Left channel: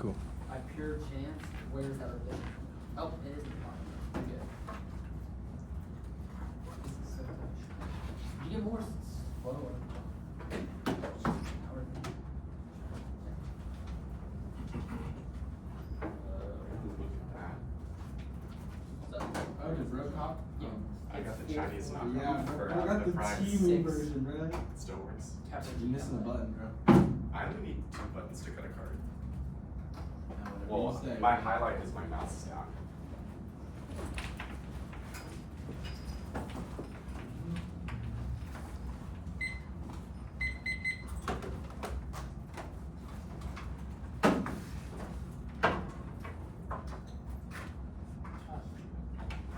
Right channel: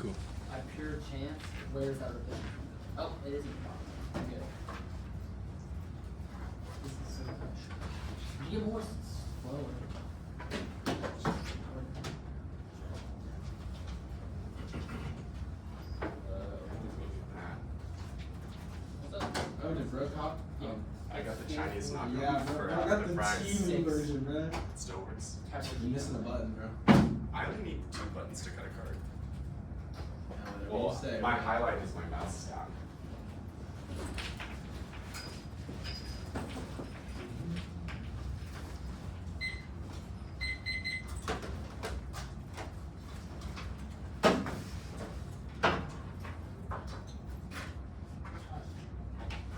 Cool. By pure chance, where's that been? Oh, it isn't. I'm good. This is so much. You get more slow. Oh, did Road Cop? I got the Chinese knockout. Yeah, bro. for, I got the prize. TV version, bro. It still works. You're missing a button, bro. I only need 2 buttons to cut a card. Whatever Well, you say, my bro. highlight is my mouse is down.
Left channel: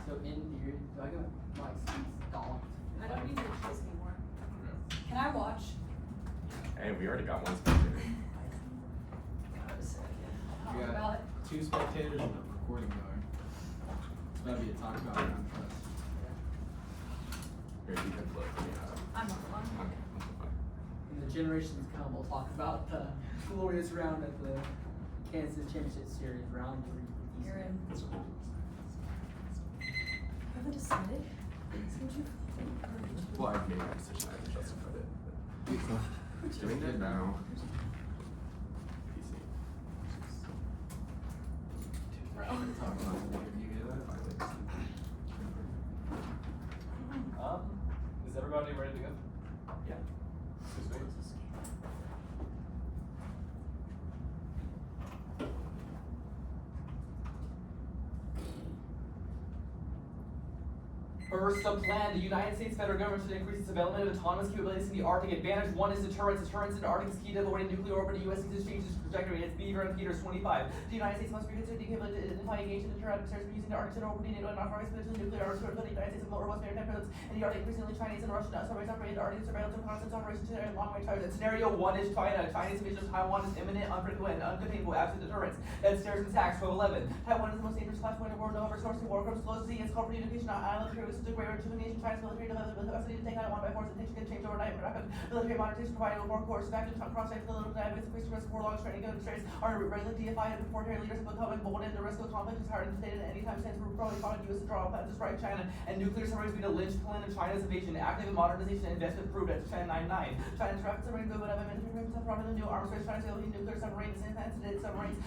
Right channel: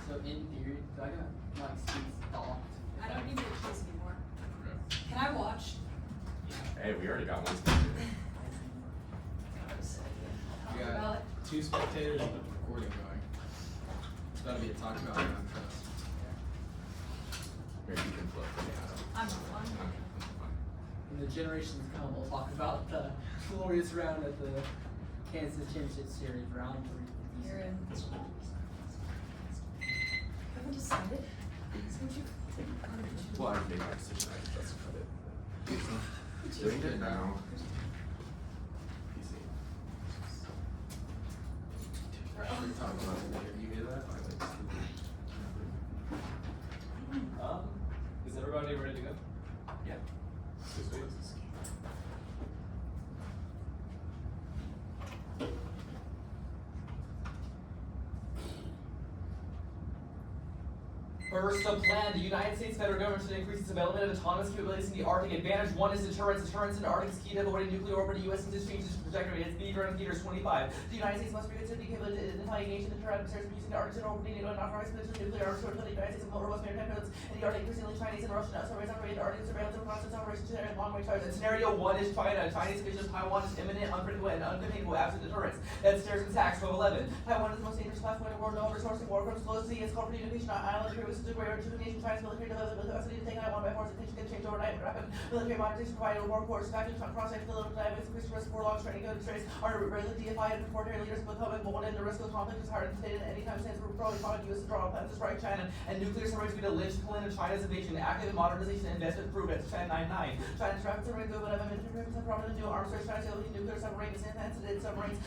So in theory, I got my seats docked. I don't need to watch this anymore. Can I watch? Hey, we already got one speaker. You got 2 spectators and the recording going. It's about to be a talk about round trust. Here, you can flip me out. I'm on one. When the generations come, we'll talk about the glorious round at the Kansas Championship Series, round 3. You're in. Have we decided? Well, I've made my decision. I just cut it. Very good now. PC. Right, we're talking about it. Did you hear that? Is everybody ready to go? Yeah. This way. First, the plan. The United States federal government should increase its development of autonomous capabilities in the Arctic. Advantage 1 is deterrence. Deterrence in the Arctic is key to avoiding nuclear orbit. The U.S. needs to change its trajectory. Its B during theaters 25. The United States must reconsider the capability to identify engagement in terror adversaries using the Arctic orbit needed to not rise potential nuclear arms to the United States and more robust maritime presence in the Arctic, increasingly Chinese and Russian submarines operating the Arctic surveillance and reconnaissance operations and long-range targets. Scenario 1 is China. China's invasion of Taiwan is imminent, unpredictable, and uncontainable absent deterrence. That's terrorist attacks 1211. Taiwan is the most dangerous class point of war, no resource to war, comes close to sea, its corporate education on island, which is a greater rejuvenation. China's military capacity to take Taiwan by force and things can change overnight. Rapid military modernization provided war force factors cross-sector the little diamonds, increased risk for long training demonstrates are regularly deified and foreign leaders of the public, but one of the risk of conflict is hard to state at any time since we're probably calling U.S. to draw plans to strike China and nuclear submarines be the linchpin of China's invasion. Active in modernization and investment proved at China 99. China's rapid submarine good but from the new arms race, China's nuclear submarines and sensitive submarines.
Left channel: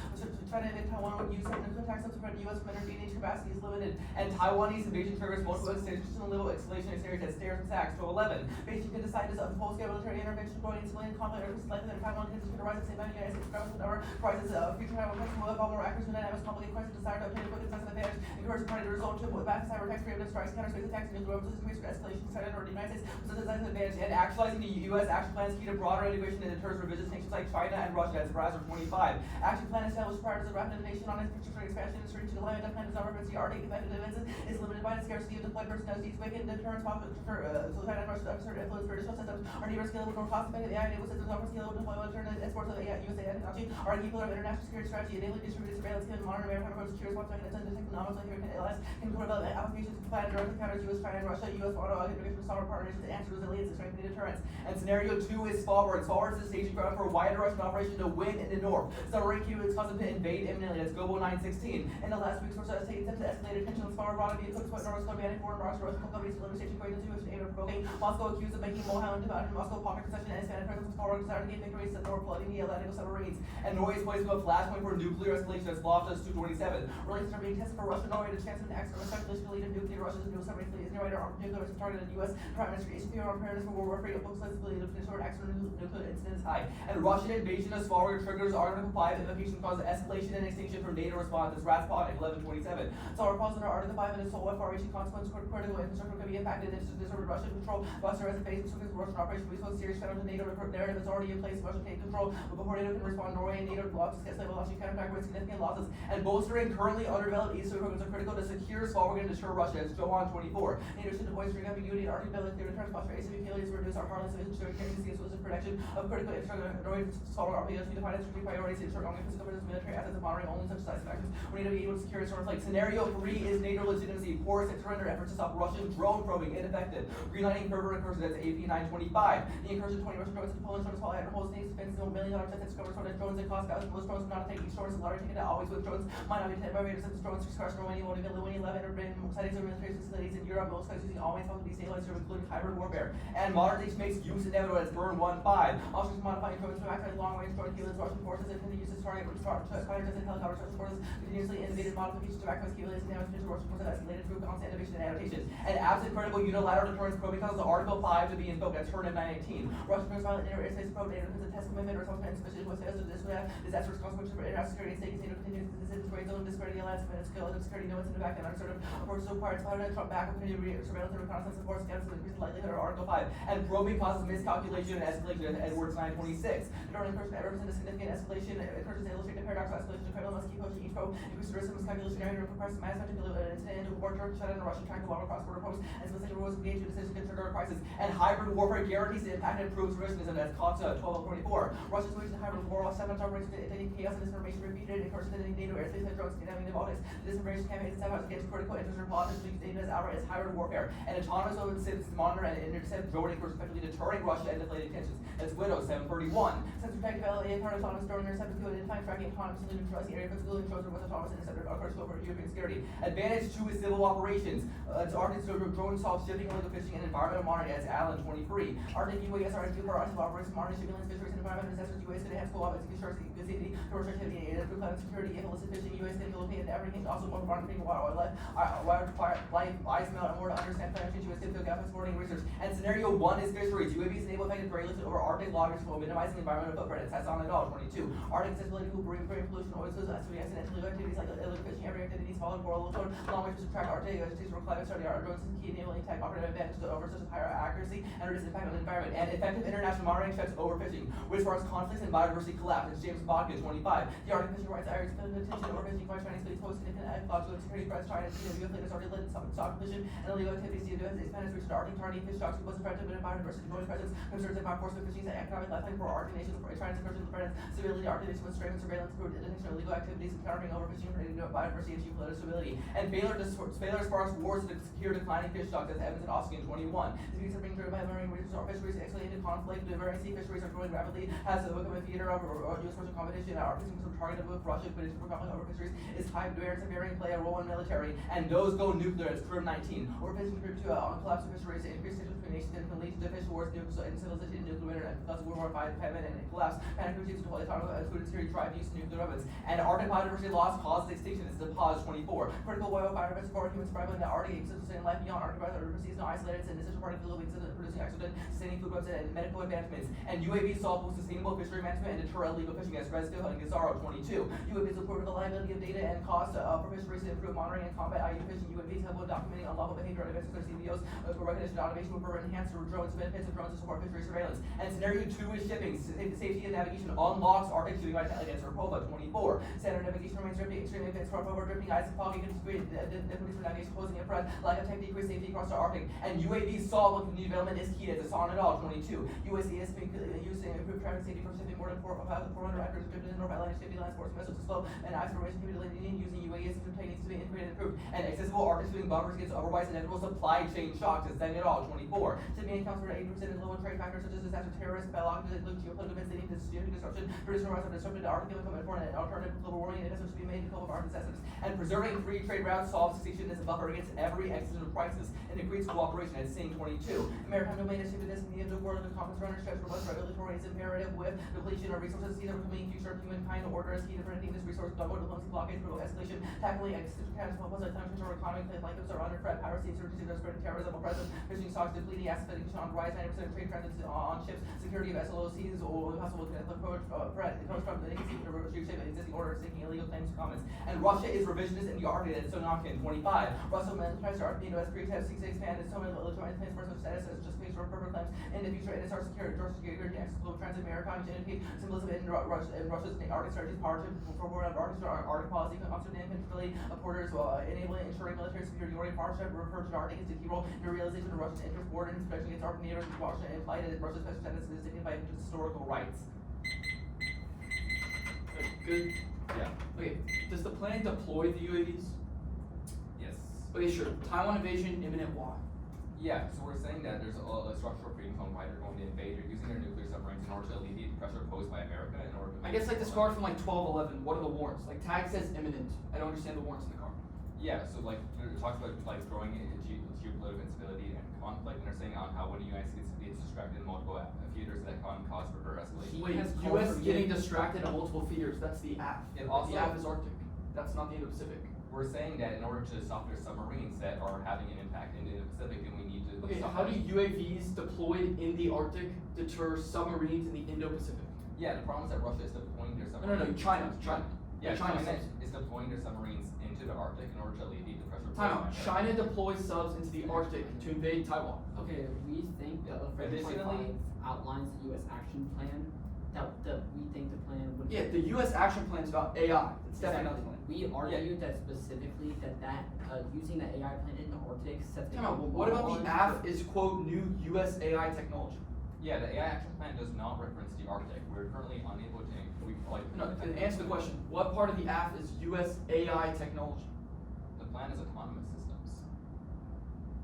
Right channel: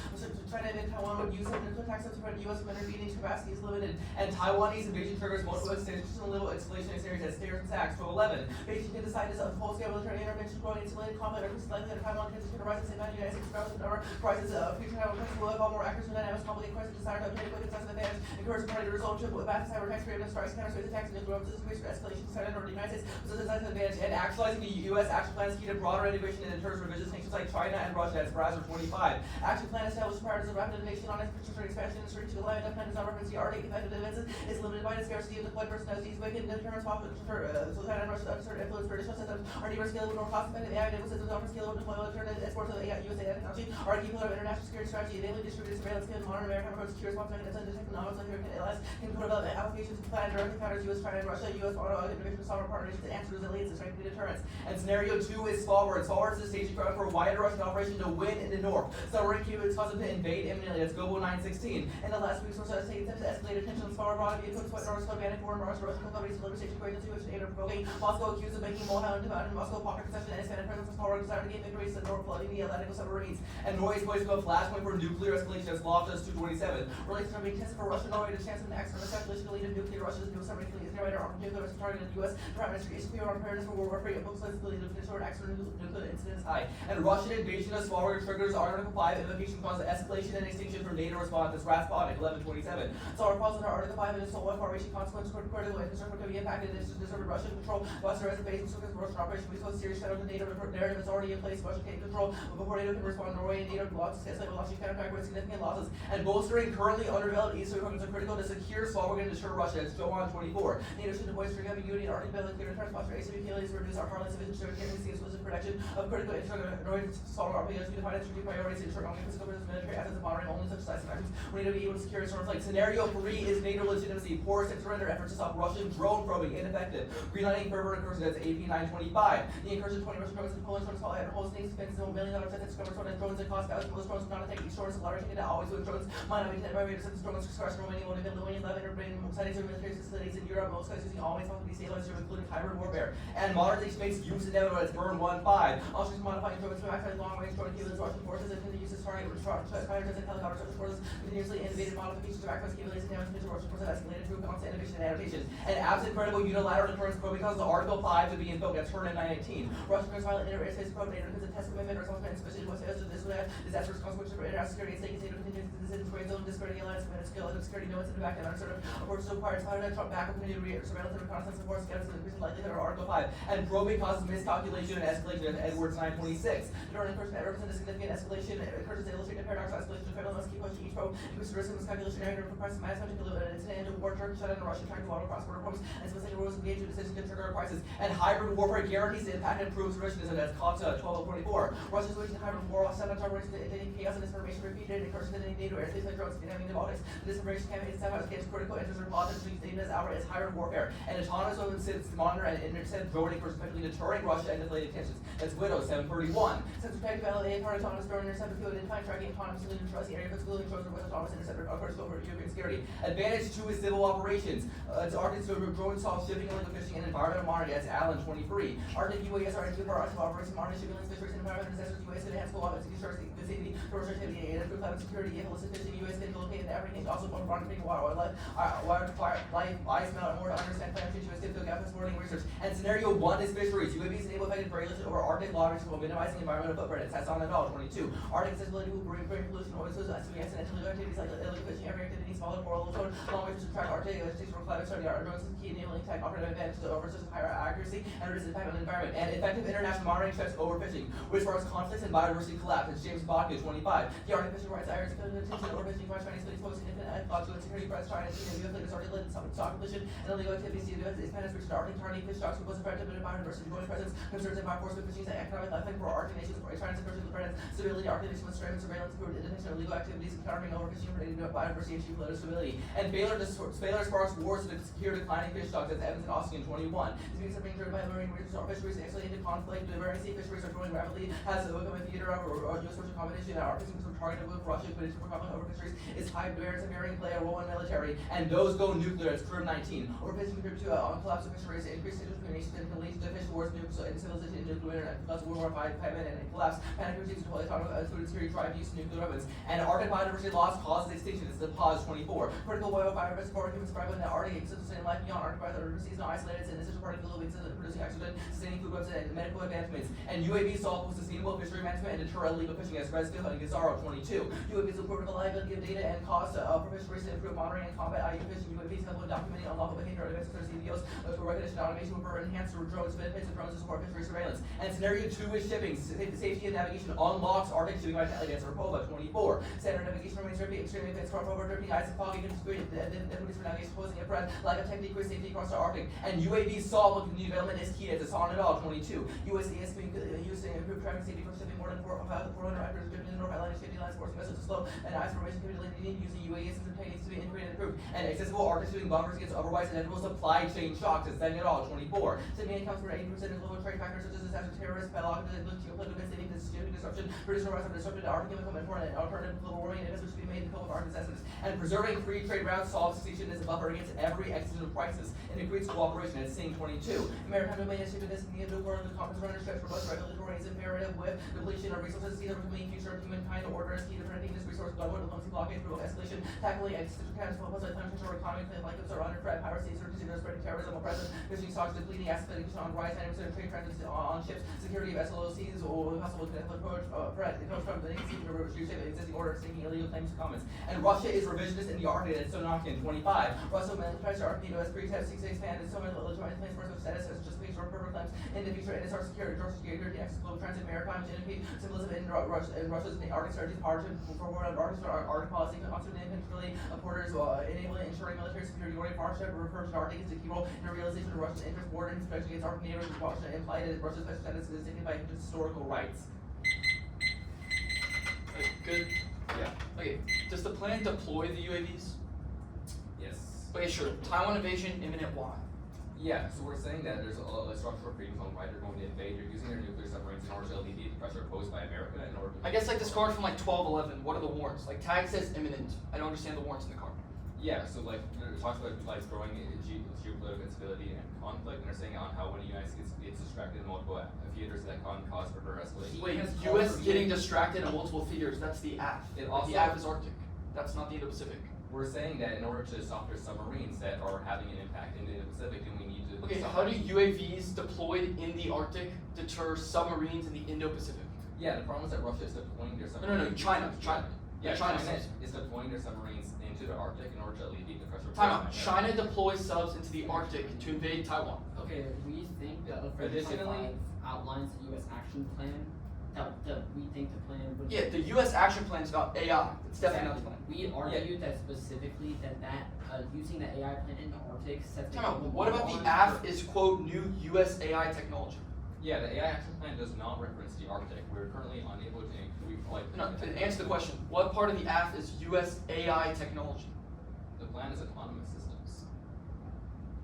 China and Taiwan would use nuclear attacks to spread U.S. intervening capacity is limited, and Taiwanese invasion triggers multiple extensions and little escalation series as terrorist attacks. 1211. Beijing can decide this full-scale military intervention growing in civilian conflict or likely that Taiwan transition to rise at the same time. The United States government never crisis future Taiwan crisis will evolve more accuracy and dynamics conflict crisis desire to obtain a quick and decisive advantage encourage the party to result to advance cyber attacks creative strikes counter space attacks and nuclear weapons increase for escalation started over the United States was a decisive advantage and actualizing the U.S. action plan is key to broader integration and deters revisions nations like China and Russia as Horizon 25. Action plan established priorities and rapid innovation on infrastructure expansion and reaching the line of plan is not emergency Arctic effective defenses is limited by the scarcity of deployed personnel these weakened deterrence for so China and Russia uncertain influence British systems are never scalable more cost effective AI enabled systems offer scalable deployable alternative exports of AI USA technology are a key pillar of international security strategy enabling distributed surveillance skills modern American approach secure response mechanisms and economics like American ALS can develop applications to plan directly counters U.S. China and Russia U.S. auto integration with sovereign partnerships to enhance resilience and strengthen deterrence. And scenario 2 is Svalbard. Svalbard is the staging ground for a wider Russian operation to win in the north. Submarine Cuba is causing to invade imminently. That's Global 916. In the last week's source has taken steps to escalate tension on Svalbard brought to be equipped with North banning foreign Russian companies to deliver station equations to which aid of provoking Moscow accused of making Mohan and Moscow pocket concession and expanded presence of Svalbard desire to gain victories in the north flooding the Atlantic submarines. And Norway is poised to a flashpoint for nuclear escalation as blocked as 227. Relations are being tested for Russia and Norway to chance of an accident essentially to lead to nuclear Russia's new submarine fleet is nearby to arm nuclear weapons targeted the U.S. Department of State on preparedness for World War III. It looks like the lead of potential accident nuclear incidents high. And Russian invasion of Svalbard triggers Article 5 invocation causes escalation and extinction for NATO response as Raspon 1127. Svalbard calls under Article 5 and its sole far-reaching consequence for critical infrastructure could be impacted if disturbed Russian control. Buster as a base of Russian operation because serious federal NATO narrative is already in place. Russia can control before NATO can respond. Norway and NATO blocks against launching counterattack with significant losses and bolstering currently underdeveloped eastern programs are critical to secure Svalbard and deter Russia. It's Johan 24. NATO should deploy string ambiguity and Arctic ability to return response for asymmetric capabilities to reduce our harmless division to giving the exclusive protection of critical infrastructure. Norway Solar Army to define its strategic priorities to ensure only physical versus military assets and monitoring only such decisive actions. We need to be able to secure its terms like scenario 3 is NATO legitimacy. Porous and surrender efforts to to stop Russian drone probing ineffective. Greenlighting further incursion, that's AP 925. The incursion 20 Russian drones in Poland, drones fall and whole states spends $1 million sets and discovers on drones and cost values. Most drones not take each drones, large and always with drones. Might not be intended by raiders since drones discuss growing only been Louis 11 or been sightings of military facilities in Europe. Most guys using always want to be stabilized, including hybrid warfare. And modern day space use inevitable as Burn 1-5. Also modifying drones to act as long range drone killers, Russian forces and the use of target fighters and helicopters. Russian forces continuously innovative modifications to America's capabilities and damage to Russian forces escalated through constant innovation and adaptation. And absent credible unilateral deterrence probing causes Article 5 to be invoked as heard in 918. Russian forces violent interstate probe data because of test commitment or something especially with sales of this way disaster response which for international security and state continue to continue to decisions brain zone disparity alliance and skill and security no one's in the back and uncertain or so required to find out back will continue surveillance and reconnaissance and force scans to increase the likelihood of Article 5 and probing causes miscalculation and escalation Edwards 926. During incursion that represents a significant escalation incursions illustrate the paradox of escalation the federal must keep pushing each probe increase the risk of miscalculation area to request mass to deliver an incident into war Turkey shut down the Russian trying to long across border probes and specific rules engaged in decisions to trigger a crisis and hybrid warfare guarantees the impact and improves revisionism as COTA 1224. Russia's waging hybrid war all seven targets dating chaos and disinformation repeated incursions in NATO airspace and drones condemning the Baltics. The disinformation campaign itself against critical interests or politics use data as outright as hybrid warfare and autonomous open systems to monitor and intercept droning for specifically deterring Russia and deflated tensions. That's Widow 731. Since protective LA part autonomous drone intercept with in time tracking autonomously neutralizing area excluding drones with autonomous interceptor across over European security. Advantage 2 is civil operations. It's Arctic drone solve shipping, illegal fishing, and environmental monitoring. That's Allen 23. Arctic UAS are active for Arctic operations, monitoring shipping, fisheries, and environmental disasters. UAS enhance co-operations, ensure safety, commercial activity, and improve climate security, illicit fishing. UAS can locate in everything. Also, one monitoring wildlife, ice melt, and more to understand climate change. UAS can field gap exploring research. And scenario 1 is fisheries. UAVs enable effective regulation over Arctic waters while minimizing environmental footprint. It tests on the dollar 22. Arctic accessibility will bring pollution, oil spills, accidental activities like illegal fishing, area activities, solid coral, long range to track Arctic vegetation for climate study. Our drones is key enabling type operative advantage to versus higher accuracy and reduce impact on the environment. And effective international monitoring checks overfishing, which warrants conflicts and biodiversity collapse. It's James Bodkin 25. The Arctic fishing rights areas attention overfishing by Chinese fleets pose significant ecological and security threats. China and China have disordered stock pollution and illegal activities. The U.S. is managed to Arctic targeting fish stocks who was effective in biodiversity. Joint presence concerns and enforcement fishing and economic lifeline for Arctic nations. China's incursion in the stability. Arctic nations with strength surveillance through the detection of illegal activities and countering overfishing for biodiversity and geopolitical stability. And failure sparks wars to secure declining fish stocks. That's Evans and Austin 21. These beings are being driven by marine regions or fisheries escalated conflict. The marine sea fisheries are growing rapidly. Has become a theater of U.S. social competition. Our fishing is targeted with Russia, but it's conflict over fisheries is high barriers of varying play a role in military. And those go nuclear. It's curve 19. Overfishing group 2 on collapse of fisheries, increased discrimination can lead to fish wars, nuclear incivilization, and nuclear winter, and cause World War V, famine, and collapse. Panic routines to deploy food security, tribe use nuclear weapons. And Arctic biodiversity loss causes extinction. It's the pause 24. Critical wildfire support human survival in the Arctic, sustaining life beyond Arctic biodiversity is not isolated, and this is supporting global producing oxygen, sustaining food webs and medical advancements. And UAV solve with sustainable fishery management and deter illegal fishing as Redskill and Gazaro 22. UAVs will improve the reliability of data and cost for fisheries to improve monitoring and combat IU fishing. UAVs help with documenting unlawful behavior and events of CBOs, recognition and automation will enhance drones, benefits of drones to support fishery surveillance. And scenario 2 is shipping. Safety and navigation unlocks Arctic shipping by against Repova 24. Standard navigation remains extremely advanced for forward drifting, ice and fog, and integrated difficulties for navigation, posing a threat, lack of technique, risk safety across the Arctic. And UAV solve with community development is key. It's on it all 22. USDS being used to improve traffic safety for shipping more than 400 actors driven in North Atlantic shipping lines, forcing vessels to slow and ice formation capability using UAVs and techniques to be integrated and improved. And accessible Arctic shipping bunkers against otherwise inevitable supply chain shocks is setting it all 24. Shipping accounts for 80% of global trade factors such as disaster, terrorist, biological, geopolitical instability, disruption, British North have disrupted the Arctic chemical and foreign alternative global warming and investments to be made in the cope of Arctic necessities. And preserving free trade routes solves extinction as a buffer against every existential crisis and increases cooperation. It's seeing 22. Maritime domain is stupidness and the nuclear and the conference runner stretch for what's regulatory is imperative with depletion of resources, either becoming future of humankind or order is key to preventing this resource global diplomacy blockades, promote escalation, tackling existential challenges, focus on climate control economy, play like are under threat, piracy, insurgency, spreading terrorism, oppression, fishing stocks, depleting asset valuation on the rise, 90% of trade transits on ships, security of SLOCs, or possible threat. It comes from the negative of existing order, seeking illegal claims and comments. And Russia is revisionist in the Arctic and Sonakin 25. Russia militarized the Arctic as Greece have 6 expand and so many legitimate claims for status as just based on purpose claims in the future. And it's our security, global transit, maritime, GNP, symbolism in Russia's Arctic strategy, power to forward on Arctic policy, constantly independently of borders, enabling ensuring military security. Order partnership refers to Arctic as a key role in the realization of Russian interest, border and especially against Arctic neighbors, Washington implied that Russia's special status is signified by historical rights. Good. Yeah. Okay. Does the plan deploy the UAVs? Yes. Okay, sure. Taiwan invasion, imminent. Why? Yeah, so we're saying that there's a structural freedoms on why they're going to invade. They're using their nuclear submarines in order to alleviate the pressure posed by America in order to. I guess like this card from like 1211. What are the warrants? Like tag says imminent. I don't understand the warrants in the card. Yeah, so like it talks about like growing geopolitical instability and conflict, and they're saying on how when the United States gets distracted in multiple theaters that can cause further escalation. Wait, has U.S. called for getting distracted in multiple theaters. That's the AF. It Like, the also- AF is Arctic. That's not the Indo-Pacific. We're saying that in order to stop their submarines that are having an impact in the Pacific, then we need to. Okay, stop how do them. UAVs deployed in the Arctic deter submarines in the Indo-Pacific? Yeah, the problem is that Russia is deploying their No, no, submarines. China. Yeah, China China subs. is deploying their submarines into the Arctic in order to alleviate the pressure. Time out. posed by China deploys subs into the Arctic to invade Taiwan. Okay, we think that Additionally- outlines the U.S. action plan. That we think the plan would. Yeah, the U.S. action plan is about AI. It's definitely not the plan. We argued that specifically that using the AI plan in the Arctic sets the Time out. global What about laws the AF is quote new U.S. AI technology? Yeah, the AI action plan does not reference the Arctic. We're currently unable to include like. No, to answer the question. What part of the AF is U.S. AI technology? The plan is autonomous systems.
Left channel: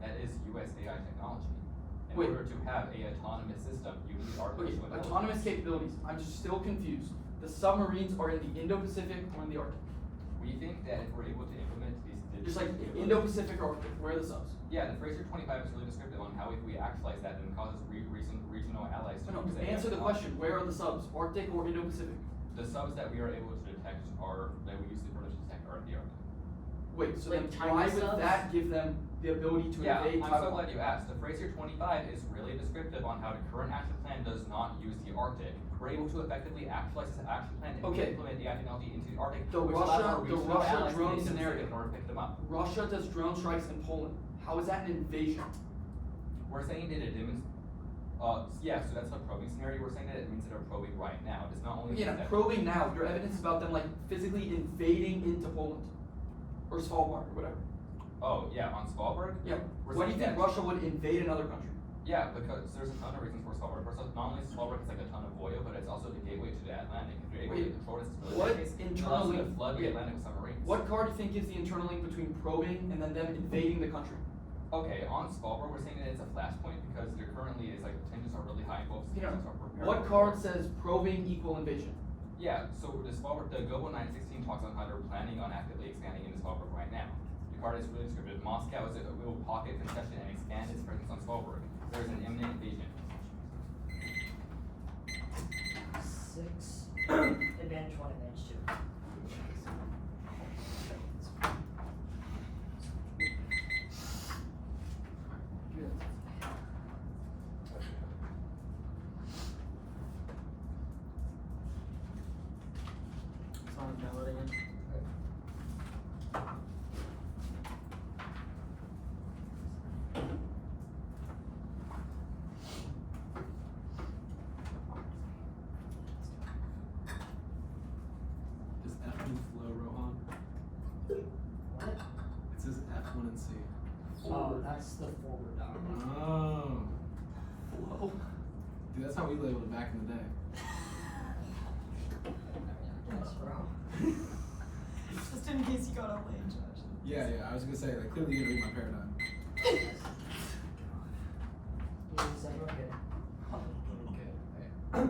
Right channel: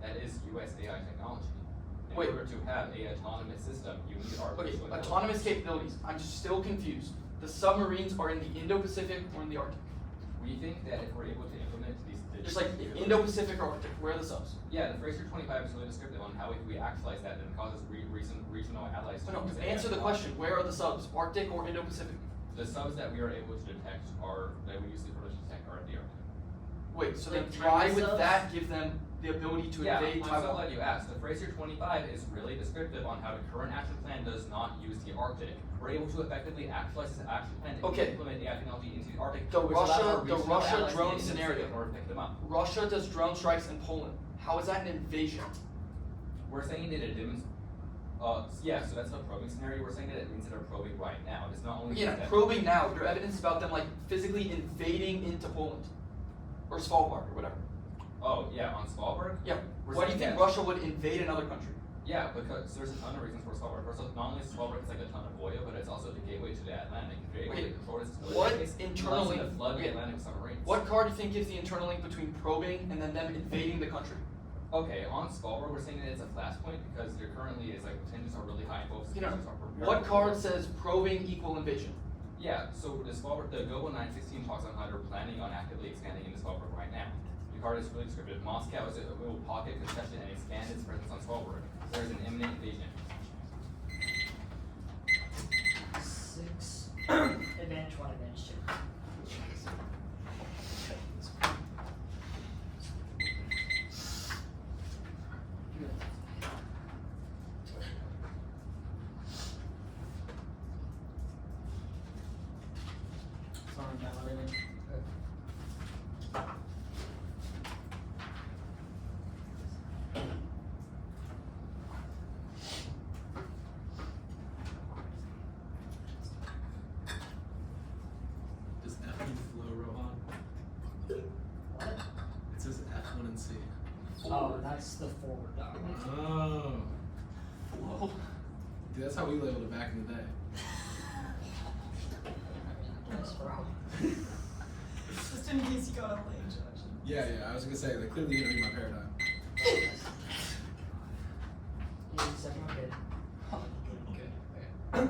That is U.S. AI technology. In Wait. order to have a autonomous system, you need Okay, artificial intelligence. autonomous capabilities. I'm just still confused. The submarines are in the Indo-Pacific or in the Arctic? We think that if we're able to implement these. Just like Indo-Pacific or Arctic, where are the subs? Yeah, the Fraser 25 is really descriptive on how if we actualize that, then it causes recent regional allies to. No, use AI answer the question. technology. Where are the subs? Arctic or Indo-Pacific? The subs that we are able to detect are that we use the approach to detect are the Arctic. Wait, so Like then why China would subs? that give them the ability to Yeah, invade I'm so Taiwan? glad you asked. The Fraser 25 is really descriptive on how the current action plan does not use the Arctic. We're able to effectively actualize this action plan to Okay. implement AI technology into the Arctic. The which allows Russia- our the regional Russia allies to drone use this scenario. in order to pick them up. Russia does drone strikes in Poland. How is that an invasion? We're saying that it demonstrates. Yeah, so that's the probing scenario. We're saying that it means that they're probing right now. It's not only. Yeah, that- probing now. Your evidence about them like physically invading into Poland or Svalbard or whatever. Oh yeah, on Svalbard. Yeah. We're Why do you saying think that- Russia would invade another country? Yeah, because there's a ton of reasons for Svalbard. First off, not only Svalbard is like a ton of oil, but it's also the gateway to the Atlantic. The gateway Wait, to control its what space, internal allows it to link- flood the wait, Atlantic submarines. What card do you think gives the internal link between probing and then them invading the country? Okay, on Svalbard, we're saying that it's a flashpoint because there currently is like the tensions are really high. Both You know, situations are prepared what for card says probing equal invasion? Yeah, so the Svalbard, the Global 916 talks on how they're planning on actively expanding into Svalbard right now. The card is really descriptive. Moscow is a will pocket concession and expand its presence on Svalbard. There is an imminent invasion. 6 advantage 1, advantage 2. It's on downloading. Does F1 flow, Rohan? It says F1 and C. Oh, that's the forward dock. Oh. Whoa. Dude, that's how we labeled it back in the day. Yes, bro. Just in case you got a late judge. Yeah, I was gonna say, like, clearly you didn't read my paradigm. Yeah, second one, get it.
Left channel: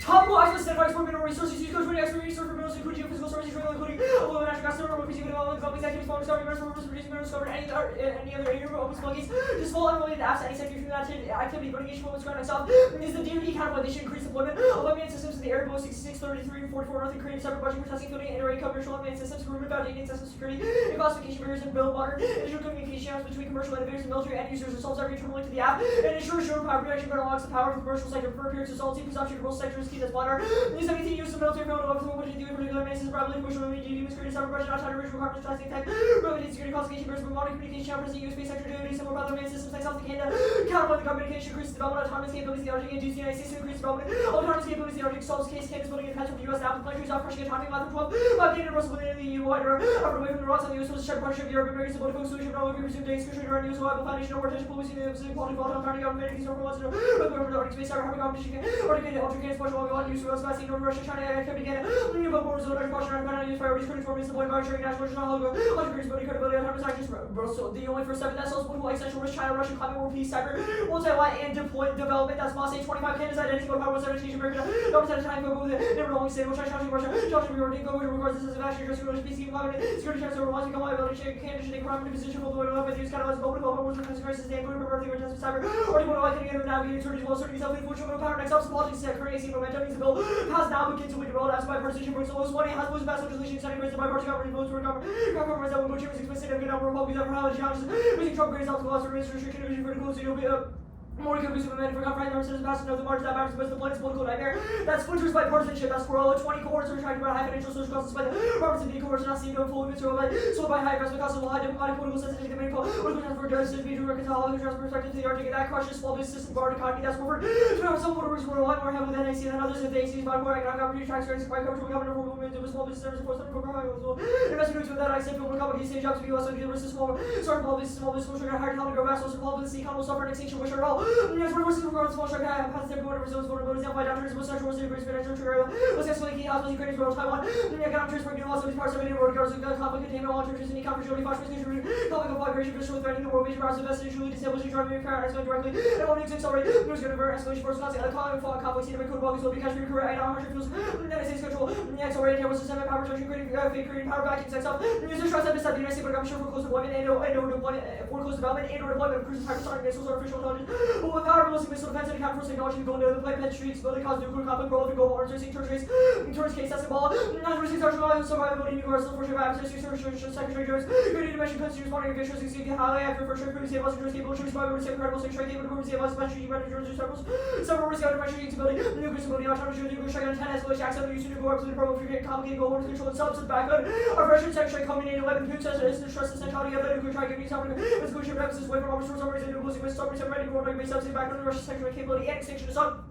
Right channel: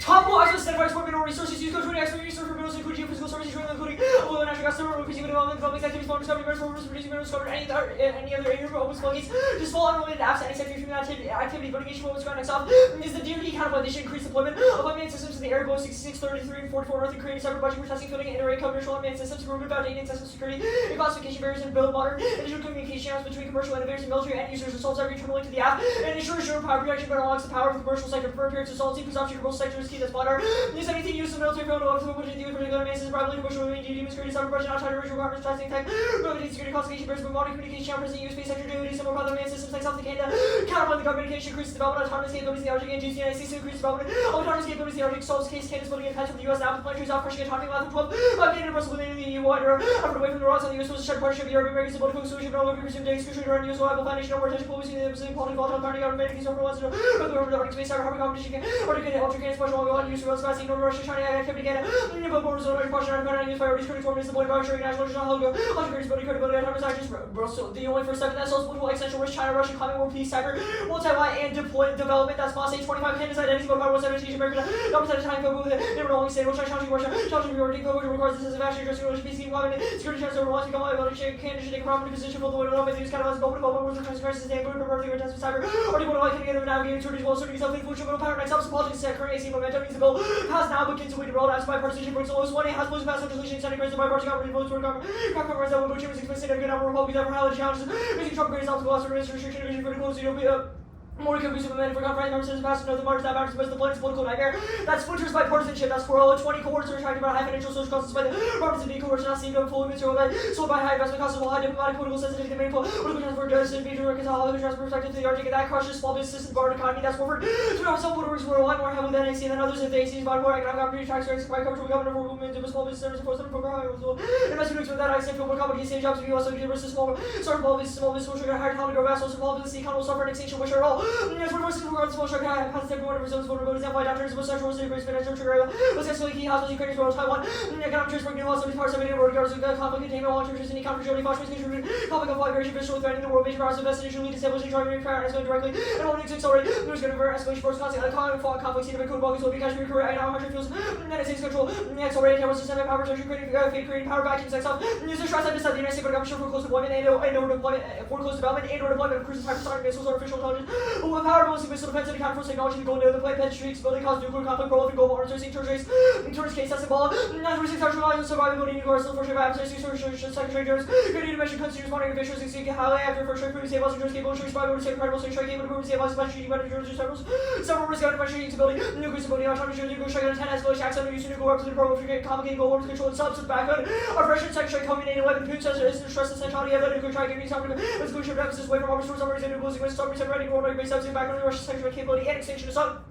Top law as a standardized for mineral resources used to expert research for minerals including physical services, including oil and natural gas, increasing development, public activities, farm discovery, minerals for producing minerals discovered, any other area of open qualities, just full unrelated apps, any sector human activity, litigation, what was ground itself, is the DoD kind of addition, increased deployment of unmanned systems in the air, Boeing 6633 and 44 North, and creating separate budget for testing, fielding, and array commercial unmanned systems, for about data and system security, and classification barriers and build water, additional communication channels between commercial innovators and military end users, resolves every internal link to the app, and ensures your power protection, but unlocks the power of the commercial sector for appearance, assaulting, presumption, commercial sector is key, that's water. Use anything used in the military phone of which is particular basis, probably commercial related duty, security, cyber budget, not requirements, testing tech, related security, classification, barriers, but modern communication, channel, present, US space sector, duty, similar other main systems like South Canada, counterpoint the communication, increases development, autonomous capabilities in the Arctic, and GC, United States, increases development, autonomous capabilities in the Arctic, solves case, Canada's building impact of the US, now, planetary, out, crushing autonomy, left, 12, Canada, Brussels, within the EU, water, effort away from the rocks on the US, was a shared partnership, Europe, American, symbolic focus, solution, all over, presumed days, crucial, around US, reliable foundation, over, touch, policy, the quality, volatile, authority, government, peace, over, wants to know, the Arctic space, Arctic competition, Arctic, Ultra, special, all, use, Russia, China, activity again. But more so, question on used priorities, critical form is the point of ensuring national credibility, autonomous actions, the only first step in that sells political existential risk, China, Russia, climate war, peace, cyber, Taiwan, and development. That's Moss 25 candidates, identity, but about 17 America, no percent of time go with it. Never only say, which I challenging Russia, challenging your go regards this as a vast addressing religion, peace, climate, security, chance, overall, become liability, shape, candidate, take a property position, both the way to love, with these kind of open, wars, and crisis, they go to property, attempts with cyber, or to I can get over navigating security, while serving yourself, influential willpower, next up, politics, current AC momentum, needs the bill, has now begun to be developed as bipartisan, brings the lowest one, has most vast legislation, setting grades of bipartisan government, votes for compromise that will go to explicit and good number of Republicans ever held challenges, making Trump greatest obstacle, also restriction, critical, so you'll be more countries have been for compromise members past the margin that matters, but the blood is political nightmare. That's splinters by partisanship, that's Corolla, 20 cohorts are attracted by high financial social costs by the Robertson D cohorts not seen going fully material by sold by high investment costs of high diplomatic political sensitivity, the main political transfer justice, major work is how the transfer perspective to the Arctic, and that crushes small business and guard economy, that's Warford. So now some voters were a lot more heavily than AC than others if they see by more economic opportunity tax rates, by coverage of government for movement of small business centers, force them program as well. Investment with that I say more complicated jobs to be also versus small small business will trigger higher talent to grow fast, so small business econ will suffer an extinction which are all. Regards small shark has taken one of his own vulnerabilities and by downturns of sexual security financial trigger was successfully key hospitals Ukraine for Taiwan economic transport new hospitals parts of India regards to conflict containment long-term interest in economic Germany fostering conflict migration visually threatening the world vision powers invested initially establishing driving Ukraine escalating directly and only to accelerate news going to avert escalation force conflict scene of code Balkans will be Kashmir Korea and how much it feels United States control accelerated terrorist system power protection creating power vacuums sex up news and stress decide the United States government for close deployment and or deployment for close development and or deployment of cruise hypersonic missiles artificial intelligence with power mostly missile defense and counter technology going to the play pet streaks, building cause nuclear conflict, prolific global arms racing, terrorist case, that's the ball, natural research, sexual violence, survivability, New York, still for sure, absence, Secretary Jones, good intervention, continuous monitoring, officials, exceeding highly accurate for sure, food, save us, insurance, cable, insurance, private, save credible, save trade, cable, save us, special, managers, several, several risk out of machine stability, nuclear stability, autonomous, nuclear strike, 10 escalation, accident, use nuclear weapons, and prolific, complicated global arms control, substance, backhood, oppression, secretary, combinated weapon, food, stress, essentiality of nuclear strike, giving something, resolution of emphasis, way from armor source, armor, nuclear sequence, stop, ready, global, base, substance, background, Russian secretary, capability, and extinction of sun.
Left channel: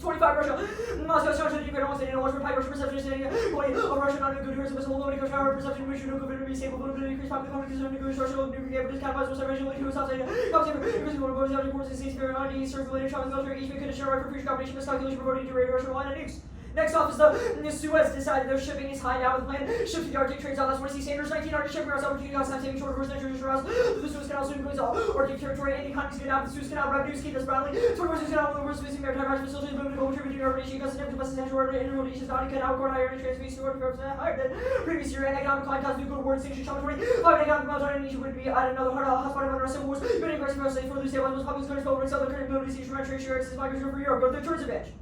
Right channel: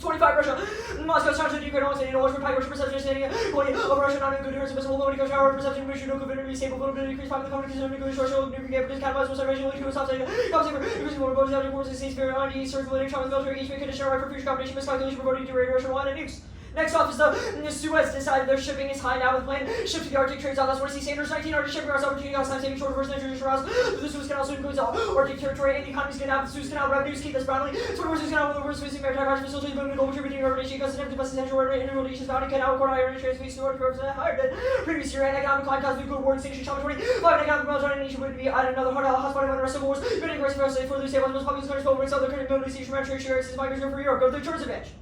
25 Russia, Moscow, China, Ukraine, all standing, North Republic, Russian perception, standing, quality of Russia, non good news, visible, political shower, perception, mission, no good, stable, vulnerability, increased popular confidence, nuclear, social, nuclear, catalyzed, observation, military, stop saying, increasing more bodies, out of states, spirit, on circulating, travel, military, engagement, condition, right for future competition, miscalculation, reporting to Russia, one, and nukes. Next off is the Suez decided their shipping is high now with plane ship to the Arctic trades out. That's where C. Sanders 1900 shipping routes opportunity cost time saving short versus traditional routes. The Suez Canal also includes Arctic territory and the economies getting out. The Suez Canal revenues keep us brownly. So the Suez Canal with the Suez maritime crash facilities moving global contributing urbanization customers to best essential water intermodal nations bounding canal core higher trade space to order higher than previous year and economic climate cause nuclear war extinction challenge 25 economic meltdown nation would be at another hotspot in one of our civil wars. Good aggressive for the state one of the most populous countries but we're southern country mobility station trade share access migrants go for Europe. Go to the tourism edge.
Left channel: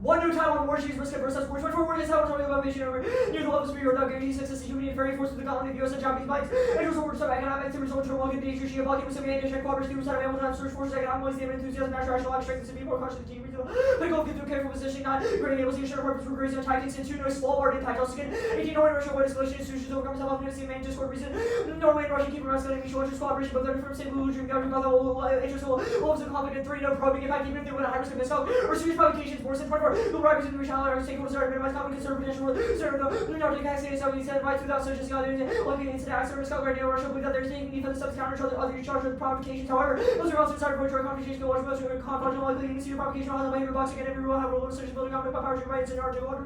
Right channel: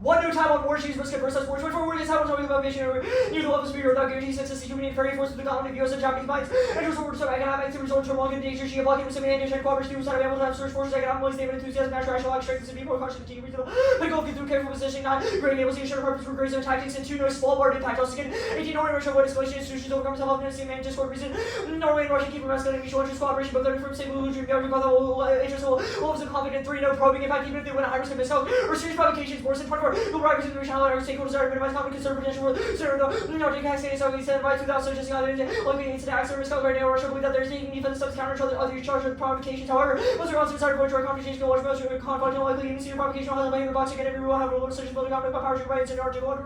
One new Taiwan war chiefs risk versus war 24 war against Taiwan talking about vision over new level of speed without guaranteeing success to human and very force of the conflict US and Japanese bikes and just war to economic to resort to world nature she blocking with semi and cooperation side of ample time search forces economic stable enthusiasm natural rational strength and be more cautious to reasonable critical get through careful positioning not great able to ensure purpose for great tactics and two no small part impact also again 18 Norway Russia avoid escalation institutions overcome self-confidence and discord reason Norway and Russia keep masculine mutual interest cooperation but 30 from stable illusion government got the interest wolves of conflict and 3 no probing in fact even if they win a high risk of mishap or serious provocations worse than 24 will rise in the how our stakeholders are minimize conflict and serve potential for the taxing so we said right 2000 just got looking into that service code right now Russia believe that they're taking defensive steps to counter other charges with provocations however most are also inside of our conversations can watch most of the conflict likely even see provocation on the way of the boxing and every rule have a little such as building conflict by powers rights and origin water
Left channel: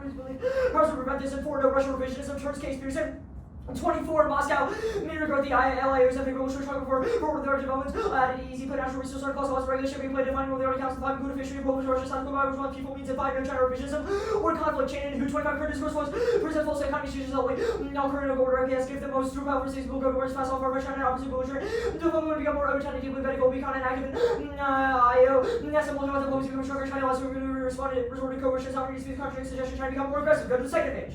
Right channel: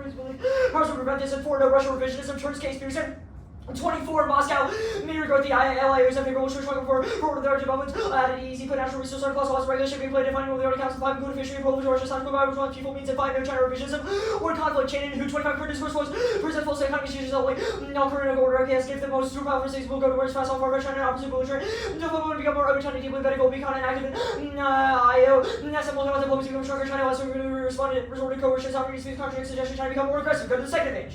powers will prevent this and for no Russian revisionism turns case Pearson 24 Moscow, meteor growth, the LIOs have favorable struggle for their development. Added easy potential resource articles, also regulation, replay, defining with the articles, 5 good fishery, publish, or just providers, one people means and 5 no China revisionism, or conflict chain, who 25 current discourse was, present false economy changes only, no current of order, can't skip the most true power states will go to words fast off our Russia and opposite belligerent. No people will become more open, China deeply medical, becon and active. Simple no diplomacy become stronger, China also responded, resorted to coercion, some speech contradicts, suggestion, China become more aggressive. Go to the second page.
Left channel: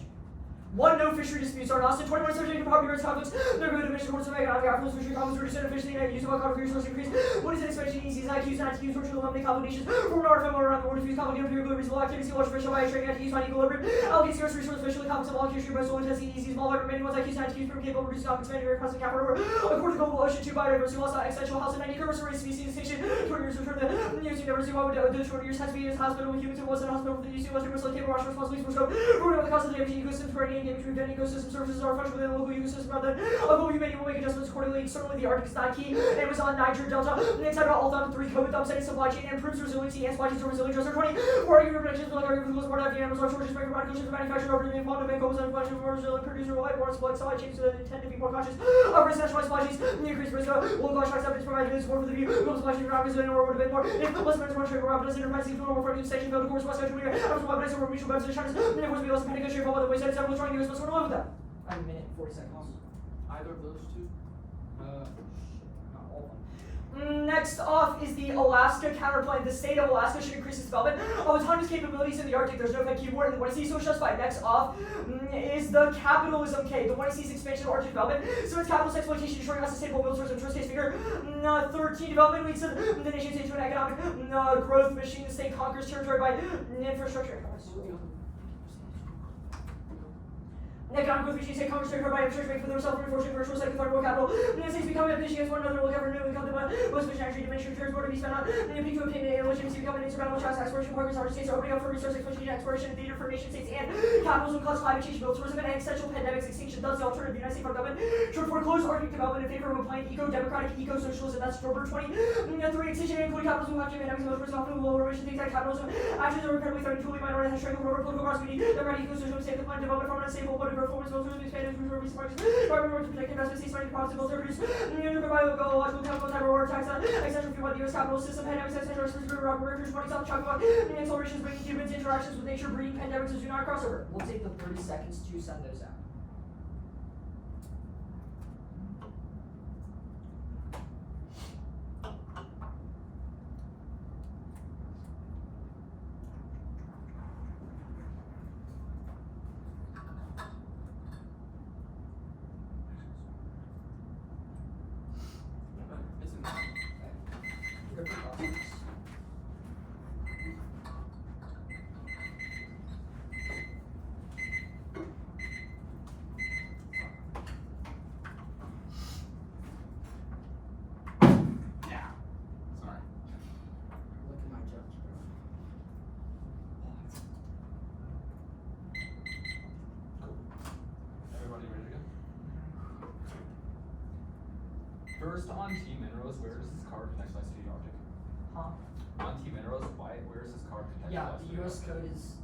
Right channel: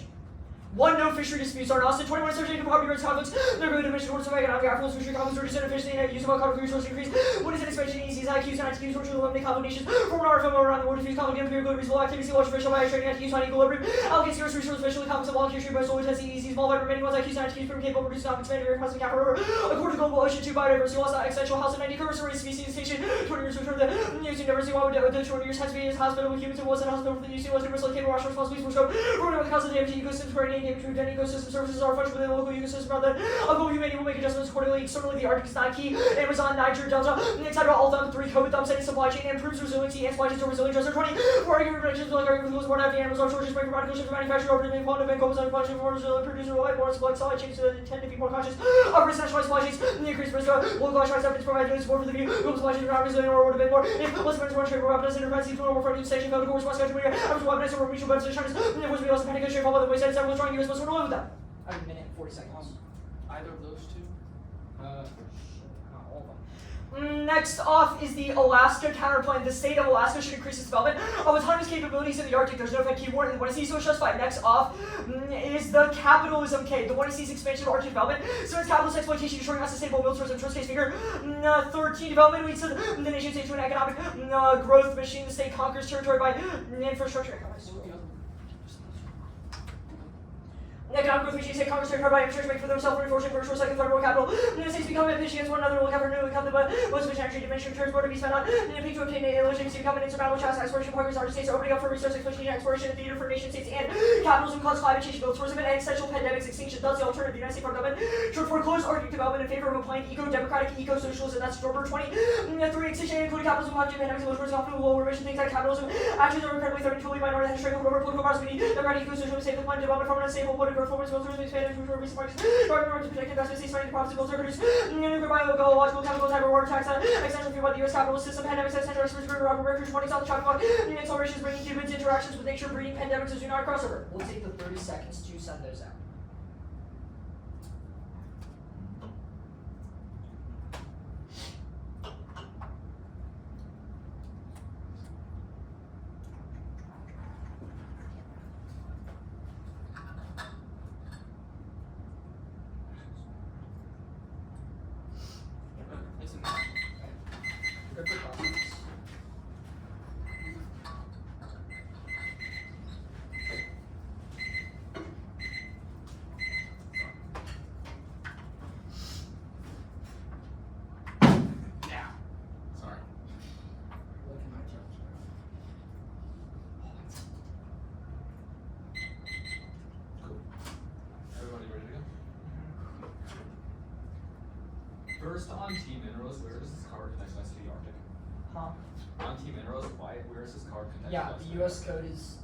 One no fishery disputes are lost in 21 surgery property rights conflicts. They're going to mention courts of economic outflows, fishery conflicts, reduced efficiency, and use of conflict resource increase. What is an expansion? ECs, IQs, and IQs, which will eliminate combinations. From our film around the world, diffuse conflict, empirical, reasonable activity, large official by trading IQs on equilibrium. Allocate scarce resources, especially conflicts of all fishery, most will intensity, ECs, small by remaining ones, IQs, and IQs, from capable of reducing expanding across the capital. According to global ocean, 2 biodiversity loss, existential house, and 90 cursory species distinction. 20 years return to news diversity, one with the 20 years has to be in hospital with humans and was in hospital with the UC, was universally capable of rational responsibilities for scope. Ruling of the cause of the ecosystem, money and between any ecosystem services are functional within the local ecosystem rather than global humanity will make adjustments accordingly. Externally, the Arctic is not key. Amazon, Niger, Delta, etc. All down to 3 COVID thumbs setting supply chain and improves resiliency and supply chains are resilient. Just 20. For argument predictions, like argument for the most part, the animals are shortages, breaking radical shift of manufacturing, operating quantum and comes on supply chain, more resilient, producer, reliable, more supply chains that intend to be more conscious of risk national supply chains, the increased risk of local shocks up to provide support for the view. Global supply chains are not resilient or would have been more. If less friends were trade for weapons, enterprise, even over front station, no course, West Country, after weapons over mutual weapons, China's, and there was be also panic country, all by the wayside, several strong US must run with that. I have a minute and 40 seconds. Either of those two? Not all of them. Next off is the Alaska counterplan. The state of Alaska should increase its development of autonomous capabilities in the Arctic. There's no good keyword, and what I see is so justified. Next off is the capitalism K. The one I see is expansion of Arctic development. So it's capitalist exploitation, ensuring unsustainable build source and first case figure. 13, development leads to the nation state to an economic growth machine. The state conquers territory by infrastructure economics. Economic growth machine state conquers territory by infrastructure make for themselves reinforcing virtual second federal capital. The states become efficient as one another will cover new income, but most of the energy dimension returns more to be spent on need to obtain a legitimacy become an insurmountable challenge. Exploration programs our states are opening up for resource exploitation, exploration, theater for nation states, and capitalism cause climate change, build tourism, and existential pandemics, extinction. Thus, the alternative, the United States government should foreclose Arctic development in favor of a plain eco-democratic eco-socialism. That's October 20. 3, extinction, including capitalism, will have pandemics, and towards often lower emission things like capitalism. Actions are incredibly threatening to the minority and strength over political powers. We need democratic eco-socialism, save the planet, development from an unstable, political growth, forms, tourism, expand, to recent markets, government to protect investment, states fighting profits, goals are produced, nuclear, biological, chemical, cyber war attacks, extension fueled by the US capitalist system, pandemics, etc., experts, records, warning, South Chocolate, accelerations, bringing humans, interactions with nature, breeding, pandemics, as do not crossover. We'll take the 30 seconds to send those out. Isn't They're good topics. Yeah. Sorry. Look at my judge. Everybody ready to go? First on T minerals, where does this card connect us to the Arctic? Huh? On T minerals, where is this card connected? Yeah, us the to? US code is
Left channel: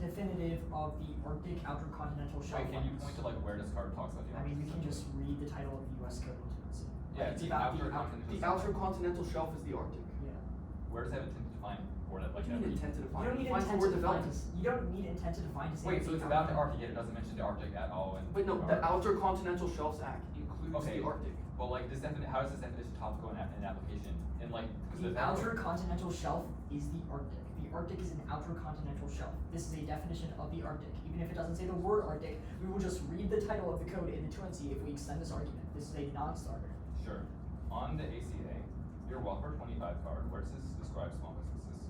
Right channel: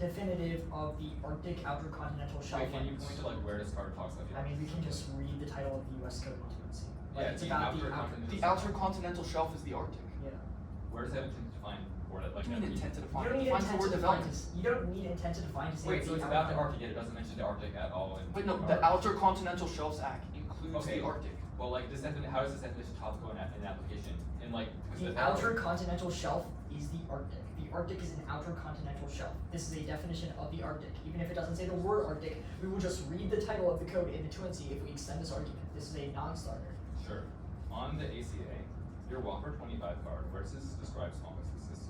definitive of the Arctic outer continental shelf. Wait, can you lines. point to like where this card talks about the I mean, we Arctic? can just read the title of the US code into it. See. Yeah, Like, it's the about the outer outer. continental The outer continental shelf is the Arctic. Yeah. Where does that intend to define for it? What do you mean intent to You define? don't need Defines intent the word to define. development. You don't need intent to define to say. Wait, so it's about the outer- Arctic, yet it doesn't mention the Arctic at all. But no, the Outer Continental Shelves Act includes Okay. the Arctic. Well, like this how does this definition topical in application? And like, The outer continental shelf is the Arctic. The Arctic is an outer continental shelf. This is a definition of the Arctic. Even if it doesn't say the word Arctic, we will just read the title of the code in the truancy if we extend this argument. This is a non-starter. Sure. On the ACA, your Whopper 25 card, where does this describe small businesses?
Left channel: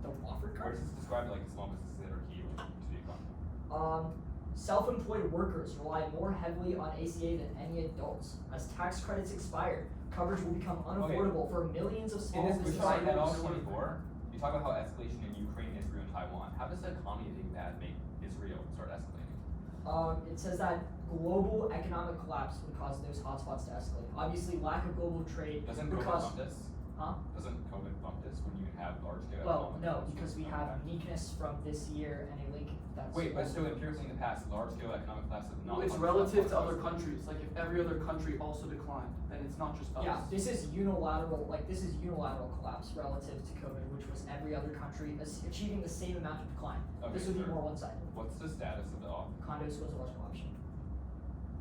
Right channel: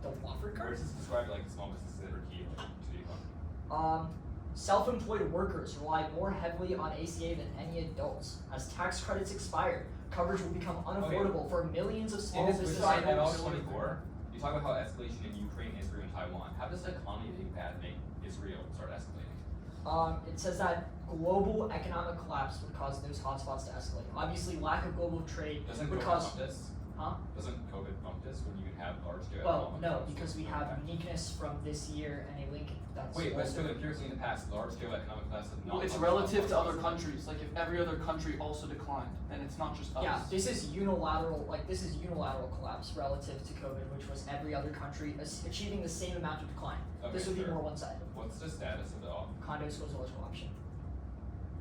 The Wofford Where card? does this describe like small businesses that are key to the economy? Self-employed workers rely more heavily on ACA than any adults. As tax credits expire, coverage will become unaffordable for millions of small In this business document, owners. 24, you talk about how escalation in Ukraine, Israel, and Taiwan. How does the economy being bad make Israel start escalating? It says that global economic collapse would cause those hotspots to escalate. Obviously, lack of global trade Doesn't would COVID cause. bump this? Huh? Doesn't COVID bump this when you have large scale? Well, economic no, collapse? because we have uniqueness from this year and a link that's. Wait, but also- still empirically in the past, large scale economic collapse of Well, it's relative to other countries. Like if every other country also declined, then it's not just us. Yeah, this is unilateral. Like this is unilateral collapse relative to COVID, which was every other country achieving the same amount of decline. This Okay, would be sure. more one-sided. What's the status of the offer? Condos was a electrical option.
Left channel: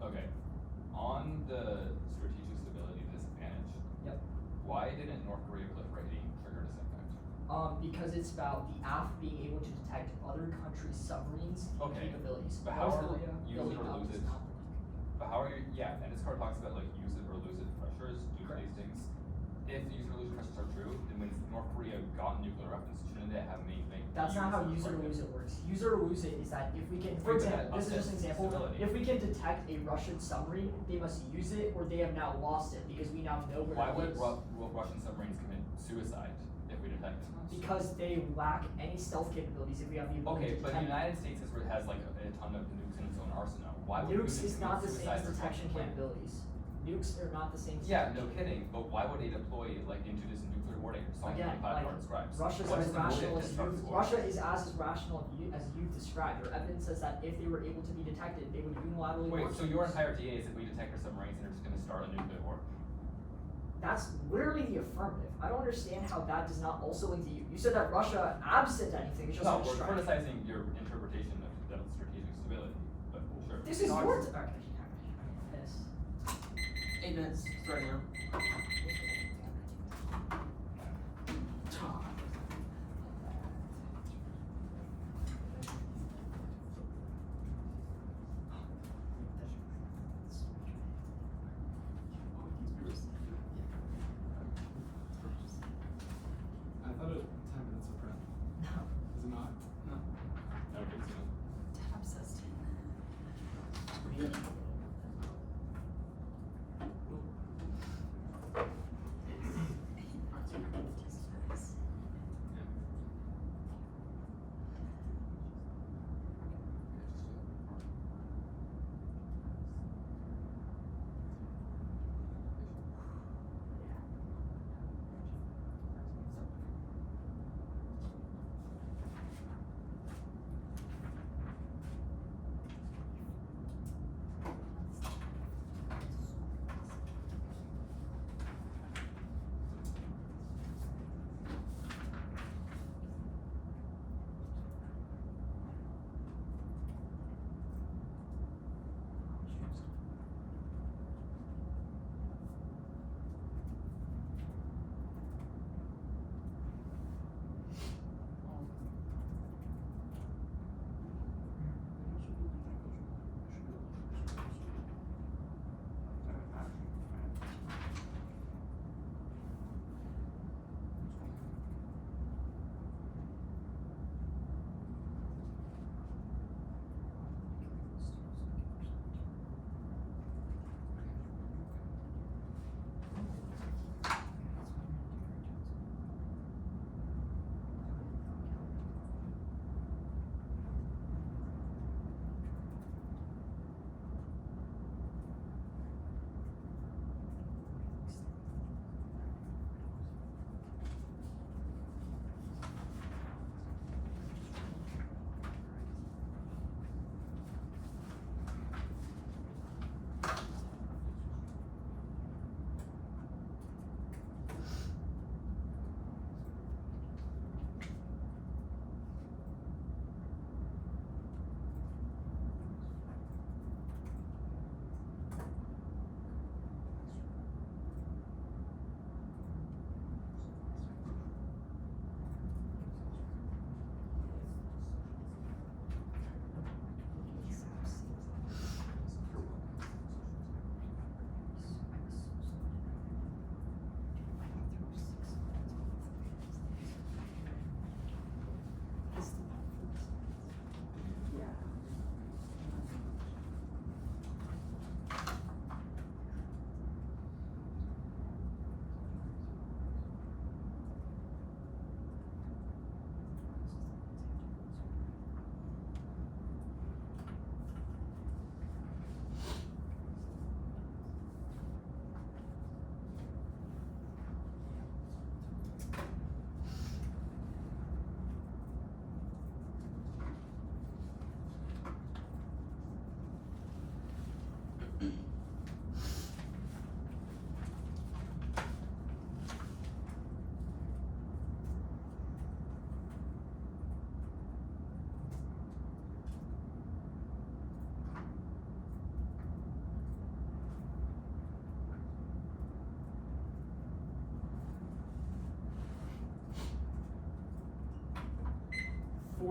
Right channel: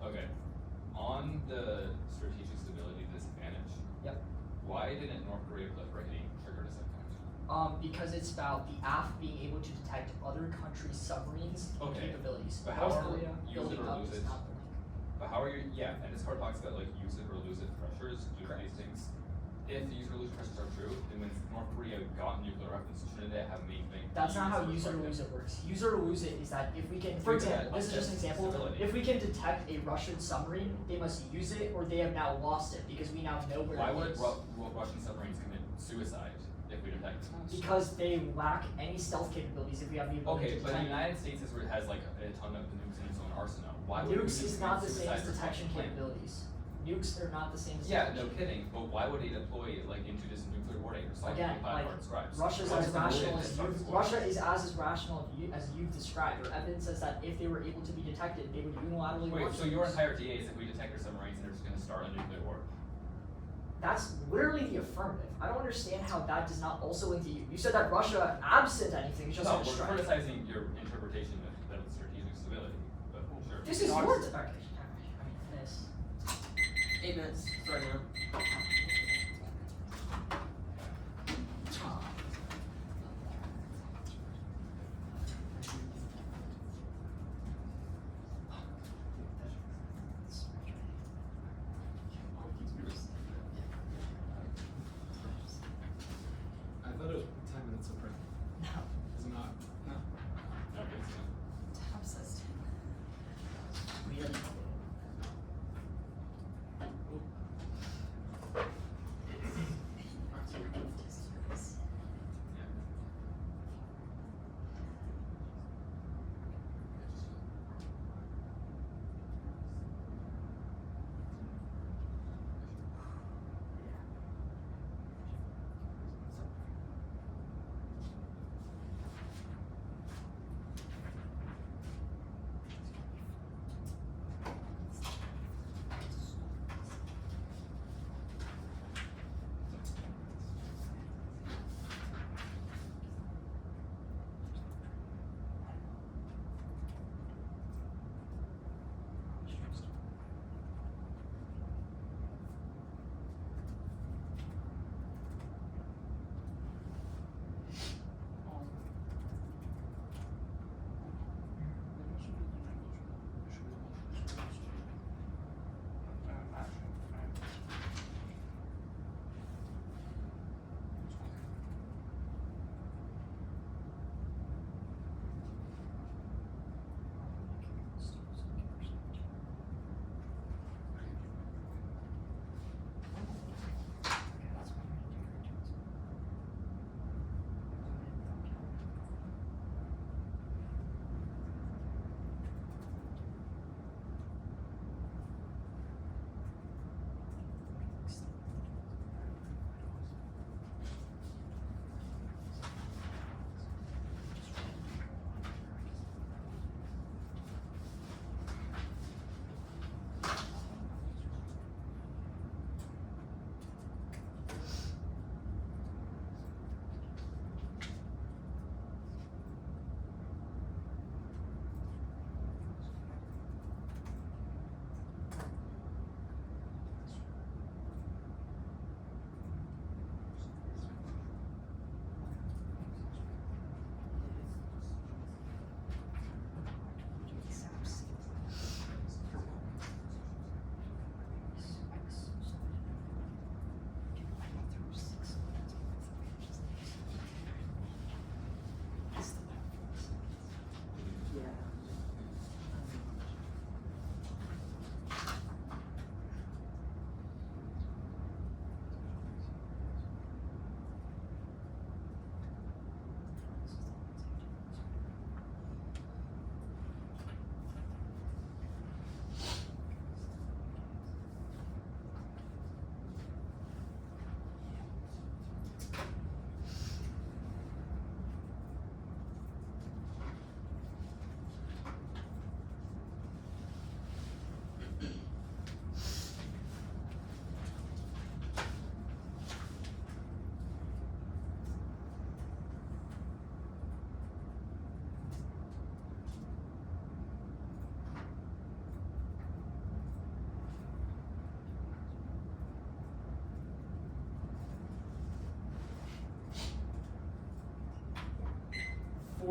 Okay. On the strategic stability disadvantage, Yep. why didn't North Korea proliferating trigger a second? Because it's about the AF being able to detect other countries' submarines and Okay. capabilities. But how North are Korea use it building or up lose is it? not the link. But how are you? Yeah, and this card talks about like use it or lose it pressures, do Correct. these things. If the use it or lose it pressures are true, then when North Korea got nuclear weapons, shouldn't they have made things? That's not how use it or lose it works. Use it or lose it is that if we can, for Okay, example, this is just an example. stability. If we can detect a Russian submarine, they must use it or they have now lost it because we now know where Why it would is. Russian submarines commit suicide if we detect it? Because they lack any stealth capabilities if we have the ability Okay, to but the detect. United States has like a ton of nukes in its would we Nukes is not the integrate same as suicide detection response plan? capabilities. Nukes are not the same as Yeah, detection. no kidding, but why would they deploy like into this nuclear war that you're solving Again, by like, or describes? Russia's What's as the rational motive as to start you. this war? Russia is as rational as you've described. Your evidence says that if they were able to be detected, they would unilaterally Wait, launch so your nukes. entire DA is if we detect our submarines and they're just gonna start a nuclear war? That's literally the affirmative. I don't understand how that does not also link to you. You said that Russia, absent anything, is just No, gonna we're strike. criticizing your interpretation of the strategic stability, but sure. This is your. Okay. I mean, this. 8 minutes. Sorry, man. I thought it was 10 minutes of prep. Is it not? No. Okay, so Tab says 10 minutes.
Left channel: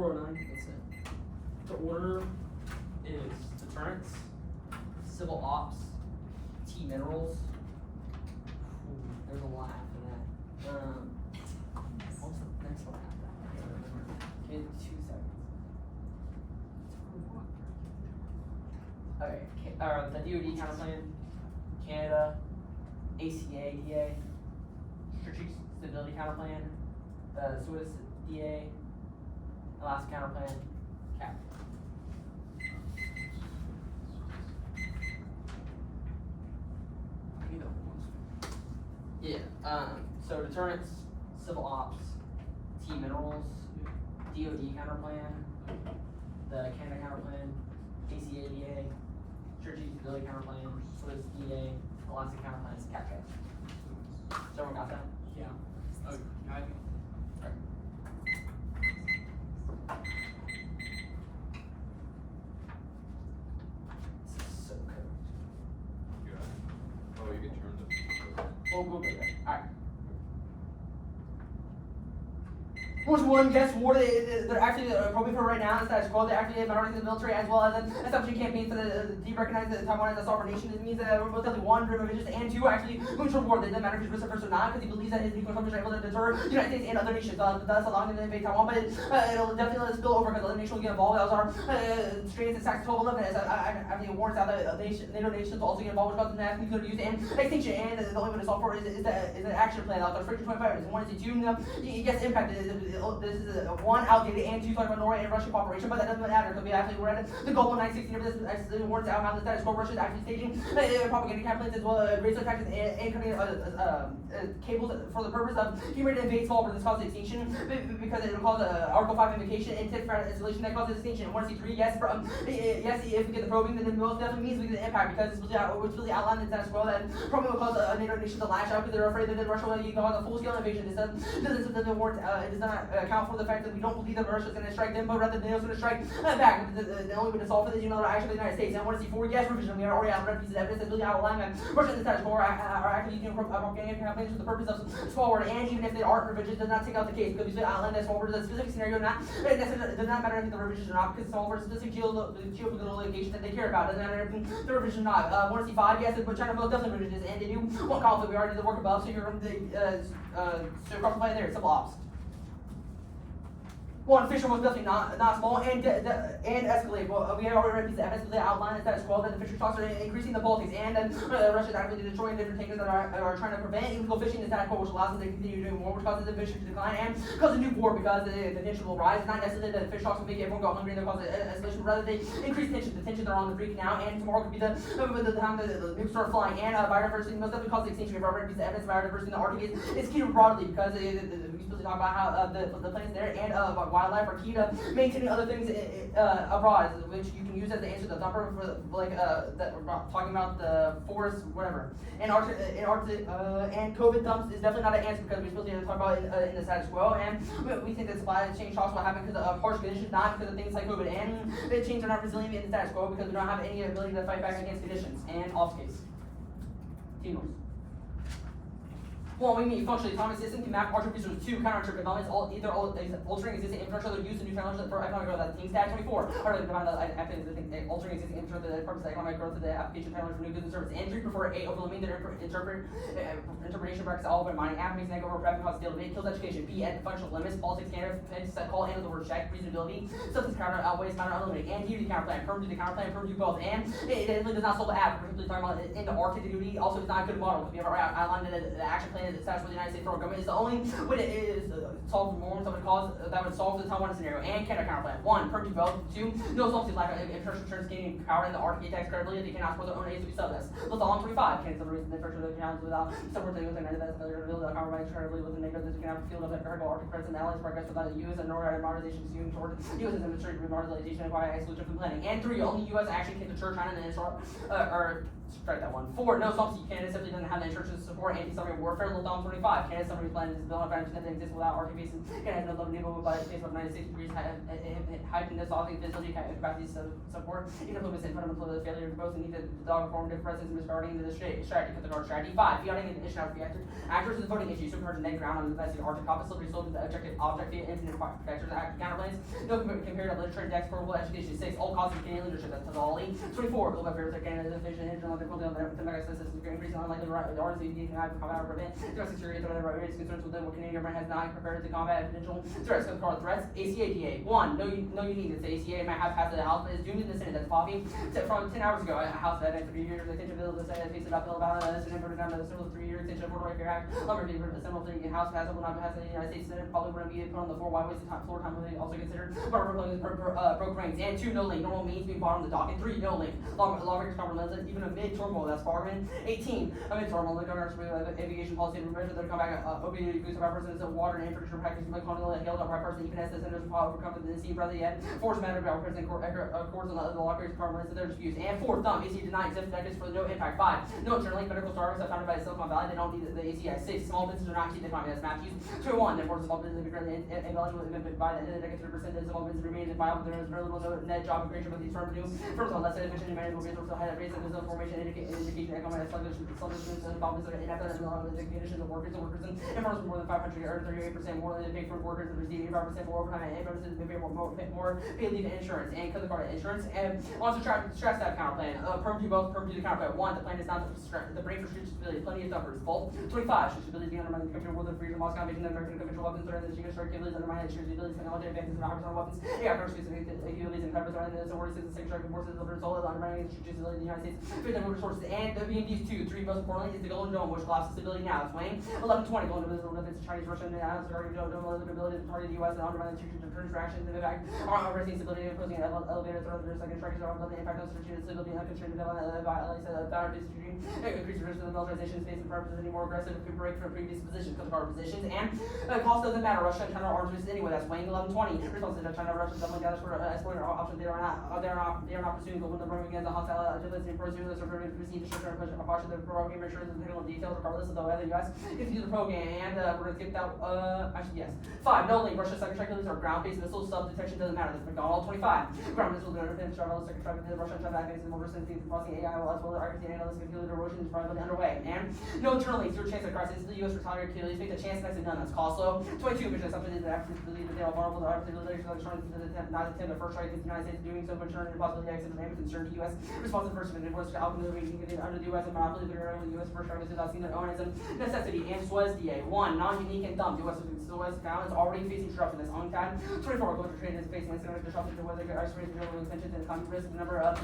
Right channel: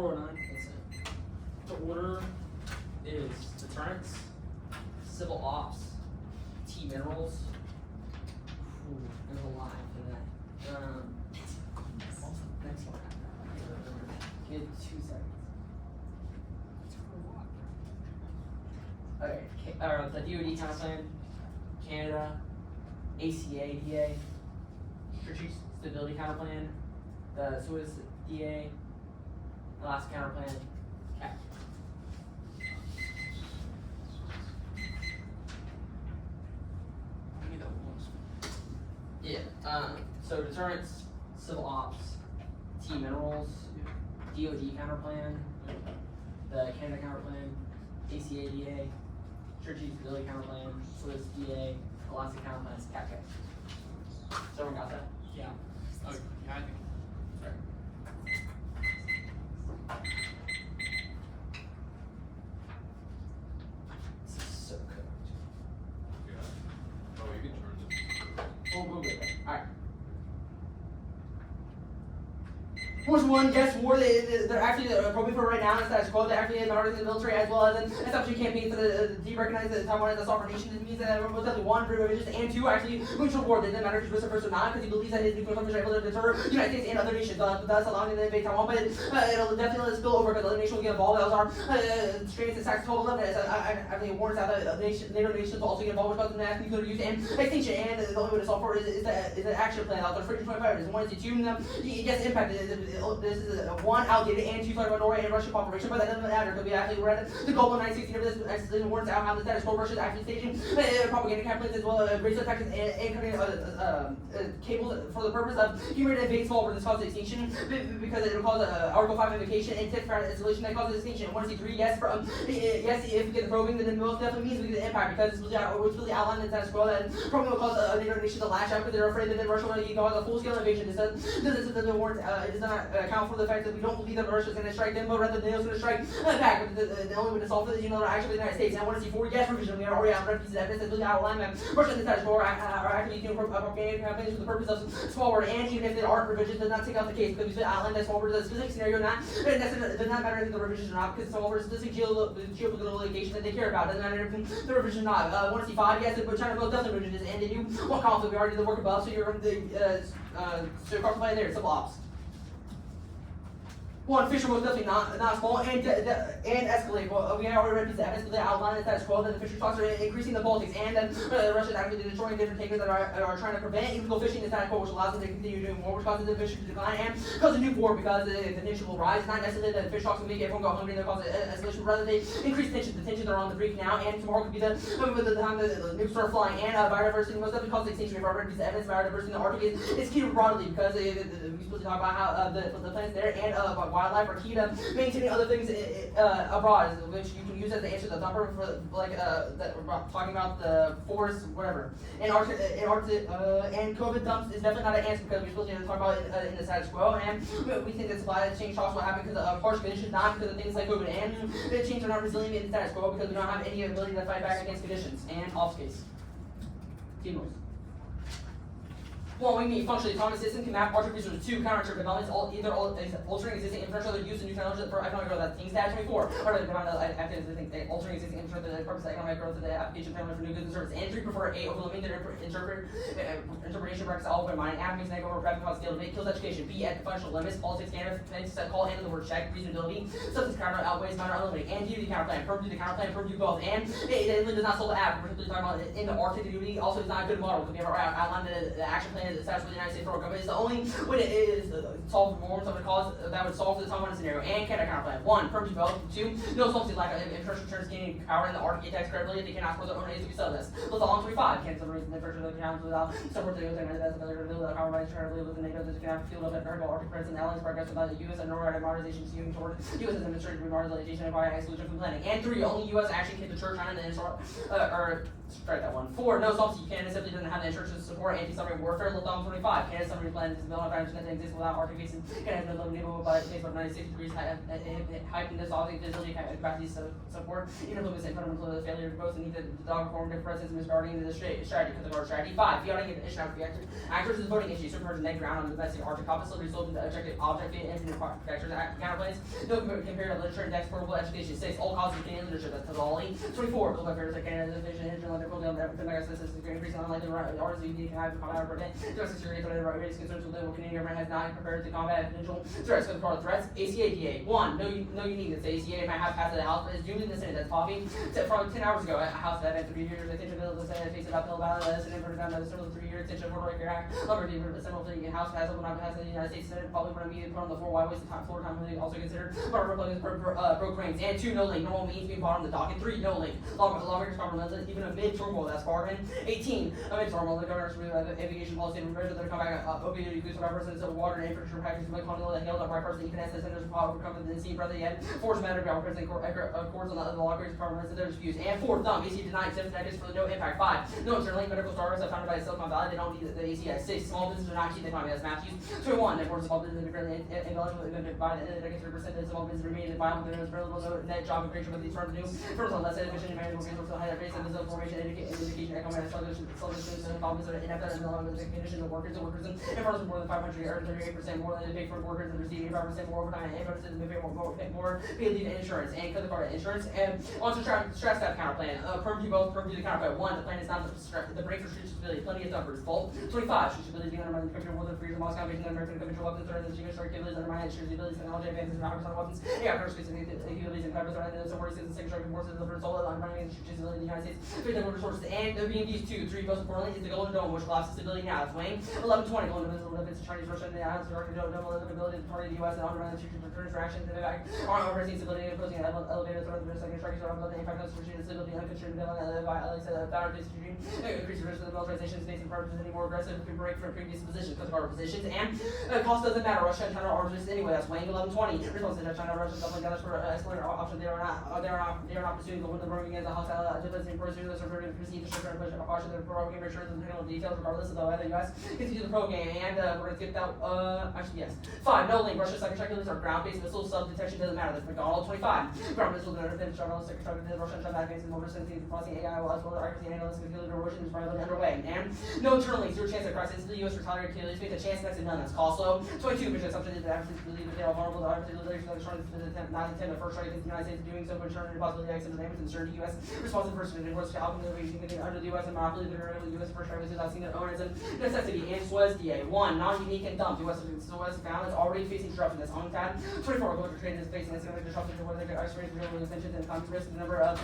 That's it. The order is deterrence, civil ops, T minerals. Ooh, there's a lot after that. What's the next one? Give 2 seconds. Okay, the DoD town plan, Canada, ACA, DA, Strategic Stability Counter Plan, the Swiss DA, the last counter plan, CAP. So deterrence, civil ops, T minerals, DOD counter plan, the Canada counter plan, ACADA, Church Usability counter plan, Swiss DA, Alaska counter plan, CAPCA. So everyone got that? Yeah. Oh, yeah, I think. So Yeah. Oh, you can turn the. we'll get there. Alright. Which one guess war they're actually programming for right now is that quote, they're actually monitoring the military as well as an SFG campaign for the de-recognize the Taiwan as a sovereign nation. This means that we're definitely one revisions and two actually neutral war. It doesn't matter if he's first or not because he believes that his nuclear weapons are able to deter the United States and other nations, thus allowing them to invade Taiwan. But it'll definitely spill over because other nations will get involved. That was our straight to tax 1211 as I think it warns out that NATO nations will also get involved because of the national nuclear use and extinction. And the only way to solve for it is an action plan out there. Freaking 25 is one is two he gets impacted. This is one outdated and two talking about Norway and Russian cooperation, but that doesn't matter because we actually read the global 960 of this actually works out how the status quo Russia is actually staging propaganda campaigns as well as racial attacks and cables for the purpose of human invade small where this causes extinction because it will cause Article 5 invocation and tip for installation that causes extinction. 1 to 3 yes from yes if we get the probing then it most definitely means we get the impact because it's really outlined in the status quo that probably will cause a NATO nation to lash out because they're afraid that Russia will cause a full scale invasion. It does not account for the fact that we don't believe that Russia's going to strike them, but rather NATO's going to strike back. The only way to solve it is, actually the United States. And I want to see 4 yes revision. We already have pieces of evidence that really outline that Russia and the status quo are actually doing propaganda campaigns for the purpose of forward. And even if they aren't revisions, does not take out the case because we outline that forward the specific scenario. It does not matter if the revisions or not because it's forward specific geopolitical litigation that they care about. It doesn't matter if the revision or not. I want to see 5 yes. If China doesn't revisions and they do one conflict, we already did the work above. So you're so cross plan there. Civil ops. 1, Fisher was definitely not small and escalate. Well, we already read the evidence, but they outlined the status quo that the Fisher talks are increasing the Baltics and then Russia is actively destroying different tankers that are trying to prevent illegal fishing in the status quo, which allows them to continue doing more, which causes the fish to decline and causes a new war because the tension will rise. Not necessarily that the fish talks will make everyone go hungry and they'll cause escalation, rather they increase tension. The tensions are on the brink now, and tomorrow could be the time the nukes start flying. And biodiversity most definitely causes extinction. If I read the evidence, biodiversity in the Arctic is key broadly because we supposed to talk about how the plants there and wildlife are key to maintaining other things abroad, which you can use as the answer to the number for that we're talking about the forest, whatever. And COVID dumps is definitely not an answer because we're supposed to talk about it in the status quo. And we think that supply chain shocks will happen because of harsh conditions, not because of things like COVID. And the chains are not resilient in the status quo because we don't have any ability to fight back against conditions. And off case. Teamwork. 1, we mean functionally autonomous system can map archer resources to counter developments, altering existing infrastructure used in new technologies for economic growth. That's things that 24, or the altering existing infrastructure for the purpose of economic growth of the application of technology for new goods and services. And 3, prefer A, overlooking the interpretation practice of open mining, avenues, and over traffic cost scale, kills education. B, at functional limits, politics, standard, set call, and the word check, reasonability, substance counter outweighs counter unlimited, and duty counter plan, firm duty counter plan, firm do both. And it does not solve the app. We're talking about in the Arctic duty, also is not a good model because we have outlined the action plan that established the United States federal government. It's the only way it is solve more of the cause that would solve the Taiwan scenario. And Canada counter plan. 1, firm do both. 2, no solvency lack of infrastructure is gaining power in the Arctic tax credibility. They cannot for their own aids to be sell this. Let's all 25. Canada's the reason the first of the accounts without separate things and as another reveal that power rights currently with the negative that can have field of variable Arctic presence and allies progress without the US and Norway modernization skewing toward US as administrative remodernization and by exclusion from planning. And 3, only US action can deter China and strike that one. 4, no solvency. Canada simply doesn't have the insurance to support anti-submarine warfare. Look down 25. Canada's submarine plan is the only country that exists without Arctic bases. Canada has no limited naval by space for 96 degrees hyping this off ability capacity support. Influence in front of the failure of both and need the dog formative presence and misguiding the strategy because of our strategy. 5, beyond ignition of reactor. Actors is voting issue. Super Neg ground on the best Arctic opposite result in the objective infinite factors counterplays. No compared to literature and text portable education. 6, all causes of Canadian leadership. That's all. 24, built by favorites of Canada's vision and like building on the mega systems increasing unlikely RZ can have combat over domestic security threat and raised concerns with what Canadian government has not prepared to combat potential threats. For the threats, ACADA. 1, no you need this. The ACADA might have passed the House, but it's doomed in the Senate. That's popping from 10 hours ago. A House that had 3 years. The attention bill, the Senate takes it up bill about the Senate voted on the similar 3-year extension of Puerto Rico Act. Lumber being assembled in the House passed when I passed the United States Senate. Probably wouldn't be put on the floor. Why waste the time? Floor time would also considered. Broke ranks. And 2, no link. Normal means being bought on the docket. 3, no link. Lawmakers cover even a mid amid turmoil, that's Spartan. 18, amid turmoil, the governor's aviation policy to measure the combat opioid use by persons of water and infrastructure practices by colonial and hailed up by persons even as the centers of power overcome the sea brother and force matter of present courts on the law creates department of their disputes. And fourth thumb, AC denied 7 decades for no impact. 5, no internal medical startups are founded by Silicon Valley, they don't need the ACI. 6, small businesses are not keep the economy as Matthews. 201, networks of small businesses are currently ineligible by the end of the decade 30% of small businesses remain in viable, there is very little net job creation with these firms new. First on less than efficient management workers will have based on this formation indication economic solutions and problems are ineffective and along with the conditions of workers and firms more than 500 earn 38% more than they pay for workers and receive 85% more overtime and firms pay more paid leave insurance and credit card insurance. And also stress that counter plan. Purview the counter plan. 1, the plan is not the break for street stability. Plenty of numbers. Fault. 25, street stability being undermined the computer world of freedom, loss, combination, and American control of the threat of the genius capabilities undermined street stability, technology advances, and commerce on weapons. Yeah, first specific capabilities and cyber threat and the sources and secondary forces of the result of undermining the street stability in the United States. Fifth, the resources and the BMDs 2, 3, most importantly, is the Golden Dome, which collapses stability now. It's Wayne. 11, 20, Golden Dome is the limits of Chinese, Russian, and Allies during the Dome, the ability to target the U.S. and undermine the future returns for action in the back. Our raising stability and opposing elevated threat of their second strikes on the impact of strategic stability and unconstrained development by at least power distribution, increase the risk of the militarization of space and purposes any more aggressive could break from previous positions, because of our positions, and cost doesn't matter. Russia and China are arms anyway. That's Wayne 1120. Response to China, Russia, doubling down for escalating options. They are not pursuing the one that against the hostile agenda and pursuing the survey to proceed to sugar push and caution the program make sure the technical details regardless of the whether the US continue the program. And we're gonna skip that actually yes. 5, no link. Russia's second checklists are ground-based missile sub-detection doesn't matter. That's McDonald 25. Ground missiles that are finished on second strike to Russia and China advances more recently crossing AI while as well as accuracy and analysis concealed erosion is probably underway. And no internal links, 0 chance of crisis. The US retaliatory to make a chance next to none. That's Coslow. 22, mission assumption is that after believe that they are vulnerable to opportunity relations like trying to attempt not attempt the first strike against the United States doing so, but turn the possibility of accident and concern the US responsive person and worst outcomes of under the US and monopoly that are under the US first strike without seeing their own as a necessity. And SWAS DA 1, non-unique and dumb. The US found is already facing disruption that's unfound. 24, global trade is facing a similar disruption to whether extreme global tensions and economic risk. The number of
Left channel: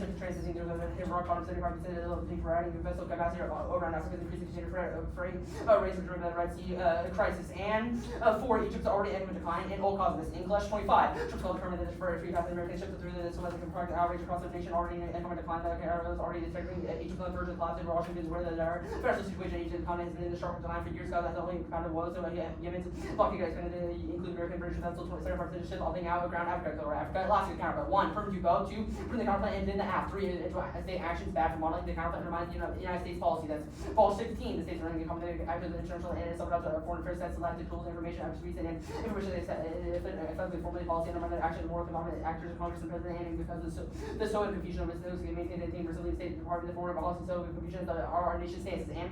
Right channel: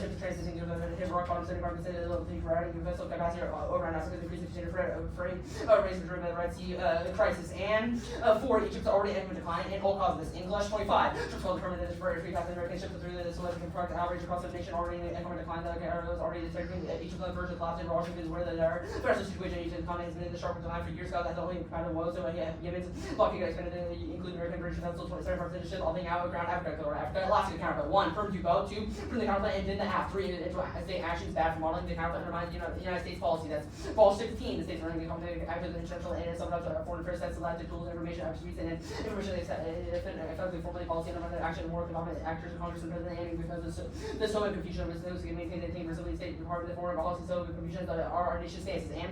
ships transiting to the rock on 75% of the variety of vessel capacity over in Africa, decreasing container freight, raising during the Red Sea crisis. And 4, Egypt's already economic decline and all causes this. English 25, ships well determined for free African American ships through the Suez compartment average across the nation already in economic decline. That was already detecting Egypt's version of collapse in Washington is where their financial situation in Egypt's economy has been in the sharp decline for years. That the only kind of woes so Yemen's blocking expanded include American version vessels 27% of ship all being out of ground Africa Alaska counterpart. 1, firm to go. 2, from the counterpart and then the app. 3, state actions bad for modeling the counterpart undermines the United States policy. That's false. 15, the states running the company active international and some foreign affairs that's selected tools information attributes and information effectively formally policy and under action more economic actors Congress and president because the Soviet confusion of those who maintain the team for the State Department of Foreign Policy Soviet confusion that are our nation stances and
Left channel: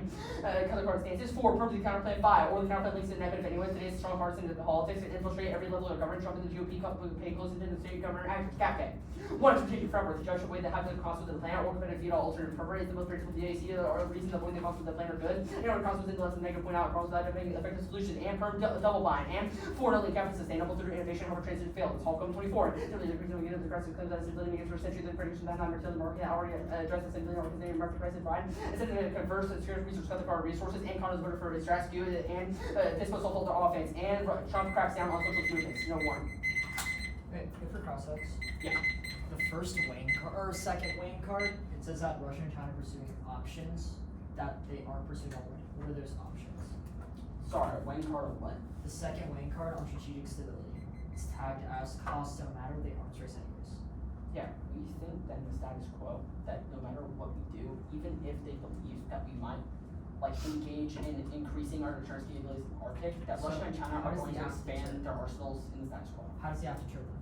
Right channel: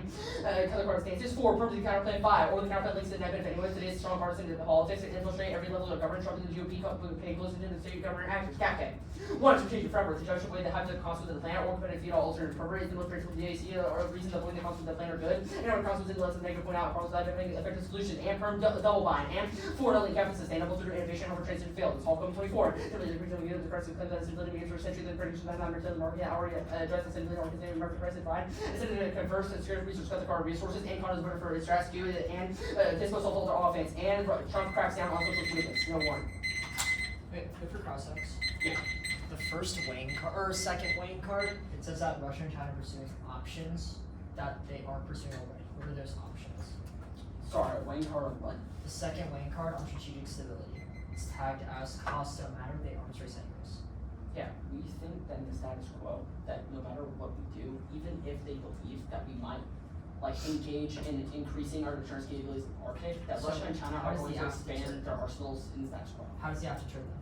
counterpart stances. 4, prove the counterplan. 5, or the counterplan links to the negative anyone today's strong partisan politics and infiltrate every level of government. Trump and the GOP pay close attention to the state government actors. Captain 1, strategic framework to judge the way they have the consequences of the plan or competitive veto alternative purpose is the military from the DCI or reason the point the consequences of the plan are good. You know, the consequences less than negative point out problems that effective solution and firm double bind. And 4, not cap is sustainable through innovation over trades and failed. It's all come 24. Simply the regional unit of the press claim that stability against for centuries and prediction that number to the market already addressed the stability or continuing market press and pride. It's in the converse that scarce research cut the car resources and condos voted for its rescue and this was also their offense and Trump cracks down on social movements. No one. Wait, good for concepts. Yeah. The first Wayne card, or second Wayne card, it says that Russia and China are pursuing options that they aren't pursuing already. What are those options? Sorry, Wayne card of what? The second Wayne card on strategic stability. It's tagged as cost don't matter, they arms race anyways. Yeah, we think that in the status quo, that no matter what we do, even if they believe that we might engage in increasing our deterrence capabilities in the Arctic, that Russia and China are going to expand their arsenals in the status quo. How does he have to trigger that?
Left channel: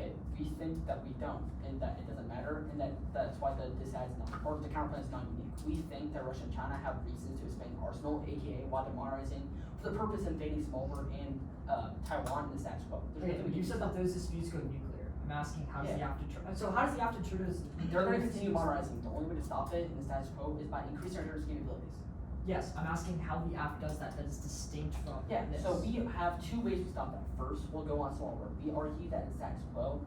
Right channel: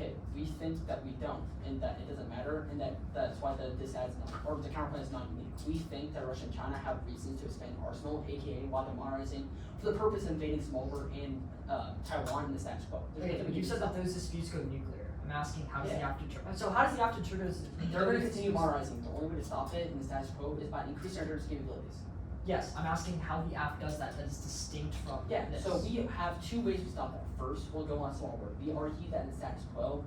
Okay, we think that we don't, and that it doesn't matter, and that's why this has not, or the counterplan is not unique. We think that Russia and China have reasons to expand arsenal, aka while they're modernizing, for the purpose of invading smaller in Taiwan in the status quo. Okay, you said that those disputes go nuclear. I'm asking how does he have to trigger? So how does he have to trigger this? They're going to continue modernizing. The only way to stop it in the status quo is by increasing our deterrence capabilities. Yes, I'm asking how the app does that is distinct from this. So we have 2 ways to stop that. First, we'll go on small word. We argue that in status quo,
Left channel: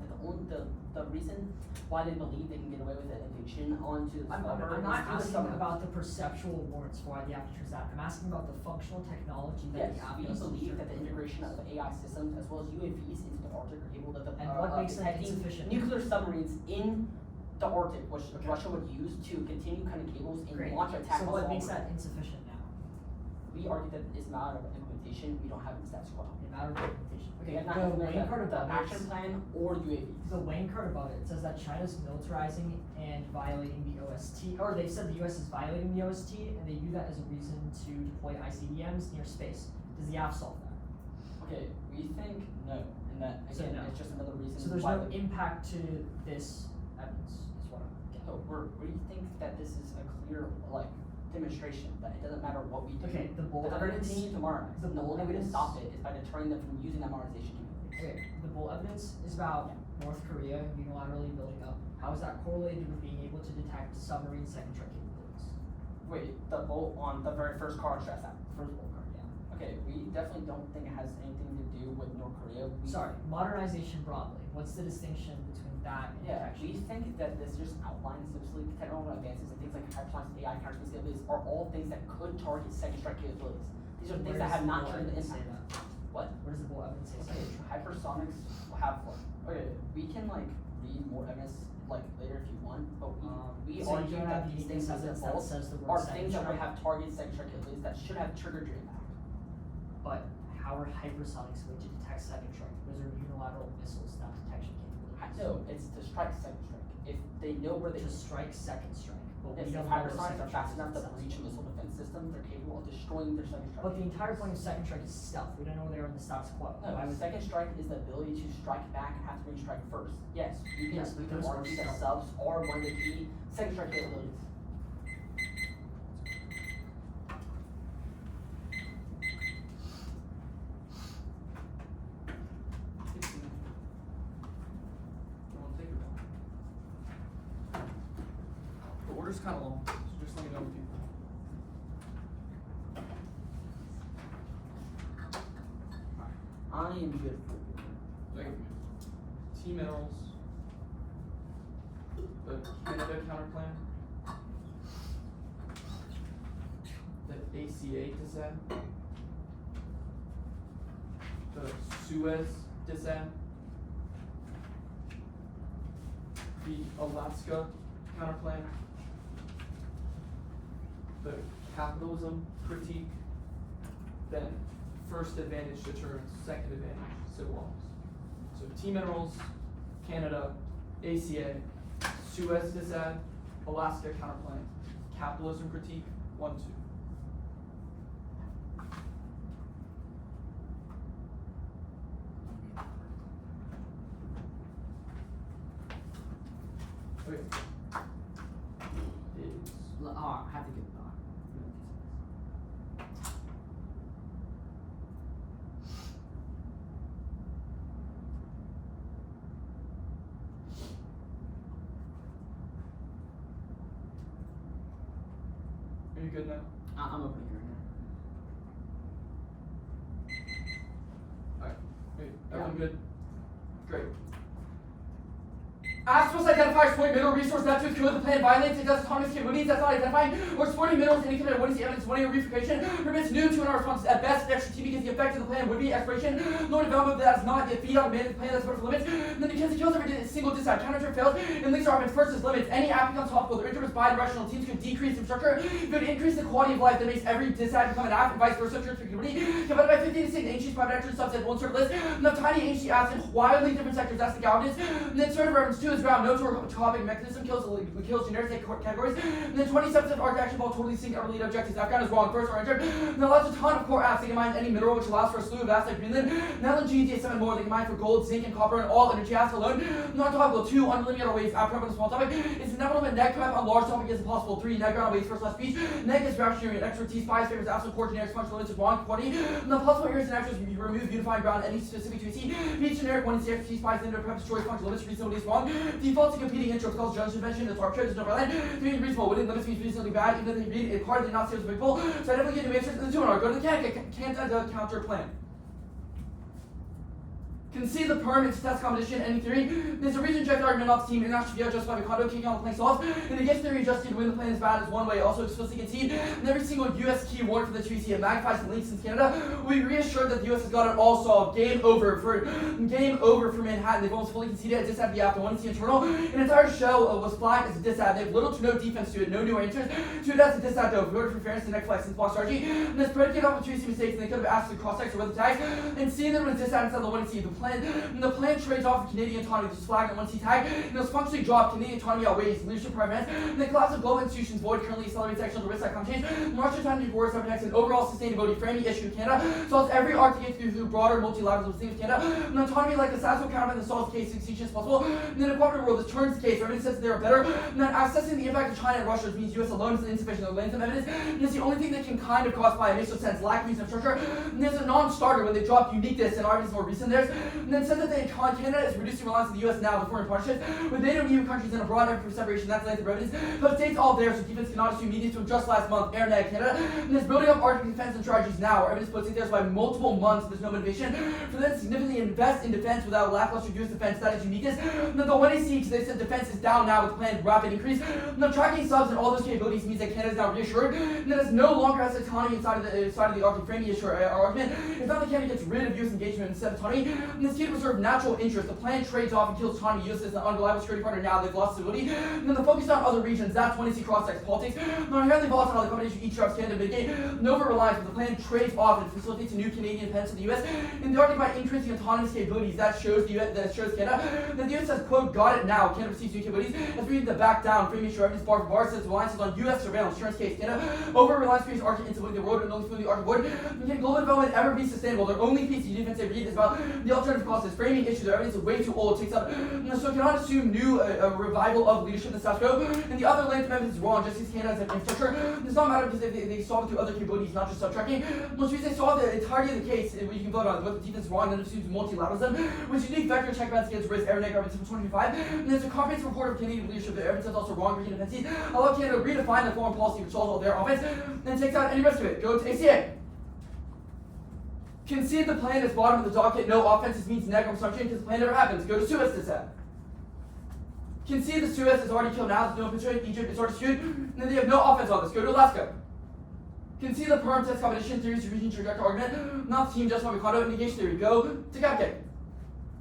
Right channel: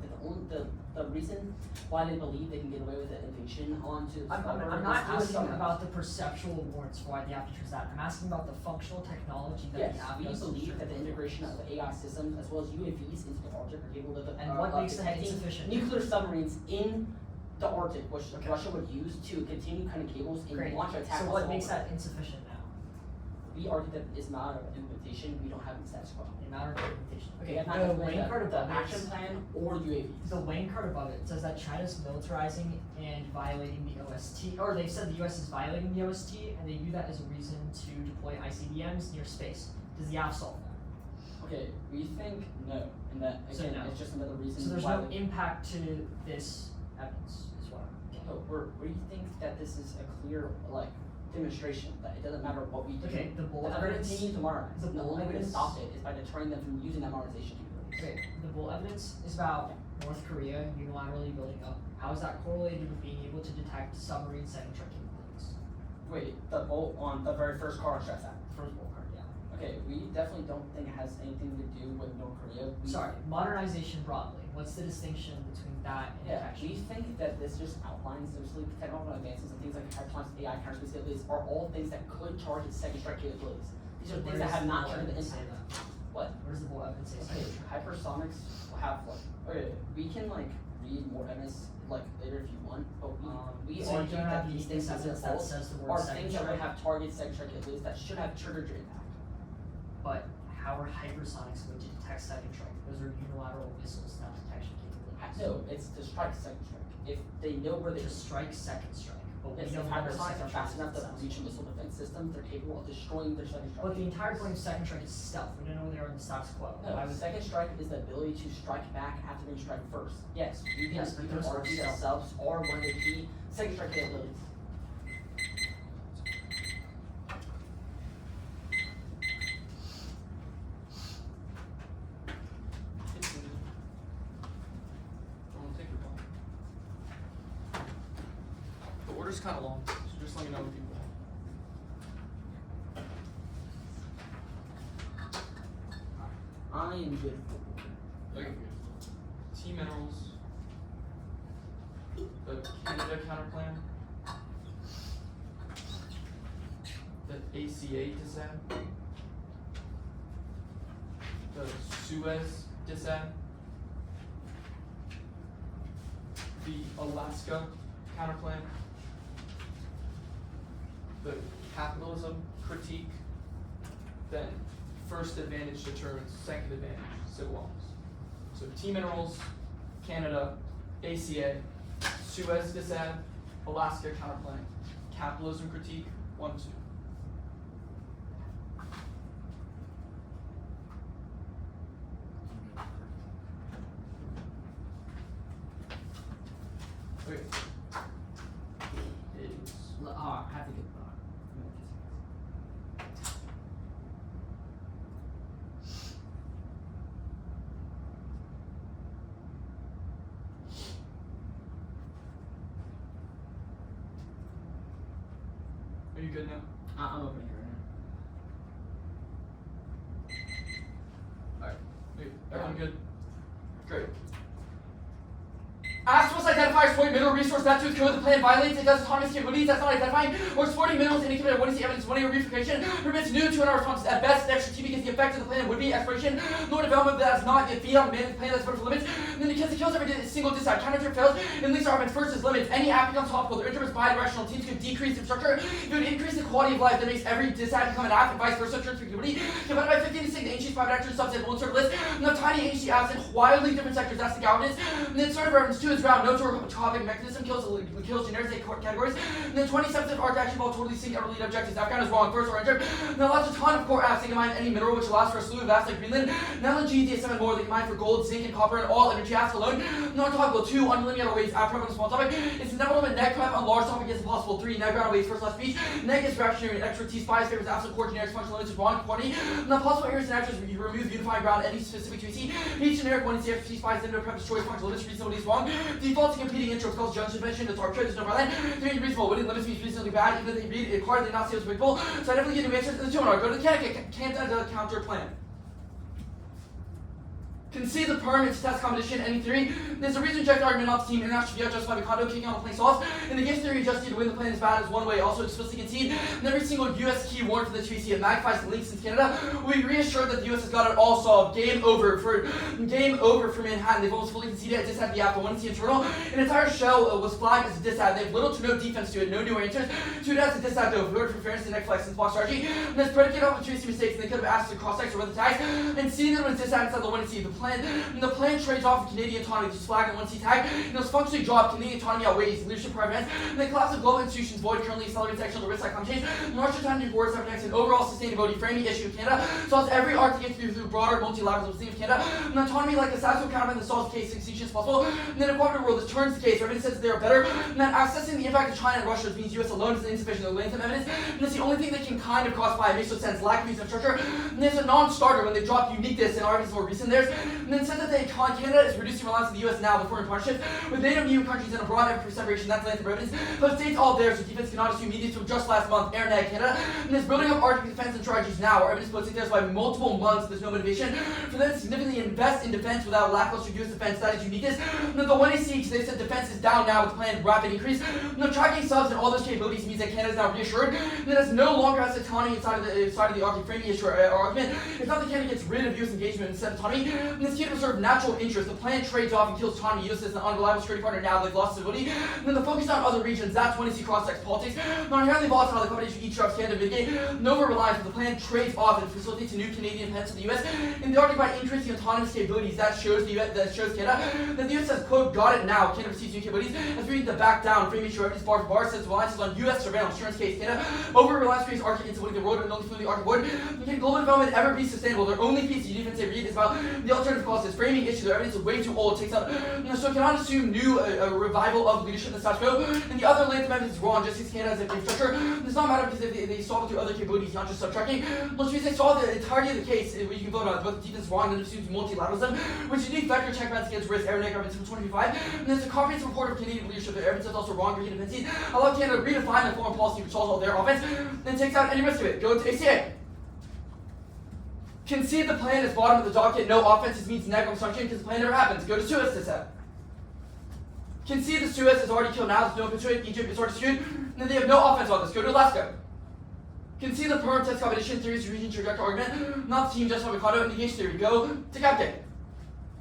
the reason why they believe they can get away with an invasion onto I'm not asking about the perceptual warrants for why the app triggers that. I'm asking about the functional technology that the app we does. believe that the integration of AI systems as well as UAVs into the Arctic are able to and what makes them detecting insufficient? nuclear submarines in the Arctic, which Okay. Russia would use to continue cutting cables and Great. launch attacks. So on what makes Svalbard. that insufficient now? We argue that it's not an implementation. We don't have the status quo. In matter of implementation. We Okay, have not the implemented lane card the above action it. plan or UAVs. The lane card above it says that China's militarizing and violating the OST, or they've said the US is violating the OST, and they view that as a reason to deploy ICBMs near space. Does the app solve that? Okay, we think no, and that So again no. it's just another reason. So there's why no the- impact to this evidence, is what I'm getting. No, we think that this is a clear like demonstration that it doesn't matter what we do. Okay, the bull If we're gonna evidence- continue to modernize, the the bull only way to evidence- stop it is by deterring them from using that modernization capability. Okay, the bull evidence is about North Korea unilaterally building up. How is that correlated with being able to detect submarine second strike capabilities? Wait, the bolt on the very first card on stress app. The first bull card, yeah. Okay, we definitely don't think it has anything to do with North Korea. Sorry, modernization broadly. What's the distinction between that and Yeah, detection? we think that this just outlines those technological advances and things like hypersonic AI counter capabilities are all things that could target second strike capabilities. These are Where things that does have the not bull turned the evidence say impact. that? What? Where does the bull evidence say Okay, second strike? hypersonics have what? Okay, we can like read more evidence like later if you want, but we So you argue don't have that these things as a evidence that whole says the word are second things that would strike? have targeted second strike capabilities that should have triggered your impact. But how are hypersonics going to detect second strike? Those are unilateral missiles, not detection capabilities. No, it's to strike second strike. If they know where they To strike second strike, but we if don't know where hypersonics second are fast strike enough to is. breach a missile defense system, they're capable of destroying their second strike. But the entire point of second strike is stealth. We don't know where they are in the status quo. No, Why would second strike is the ability to strike back after being struck first. Yes, you can, Yes, but you can those are argue that stealth. subs are one of the key second strike capabilities. The order's kind of long, so just let me know if you want. I am good. Yeah, good. T minerals, the Canada counter plan, the ACA dissent, the Suez dissent, the Alaska counter plan, the capitalism critique, then first advantage determines second advantage civil arms. So T minerals, Canada, ACA, Suez dissent, Alaska counterplan, capitalism critique, 1, 2. Okay. Is I have to get. Are you good now? I'm opening here right Alright. Wait, everyone good? Great. Aspros identifies point mineral resource that to its code the plan violates it does autonomous capabilities that's not identifying or exploiting minerals indicated what is the evidence winning or reunification permits new to our responses at best extra T because the effect of the plan would be exploration nor development but that's not the fiat managed plan that's for limits and then because it kills every single disad counter fails and links armament first is limits any app becomes topical their interest bi-directional teams could decrease their structure it would increase the quality of life that makes every disad become an app and vice versa capability divided by 50 to 6 ancient private actors subset one sort of list and the tiny ancient apps in wildly different sectors that's the governance and then sort of reference 2 is ground no to topic mechanism kills generic categories. And then 20 subset arc action ball totally sync our lead objectives. Afghan is wrong. First or enter. Now lots a ton of core apps that can mine any mineral which allows for a slew of apps like Greenland. Now LNG, DSM and more that can mine for gold, zinc, and copper and all energy apps alone. Non-topical 2 unlimited waste app program small topic. It's inevitable and neg prep on large topic is impossible. 3 neg ground waste first last speech. Neg is reactionary and expertise spies favors absolute core generic functional limits with wrong quantity. Now possible areas and actions remove unifying ground any specific to EC. Each generic one is the expertise spies limit prep choice functional limits reasonable is wrong. Default to competing intros calls junction mention that's arbitrary, there's no right line. 3 reasonable within limits means reasonably bad, even if they read it card, they not see as predictable. So I definitely get new answers to the 2 and go to the can't counter plan. Concede the permit to test competition, any theory. There's a reason checked argument off the team, international VR justify the condo kicking on the playing stalls. In the guess theory, just you to win the plan is bad is one way, also explicitly concede. And every single US key warrant for the 2C, it magnifies the links in Canada. We reassure that the US has got it all solved. Game over for Manhattan. They've almost fully conceded a disad the after 1C internal. An entire shell was flagged as a disad. They have little to no defense to it, no new answers. 2 as a disad though, voted for fairness to Neg Flex and Box strategy. And that's predicated off of 2C mistakes, and they could have asked to cross-text or the tags. And seeing that it was disad inside the 1C, the plan trades off of Canadian autonomy, which is flagged on 1C tag, and those functionally dropped. Canadian autonomy outweighs leadership private and the collapse of global institutions void currently accelerates action on the risk side climate change. Martial autonomy boards that protects an overall sustainability framing issue in Canada, solves every Arctic through broader multilateralism of Canada. And autonomy like a satisfying countermeasure that solves the case extinction as possible. And then a cooperative world that turns the case, everybody says that they are better. And then assessing the impact of China and Russia, which means US alone is insufficient to lay some evidence. And that's the only thing that can kind of classify it makes no sense. Lack of use of structure. And there's a non-starter when they dropped uniqueness and RVs more recent theirs. And then said that Canada is reducing reliance on the US now with foreign partnerships with NATO and EU countries in a broad effort for separation. That's length of evidence. But states all there, so defense cannot assume immediate from just last month. Neg Canada and is building up Arctic defense and strategies now. Evidence puts it there by multiple months. There's no motivation for them to significantly invest in defense without lackluster US defense. That is uniqueness. And then the 1AC, they said defense is down now with the planned rapid increase. And the tracking subs and all those capabilities means that Canada is now reassured. And that it no longer has autonomy inside of the Arctic framing issue argument. It's not that Canada gets rid of US engagement instead of autonomy. And this key to preserve natural interest. The plan trades off and kills autonomy. US is an unreliable security partner now, like lost stability. And then the focus on other regions, that's 1AC cross-text politics. Not inherently volatile, the combination of each drops Canada mitigate. No over-reliance, but the plan trades off and facilitates a new Canadian independence of the US. In the Arctic by increasing autonomous capabilities, that shows Canada that the US has, quote, got it now. Canada receives new capabilities. As we need to back down, framing sure evidence bar for bar says reliance is on US surveillance. Insurance case, Canada over-reliance creates Arctic instability the road and only flew the Arctic wood. Can global development ever be sustainable? Their only piece of defense they read is about the alternative causes. Framing issue, their evidence is way too old. It takes out, so it cannot assume new revival of leadership in the status quo. And the other land evidence is wrong. Just as Canada has a infrastructure, it does not matter because they solve it through other capabilities, not just subtracting. Which means they solve the entirety of the case, where you can vote on both the defense is wrong and assumes multilateralism, which unique vector check balance against risk, every Neg argument 2025. And there's a comprehensive report of Canadian leadership that evidence is also wrong for defenses. Allow Canada to redefine the foreign policy which solves all their offense, then takes out any rest of it. Go to ACA. Concede the plan is bottom of the docket. No offenses means Neg construction because the plan never happens. Go to Suez to set. Concede the Suez is already killed now. There's no offense to it. Egypt is already skewed. And then they have no offense on this. Go to Alaska. Concede the perm test competition theories, region trajectory argument. Not the team, just on the condo negation theory. Go to Captain.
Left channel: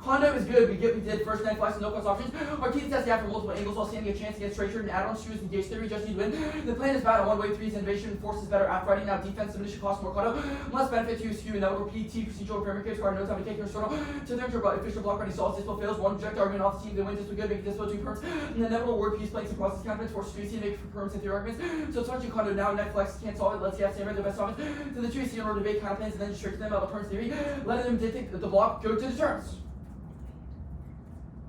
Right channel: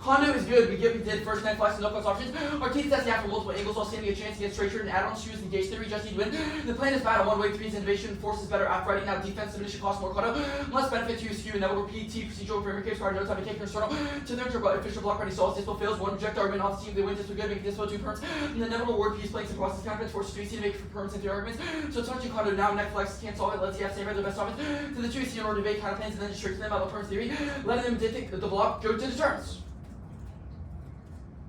Condo is good. We did first Neg Flex and no flex options. Our team tests the after multiple angles while standing a chance against straight shirt and add-ons. Choose the gauge theory. Just need win. The plan is bad on one way. 3 is innovation. Force is better. After writing now defense diminishing cost more condo. Less benefit to skew. And now PT procedural framework case card. No time to take external. To their official block ready solves. Dispo fails. One reject argument off the team. They win. Dispo good. Make Dispo 2 perms. And the inevitable word piece blanks and process confidence. Force 3C to make perms and 3 arguments. So it's touching condo now. Neg Flex can't solve it. Let's see Samer the best offense. To the 2C in order to debate counterplans and then just trick them out of the perms theory. Letting them dictate the block. Go to the terms.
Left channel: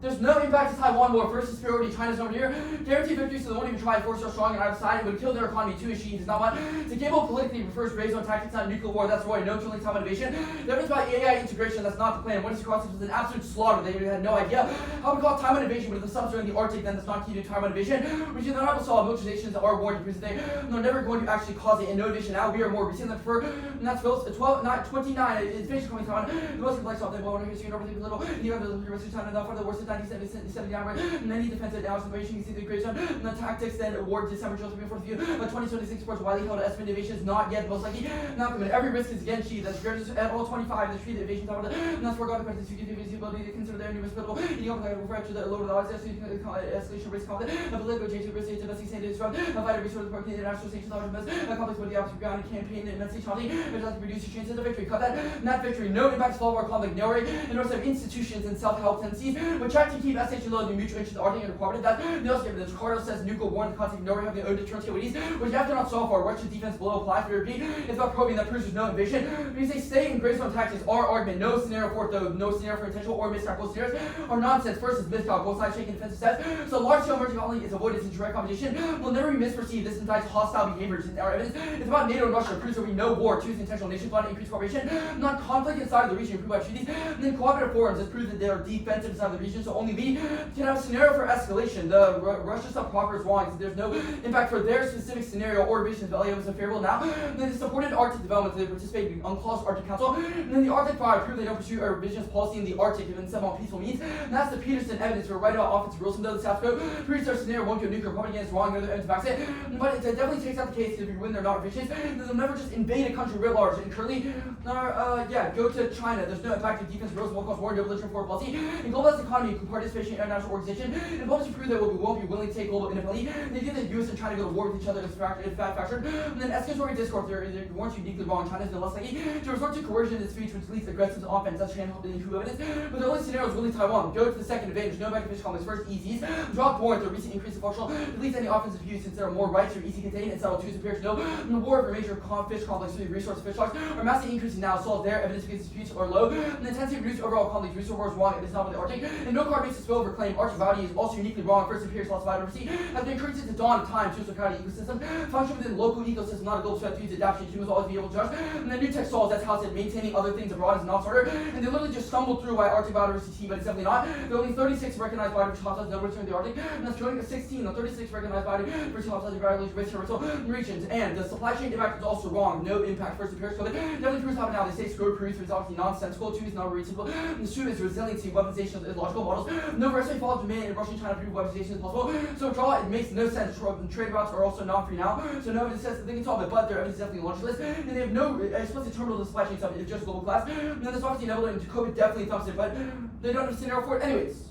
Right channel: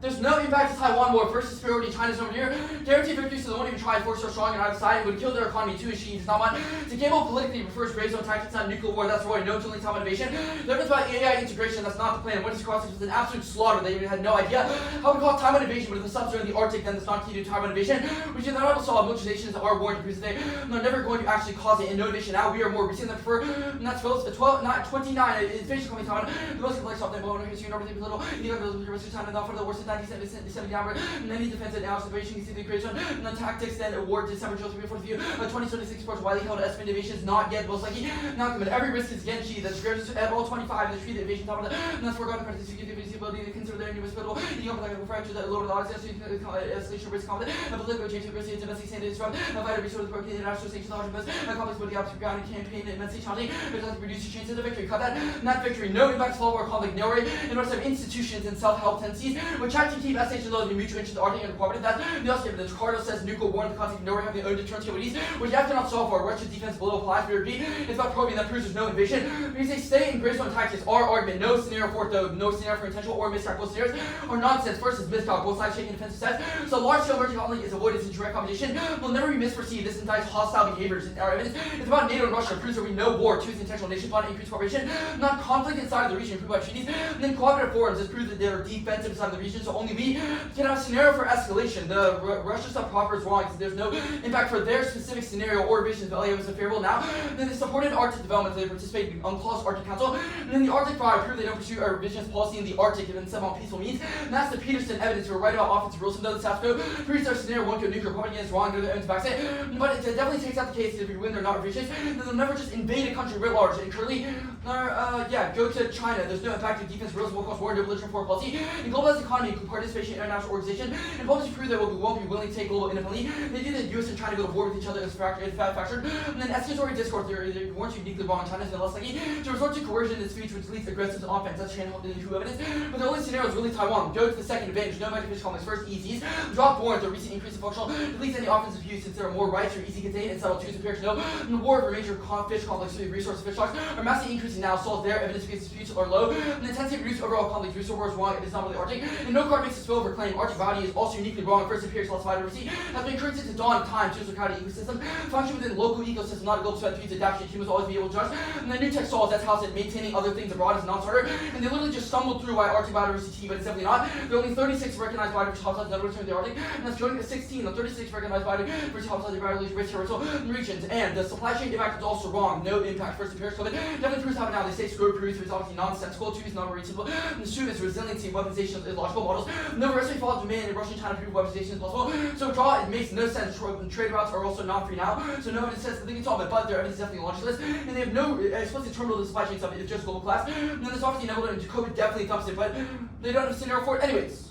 There's no impact to Taiwan war. First is superiority. China's over here. Guaranteed victory, so they won't even try and force so strong and out of sight. It would kill their economy too. She does not want to cable politically refers gray zone tactics, not nuclear war. That's Roy. No tooling, top innovation. The evidence about AI integration. That's not the plan. What is cross was an absolute slaughter. They had no idea how we call Taiwan invasion, but if the subs are in the Arctic, then that's not key to Taiwan invasion. Which in the article saw militarizations are warned to prove they they're never going to actually cause it. And no innovation. Now we are more recent than prefer. And that's votes 29. It's basically Taiwan. The most complex of them. Well, history over the little. The University of China not for the worst of 1970. And then he defends it now, separation, you see the creation, and the tactics then award December 2024 2026 reports widely held as innovation is not yet most likely not committed. Every risk is again she that scripts at all 25 and the treat the invasion top of the and that's forgotten practice you get the ability to consider their new hospital you have like refer to the lower dogs escalation risk confident and political change of risk domestic sanity strong and vital resources for international sanctions knowledge and complex body opposite ground campaign immensely challenging it doesn't reduce your chances of victory cut that not victory no impact small war conflict no worry and rest of institutions and self-help tendencies which act to keep SH low the mutual interest Arctic and cooperative that the also the Ricardo says nuclear war in the context of nowhere having their own deterrence capabilities, which you have to not solve for Russian defense below applies for repeat. It's about proving that proves there's no invasion. Because they stay in gray zone tactics, our argument, no scenario for it though, no scenario for intentional or miscalc. Both scenarios are nonsense. First is miscalc, both sides taking defensive steps. So large scale emerging colony is avoided in direct competition. Will never be misperceived. This indicts hostile behaviors in our evidence. It's about NATO and Russia, proves there will be no war. Two is intentional nation plotting, increased cooperation, not conflict inside of the region, improved by treaties. And then cooperative forums, this proves that they are defensive inside of the region. escalation, so only we can have a scenario for escalation. The Russia stuff proper is wrong. So there's no impact for their specific scenario or revision. Value was unfavorable. Now, then they supported Arctic development. They participated in UNCLOS Arctic Council. And then the Arctic Power proved they don't pursue a revisionist policy in the Arctic and instead on peaceful means. And that's the Peterson evidence for right out offensive rules. Some of the South Code proves their scenario won't go nuclear propaganda is wrong. The other evidence backs it. But it definitely takes out the case that if we win, they're not revisionists. They'll never just invade a country writ large and currently, go to China. There's no impact to defense, rules, war, cost, war, no religion, foreign policy, and globalized economy, participation in international organization, and publish prove they won't be willing to take global independently. They did the U.S. and China go to war with each other as fractured. And then escalatory discourse, they weren't uniquely wrong. China is no less likely to resort to coercion in speech, which leads to aggressive offense. That's China who evidence. But the only scenario is really Taiwan. Go to the second advantage. No back to fish complex. First, EZs. Drop warrant the recent increase in functional. At least any offensive use since there are more rights or easy contained and settle twos appears no. And the war of a major fish complex through the resource fish stocks are massively increasing now. Solve there. Evidence against disputes are low. And the intensity of reduced overall conflict resource war is wrong. It is not really Arctic. And no card makes a spell claim. Arctic body is also uniquely wrong. First appears lost biodiversity has been encouraged since the dawn of time to a circadian ecosystem. Function within local ecosystem, not a global sweat to adaptation. Humans will always be able to judge. And the new text solves that's how it said maintaining other things abroad is not starter. And they literally just stumbled through why Arctic biodiversity, but it's definitely not. There are only 36 recognized biodiversity hotspots none of which are in the Arctic, and that's showing 16 of 36 recognized biodiversity hotspots in regions. And the supply chain impact is also wrong. No impact. First appears COVID. Definitely proves how now they say screw proves is obviously nonsensical. Two is not reasonable. And the two is resiliency, weaponization is logical models. No recipe follows demand in Russian China prove weaponization is possible. So draw it makes no sense. Trade routes are also not free now. So no evidence says they can solve it, but their evidence is definitely launchless. And they have no explicit terminal the supply chain stuff. It's just global class. And then there's obviously inevitable and COVID definitely thumps it, but they don't have a scenario for it. Anyways,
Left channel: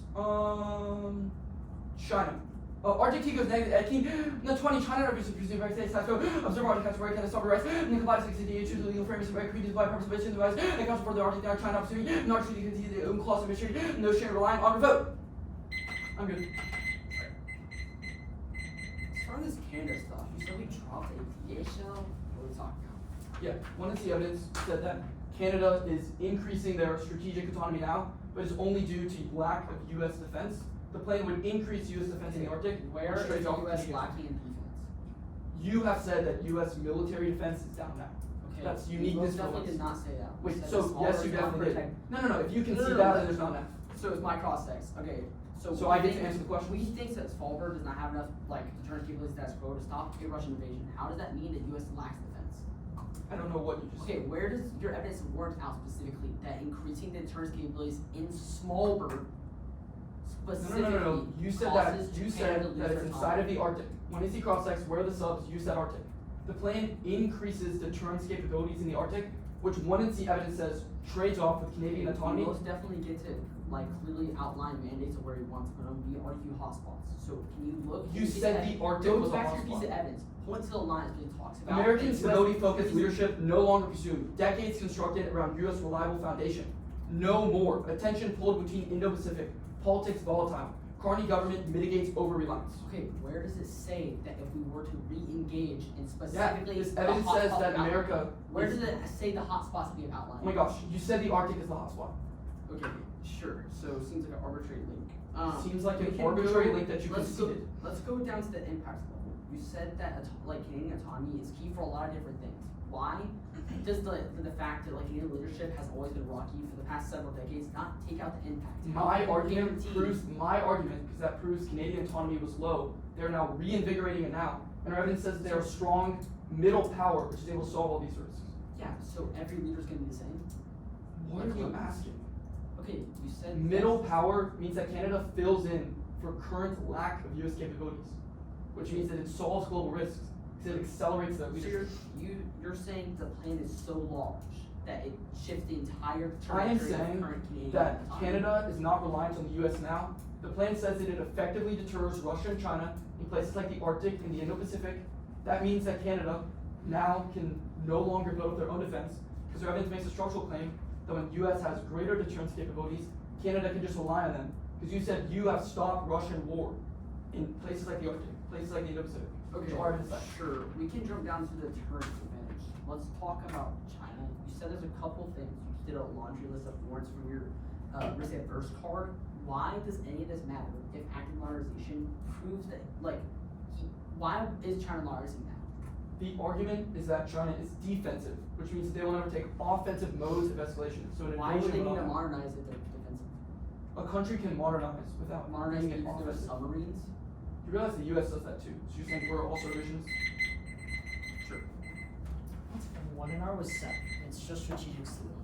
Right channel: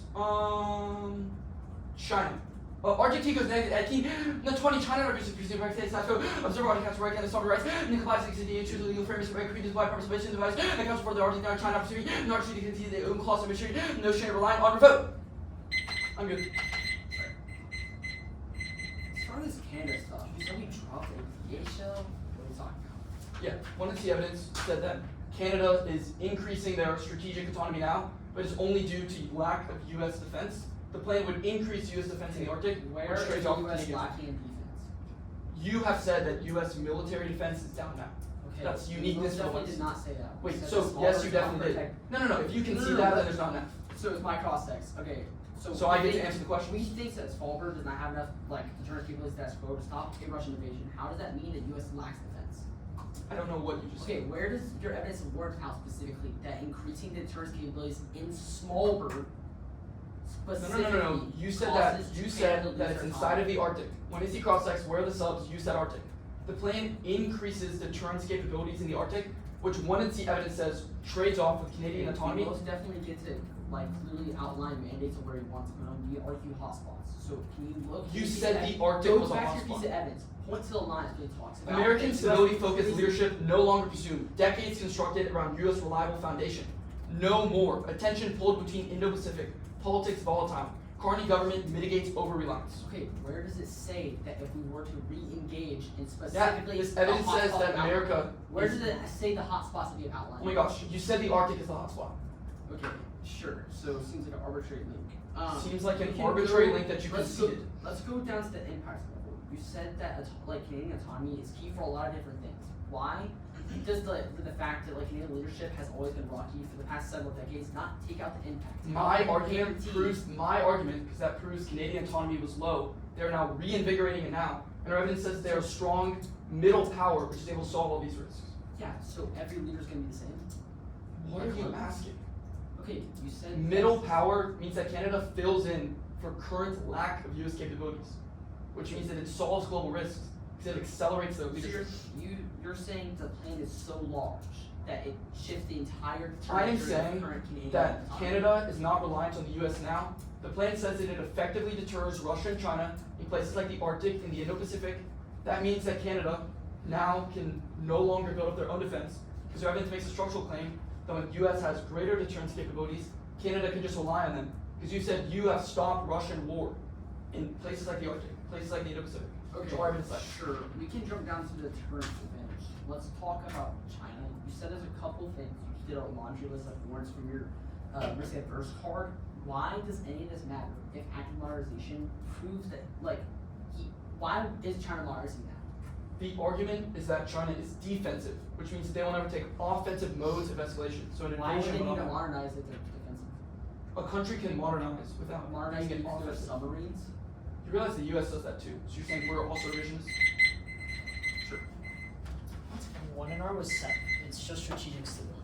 China. Arctic T goes negative 18. The 20 China refuses to right states that observe Arctic has right and the sovereign rights. And the compliance existing to the legal framework of agreed to by participation device and comes for the Arctic China opportunity. And Arctic to continue their own clause of mystery. No China relying on revote. I'm good. As far as this Canada stuff, you said we dropped aviation. What are we talking about? Yeah, wanted to see evidence said that Canada is increasing their strategic autonomy now, but it's only due to lack of U.S. defense. The plan would increase U.S. defense in the Arctic. Where is the U.S. lacking in defense? You have said that U.S. military defense is down now. Okay. That's uniqueness. You definitely did not say that. Wait, You said so the yes, you smaller definitely did. non-protect- No. If you can No, see no, that, no. then there's not enough. So it's my cross text. Okay. So I get to answer the question? We think that Svalbard does not have enough deterrence capabilities status quo to stop a Russian invasion. How does that mean that U.S. lacks defense? I don't know what you just Okay, said. where does your evidence warrant out specifically that increasing the deterrence capabilities in Svalbard specifically No. You said that. causes You Canada said to that lose it's their inside of autonomy? the Arctic. When you see cross text, where are the subs? You said Arctic. The plan increases deterrence capabilities in the Arctic, which one and see evidence says trades off with Canadian We autonomy. most definitely get to clearly outline mandates of where we want to put them. We argue hotspots. So can you look? You can said see the Arctic go was a back to your piece hotspot. of evidence. Point to the line that really talks about American US stability-focused crazy- leadership no longer presumed. Decades constructed around U.S. reliable foundation. No more. Attention pulled between Indo-Pacific. Politics volatile. Carney government mitigates over-reliance. Okay, where does it say that if we were to re-engage in specifically this the evidence says hotspot that outline? America Where is- does it say the hotspots that we have outlined? Oh my gosh, you said the Arctic is the hotspot. Okay, sure. So it seems like an arbitrary link. Seems like we an can arbitrary go- link that you let's go- conceded. Let's go down to the impact level. You said that Canadian autonomy is key for a lot of different things. Why does the fact that Canadian leadership has always been rocky for the past several decades not take out the impact? My How can you argument guarantee- proves my argument because that proves Canadian autonomy was low. They're now reinvigorating it now, and our evidence says they're a strong middle power which is able to solve all these risks. Yeah. So every leader's gonna be the same. What are you asking? Okay, you said Middle power means that Canada fills in for current lack of U.S. capabilities, which means that it solves global risks because it accelerates the So leadership. you're saying the plan is so large that it shifts the entire I am trajectory of saying current Canadian that autonomy. Canada is not reliant on the U.S. now. The plan says that it effectively deters Russia and China in places like the Arctic and the Indo-Pacific. That means that Canada now can no longer build up their own defense because their evidence makes a structural claim that when the U.S. has greater deterrence capabilities, Canada can just rely on them. Because you said you have stopped Russian war in places like the Arctic, places like the Indo-Pacific. Okay, Our evidence says. sure. We can jump down to the deterrence advantage. Let's talk about China. You said there's a couple things. You just did a laundry list of words from your risk adverse card. Why does any of this matter if active modernization proves that why is China modernizing now? The argument is that China is defensive, which means they will never take offensive modes of escalation. So an Why would they invasion need will to not. modernize if they're defensive? a country can modernize without Modernize being an nuclear offensive. submarines? You realize the U.S. does that too. So you're saying we're also revisionist? Sure. 1 was set. It's just strategic stability.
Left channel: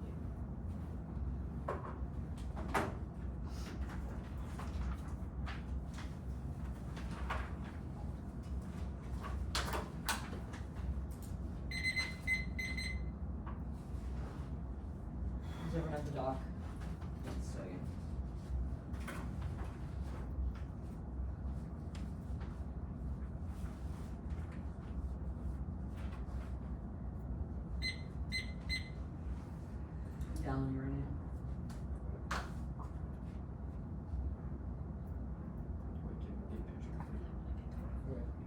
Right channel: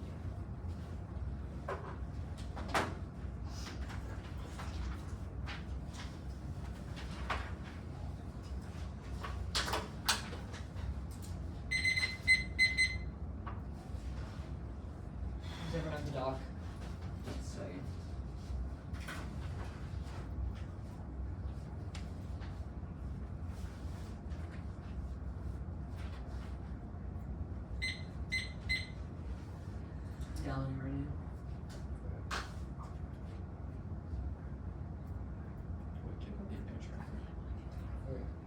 Does everyone have the doc? Let's see. Down uranium.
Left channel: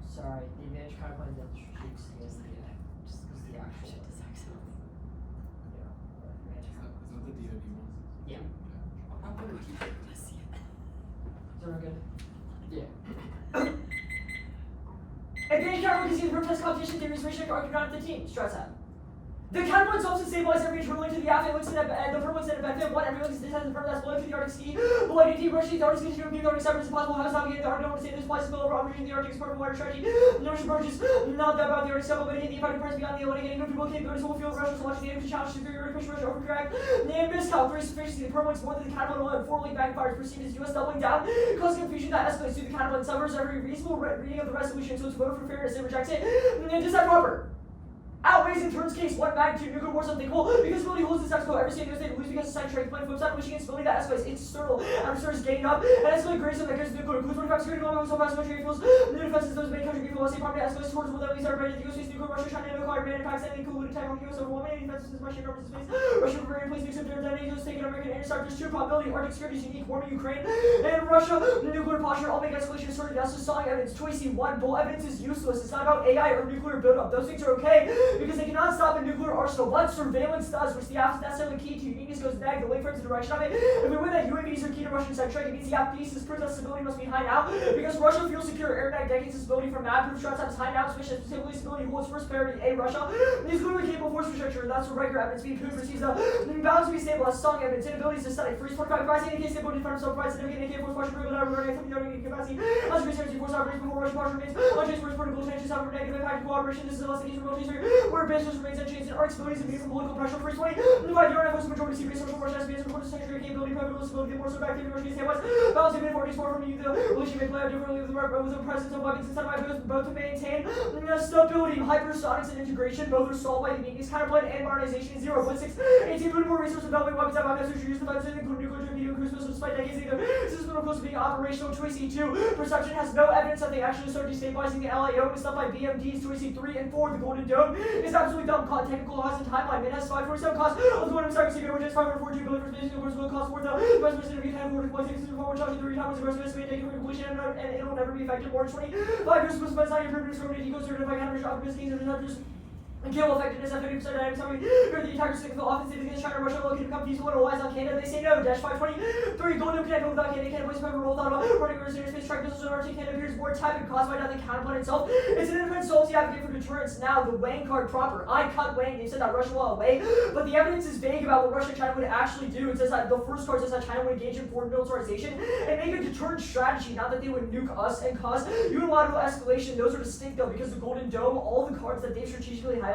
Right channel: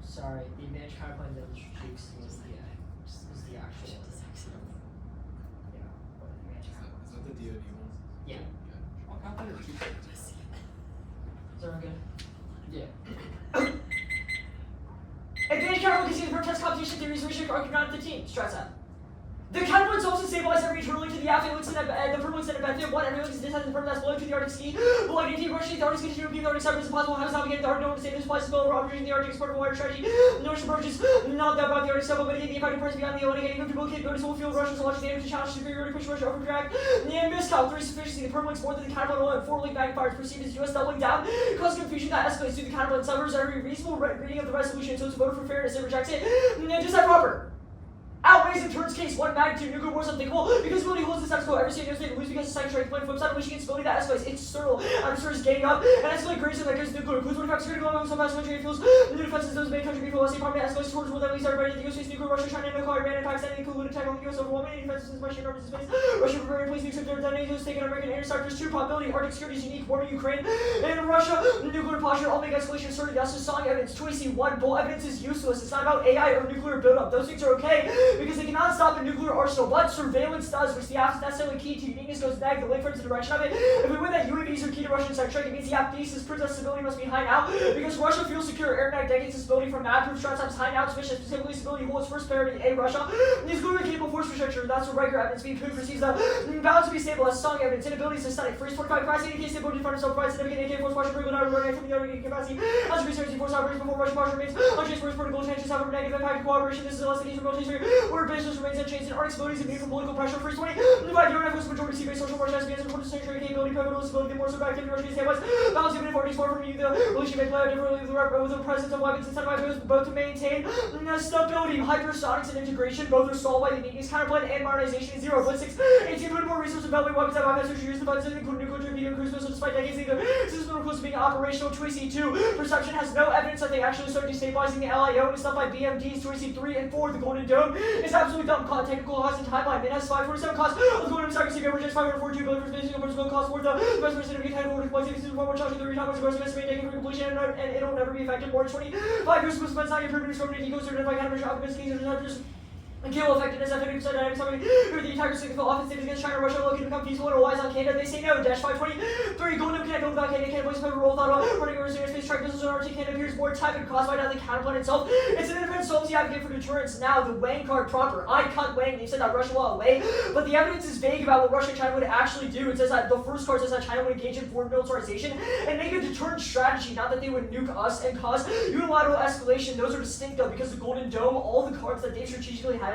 Sorry, the advantage counterpoint of the strategic stability is the actual. Is that the DoD one? Yeah. Is Is everyone good? Yeah. Advantage counterpoint can see the protest competition theories reaching Arcanaut 15. Stress out. The counterpoint helps to stabilize every turn to the affluence and the permanence and effective. One, everyone is detected the permanence blowing to the Arctic ski. Below deep rushing the Arctic ski to the Arctic 7 is impossible. How is navigating the Arctic? No one to save this place over operating the Arctic sport water strategy. Notice approaches not that about the Arctic 7, but the effective price beyond the eliminating movable capabilities will fuel Russia so much damage to challenge superiority push Russia over crack. The miscal 3 sufficiency. The permanence more than the counterpoint 1. 4 link backfires perceived as US doubling down. Cause confusion that escalates to the counterpoint suffers every reasonable reading of the resolution, so it's a voter for fairness and rejects it. Just that proper. Outweighs in turns case 1 magnitude nuclear war is unthinkable because ability holds the status quo. Every state knows they lose because the second strike point flips out, unleashing its ability that escalates. It's sterile. Adversaries gaining up and escalate greater than that nuclear. Includes 25 security going on so fast military fuels. New defenses those main country people. State department escalates towards will that leads everybody. The US face nuclear Russia, China, no car, random attacks, and include attack on the US overwhelming defenses Russia covers space. Russia preparing place nukes up their detonating US taking American intercept. There's 2 probability. Arctic security is unique. Warming Ukraine and Russia. Nuclear posture. All make escalation started. That's just song evidence. 20C1 bull evidence is useless. It's not about AI or nuclear buildup. Those things are okay because they cannot stop a nuclear arsenal, but surveillance does, which the app is necessarily key to. Uniqueness goes neg, the link towards the direction of it. If we win that UAVs are key to Russian side strike, it means the app thesis proves that stability must be high now, because Russia feels secure. Air neg decades of stability from map proof strats is high now, specifically stability holds first priority A Russia. These globally capable force infrastructure, that's what regular evidence being proved receives the balance to be stable as strong evidence, inabilities to study. Freeze 45 capacity, in case stability in front of self provides significant AK force partial break without running from the other capacity. As research force operates before Russian partial remains unchanged force vertical changes have a negative impact of cooperation. This is a less than easy military where basis remains unchanged and arc stabilities and from political pressure. First 20, divide the Arctic majority sea-based social Russia has been supported century capability, pivotal stability, more so active Russian standpoints. Balance of uniformity far from you, the relation may play out differently with the presence of weapons incentivized both to maintain stability, hypersonics, and integration. Both are solved by the uniqueness counterpoint and modernization is 0. 6, 18 put more resources developing weapons that weapons which are used to fight including nuclear torpedo cruise missiles despite decades either. Systems are close to being operational. 2AC2 perception has no evidence that they actually start destabilizing the LIO and stuff like BMDs. 2AC3 and 4, the Golden Dome is absolutely dumb. Technical cost and timeline. It has 547 cost of the Golden Star Secret, which is 542 billion for spacing and personal cost for the best percent of technical deployment. Former charging 3 times the gross estimate taken for completion and it'll never be effective. More than 25 years was spent not your permanent scope to eco certain by kind of optimistic and kill effectiveness at 50% dynamic summary for the entire signal offensive against China, Russia, looking to become peaceful and relies on Canada. They say no. Dash 523. Golden connect over back Canada. Canada voice never rolled out running over serious space track missiles and RT Canada appears more tepid caused by not the counterpoint itself. It's an independent solvency advocate for deterrence. Now the Wang card proper. I cut Wang. They said that Russia will away, but the evidence is vague about what Russia and China would actually do. It says that the first card says that China would engage in foreign militarization and make a deterrent strategy. Not that they would nuke us and cause unilateral escalation. Those are distinct though because the Golden Dome, all the cards that they strategically highlighted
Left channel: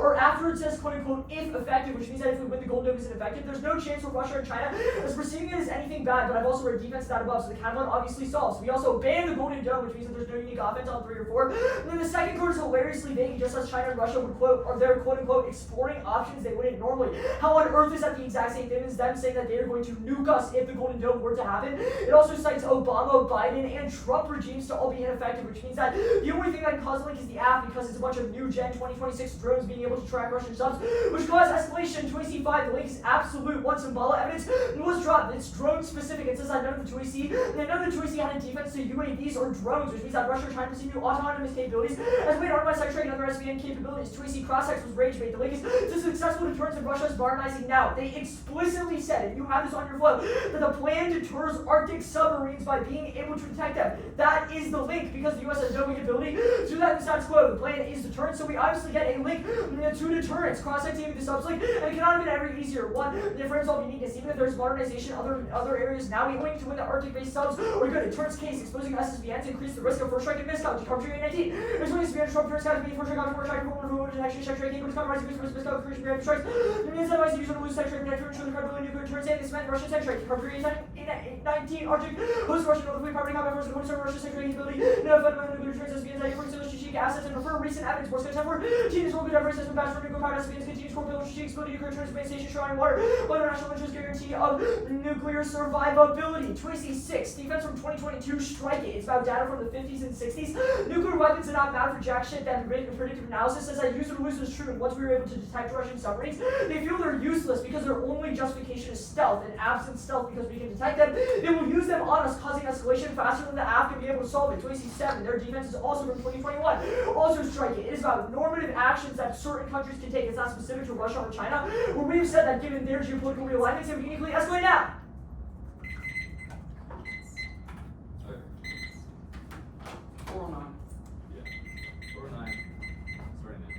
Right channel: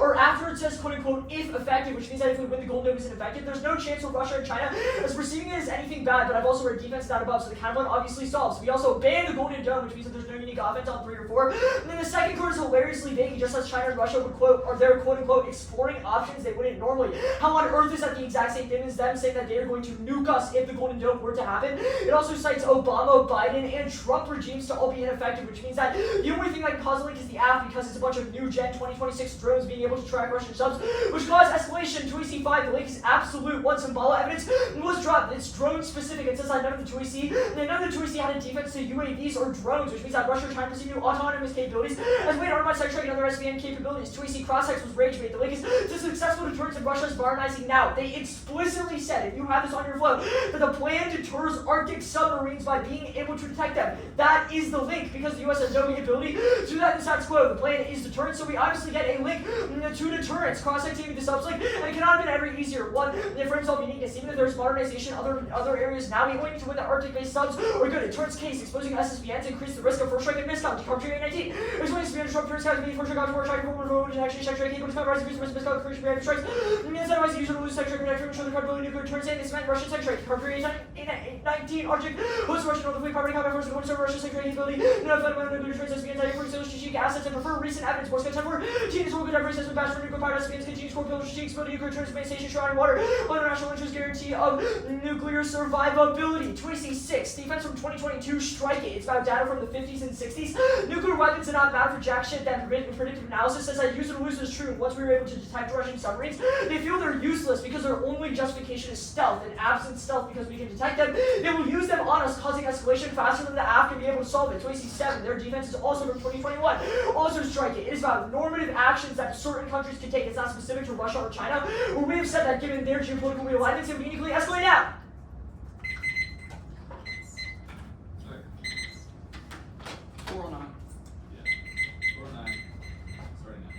are after it says quote unquote if effective, which means that if we win the Golden Dome isn't effective, there's no chance for Russia and China as perceiving it as anything bad, but I've also read defense down above, so the counterpoint obviously solves. We also ban the Golden Dome, which means that there's no unique offense on 3 or 4. And then the second card is hilariously vague, just as China and Russia would quote, are there quote unquote exploring options they wouldn't normally. How on earth is that the exact same thing as them saying that they are going to nuke us if the Golden Dome were to happen? It also cites Obama, Biden, and Trump regimes to all be ineffective, which means that the only thing that can cause a link is the app because it's a bunch of new gen 2026 drones being able to track Russian subs, which cause escalation. 2AC5, the link is absolute. Once Symbala evidence was dropped, it's drone specific. It says that none of the 2AC, none of the 2AC had a defense to UAVs or drones, which means that Russia and China perceive new autonomous capabilities as made armed by side trade and other SBN capabilities. 2AC crosshex was rage bait. The link is to successful deterrence and Russia is modernizing now. They explicitly said, if you have this on your flow, that the plan deters Arctic submarines by being able to detect them. That is the link because the US has no ability to do that in the status quo. The plan is deterrence, so we obviously get a a link to deterrence. Cross-activity with the subslink, and it cannot have been ever easier. One, the frames of uniqueness. Even if there's modernization, other areas now be going to win the Arctic-based subs are good. It turns case, exposing SSBNs increase the risk of first strike and miscount. Decountering 19. Exposing SSBN short turns count, first strike, more strike, more detection, check strike, able to cover rising risk, miscount, encouraging reactive strikes. It means that the user to lose sex strike, protect, show the cardability, nuclear turns, and this meant Russian sex strike. Property 19, Arctic, host Russian, notably property combat force, the corner Russian sex strike capability, no fundamental nuclear turns, SSBNs, anti-force, strategic assets, and prefer recent evidence. Morse code 10 Genius will be diverse as patch for nuclear power SSBNs, continues core build, strategic exploding nuclear turns, main station, shroud, and water, international interest guarantee of nuclear survivability. 26, defense from 2022, strike it. It's about data from the 50s and 60s. Nuclear weapons are not bad for jack shit. That predictive analysis says that use and lose is true. Once we were able to detect Russian submarines, they feel they're useless because their only justification is stealth, and absent stealth because we can detect them. They will use them on us, causing escalation faster than the AF can be able to solve it. 27, their defense is also from 2021. Also strike it. It is about normative actions that certain countries can take. It's not specific to Russia or China, where we have said that given their geopolitical realignments, it would uniquely escalate out. Okay. 409. Yeah. 409. Starting now.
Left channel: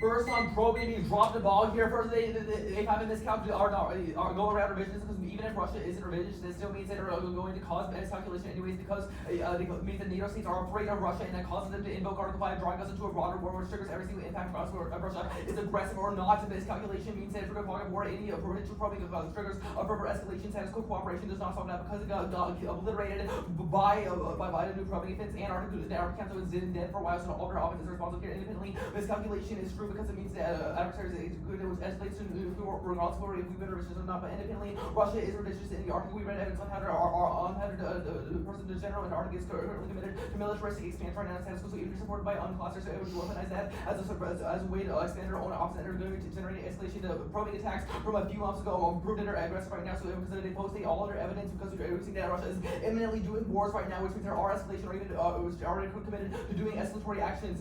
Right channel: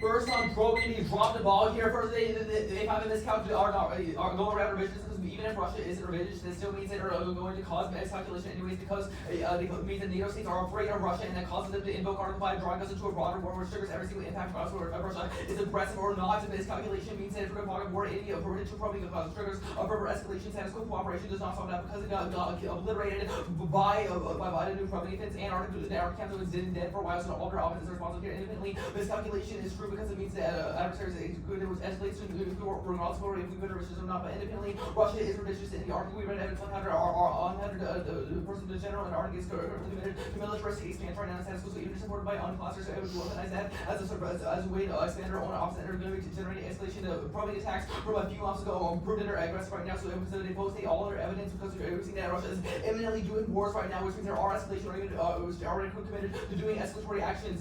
First on probing, he dropped the ball here. First, they kind of miscalculated our go around revisions because even if Russia isn't revisionist, it still means they're going to cause miscalculation anyways because it means that NATO states are afraid of Russia and that causes them to invoke Article 5, drawing us into a broader war which triggers every single impact for us or Russia is aggressive or not. Miscalculation means that if we're going to war, any potential probing causes triggers a further escalation. Status quo cooperation does not solve that because it got obliterated by the new probing defense and the Arctic Council is dead for a while, so all their offenses are responsible here independently. Miscalculation is true because it means that adversaries escalates to nuclear war, also if we've been religious or not, but independently, Russia is religious in the Arctic. We've been evidence on how the person in general in Arctic is currently limited to militaristic expansion right now in status quo, so even supported by unclassified, so it would organize that as a way to expand our own offset and are going to generate escalation to probing attacks from a few months ago proved that they're aggressive right now, so they post all their evidence because we're seeing that Russia is imminently doing wars right now, which means there are escalation or even which are already committed to doing escalatory actions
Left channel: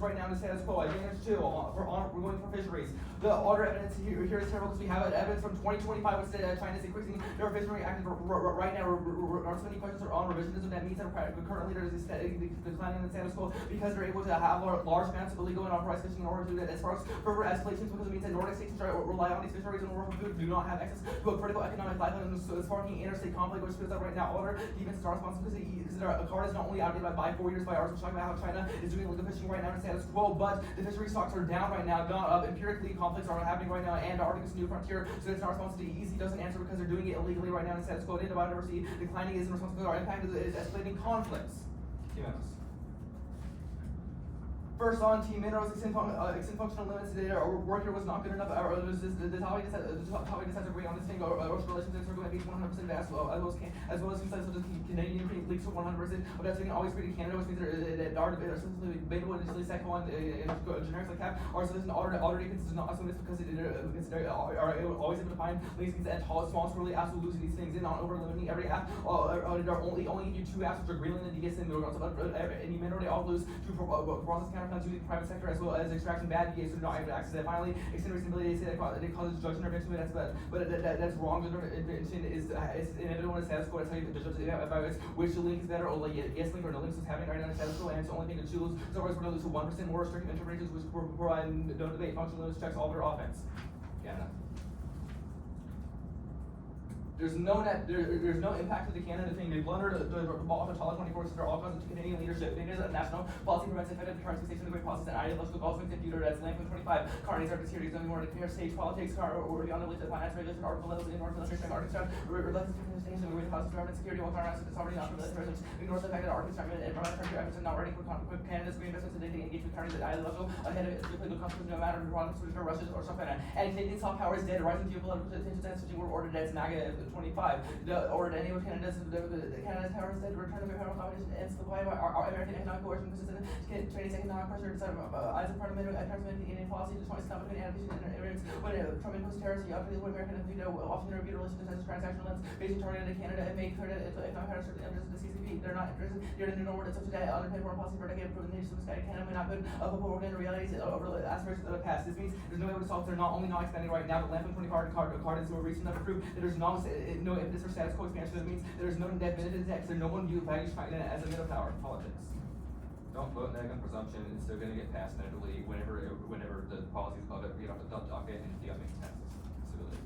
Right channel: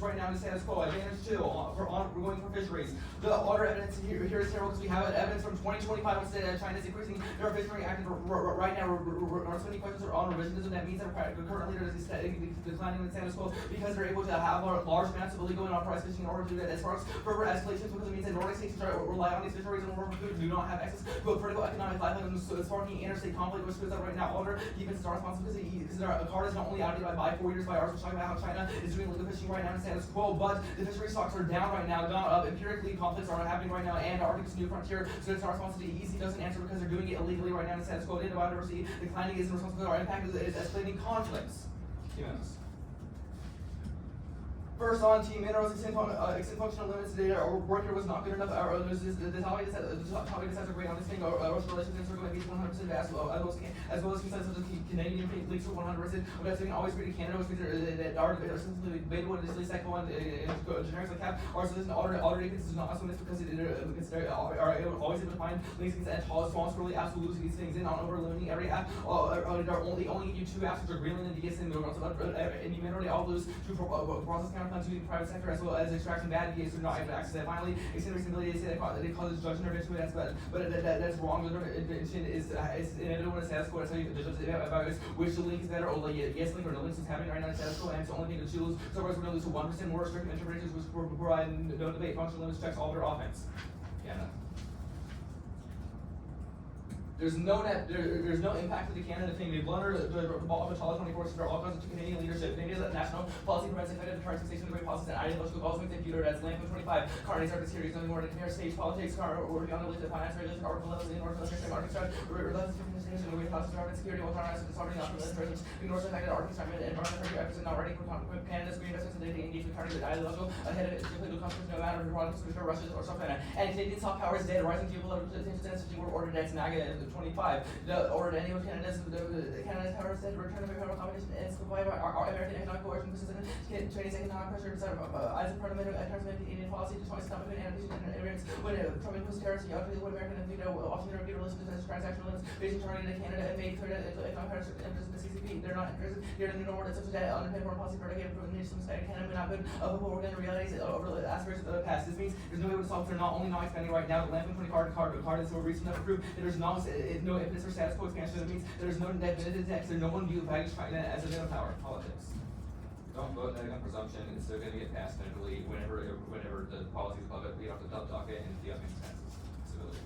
right now in the status quo. Advantage 2 we're going for fisheries. The other evidence here is terrible because we have evidence from 2025 which said China is increasing their fishery active right now. So many questions are on revisionism. That means that currently there's this declining in the status quo because they're able to have large amounts of illegal and unauthorized fishing in order to do that. As far as further escalations, because it means that Nordic states rely on these fisheries in order to do not have access to a critical economic lifeline. So it's sparking interstate conflict, which goes up right now. Order even starts responsibility because their card is not only outdated by 4 years by ours. We're talking about how China is doing illegal fishing right now in status quo, but the fishery stocks are down right now. Empirically, conflicts are happening right now, and Arctic's new frontier, so it's not responsibility. Easy doesn't answer because they're doing it illegally right now in status quo. And biodiversity declining isn't responsible. Our impact is escalating conflicts. First on team minerals, extend functional limits. Our work here was not good enough. The topic decides are great on this thing. Ocean relations are going to be 100% as well as consensus of the Canadian leaks for 100%. But that's always great in Canada, which means that are sensitively debatable and just second one generics like cap. Our citizen already is not assuming this because they are always to define links and small really absolutes these things in on over limiting every app. They're only give you 2 apps which are Greenland and DSM and you minority all those to process counterplans to the private sector as well as extraction bad VAs who do not have access to that. Finally, extended reasonability is that it causes judge intervention, but that's wrong. Judge intervention is inevitable in the status quo. That's how you judge evaluate which link is better or like yes link or no links is happening right now in the status quo, and it's the only thing to choose. So otherwise we're going to lose to 1% more restrictive interventions which provide no debate functional limits checks all their offense. Canada. There's no impact to the Canada thing. They blunder the ball of the 24 for all kinds of Canadian leadership. Canada's national policy prevents effective deterrence fixation of great policies and ideological goals with computer that's Land 25. Carney started series only more to clear stage politics or beyond the finance regulation article levels in North Military Arctic we're left different things and we process government security will turn us to sovereignty not military ignores the fact that Arctic Army and North America efforts are not ready for Canada's green investments and they engage with Carney with ideological ahead of it strictly no conflict no matter if we're wrong for Russia or so Canada. And Canadian soft power is dead. Rising geopolitical tensions and such were ordered as MAGA 25. The order any of Canada's power is dead. Return of federal competition and provide our American economic coercion consistent Chinese economic pressure as a parliament and transmitting Indian policy to 20 economic and immigrants when Trump imposed tariffs he utterly what American and often their good relations as transactional lens based on targeted in Canada and made clear that economic pressure interests in the CCP. They're not interested in the normal such that unintended foreign policy for decade from nations in Canada may not good of the world and realities over the aspirations of the past. This means there's no way to solve they're not only not expanding right now, Land 20 card is so recent enough proof there's no impetus for status quo expansion. It means there's no definitive text or no one view values China as a net power politics. Don't vote neg on presumption. It's still going to get passed inevitably whenever the policies of it we have to talk it and see how it makes sense. Stability.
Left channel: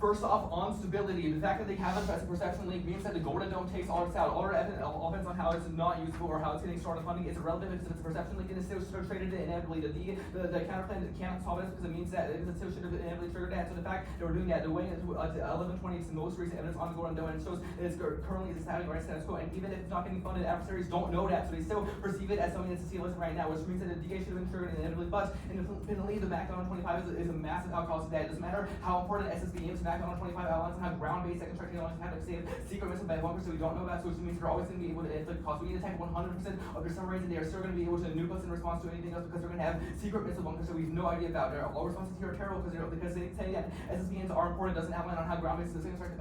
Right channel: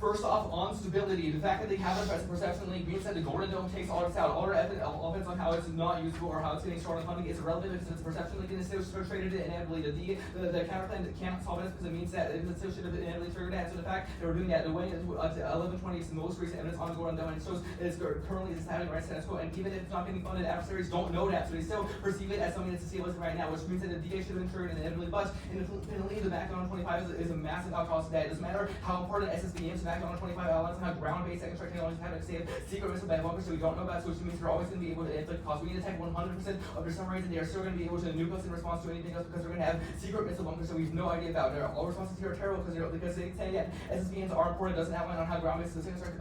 First off, on stability, the fact that they have a perception link means that the Golden Dome takes all its out. All our evidence on how it's not useful or how it's getting short on funding is irrelevant because it's a perception link and it's still traded inevitably. The counterclaim that cannot solve it because it means that it still should have inevitably triggered that. So the fact that we're doing that, the way to 1120 is the most recent evidence on Golden Dome and it shows it is currently happening right status quo. And even if it's not getting funded, adversaries don't know that, so they still perceive it as something that's a seal right now, which means that the DA should have been triggered inevitably. But independently, the MAC on 25 is a massive outcast of that. It doesn't matter how important SSB is, MAC on 25 outlines and how ground-based second strike technologies have to save secret missile bad bunkers so we don't know about, so which means they're always going to be able to inflict cost. We need to attack 100% of their submarines and they are still going to be able to nuke us in response to anything else because they're going to have secret missile bunkers so we have no idea about. All responses here are terrible because they say that SSBMs are important, doesn't have one on how ground-based the second strike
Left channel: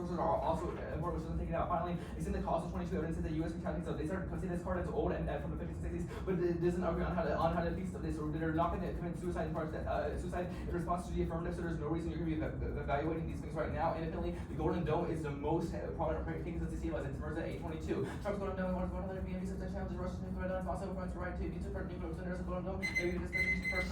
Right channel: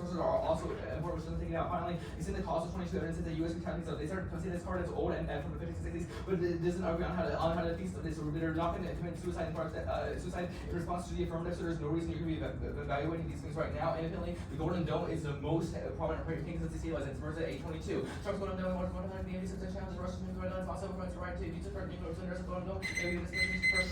sources are also important, which doesn't take it out. Finally, it's in the cost of 22 evidence that the U.S. retaliating, so they started to say this card as old and from the 50s and 60s, but it doesn't agree on how to defeat this, so they're not going to commit suicide in response to the affirmative, so there's no reason you're going to be evaluating evaluating these things right now. Independently, the Golden Dome is the most prominent thing since DCI was its first at 822. Trump's Golden Dome was one of the main reasons that challenges Russia's nuclear deadlines. Also points the right to use of nuclear cylinders of the Golden Dome. Maybe this is first.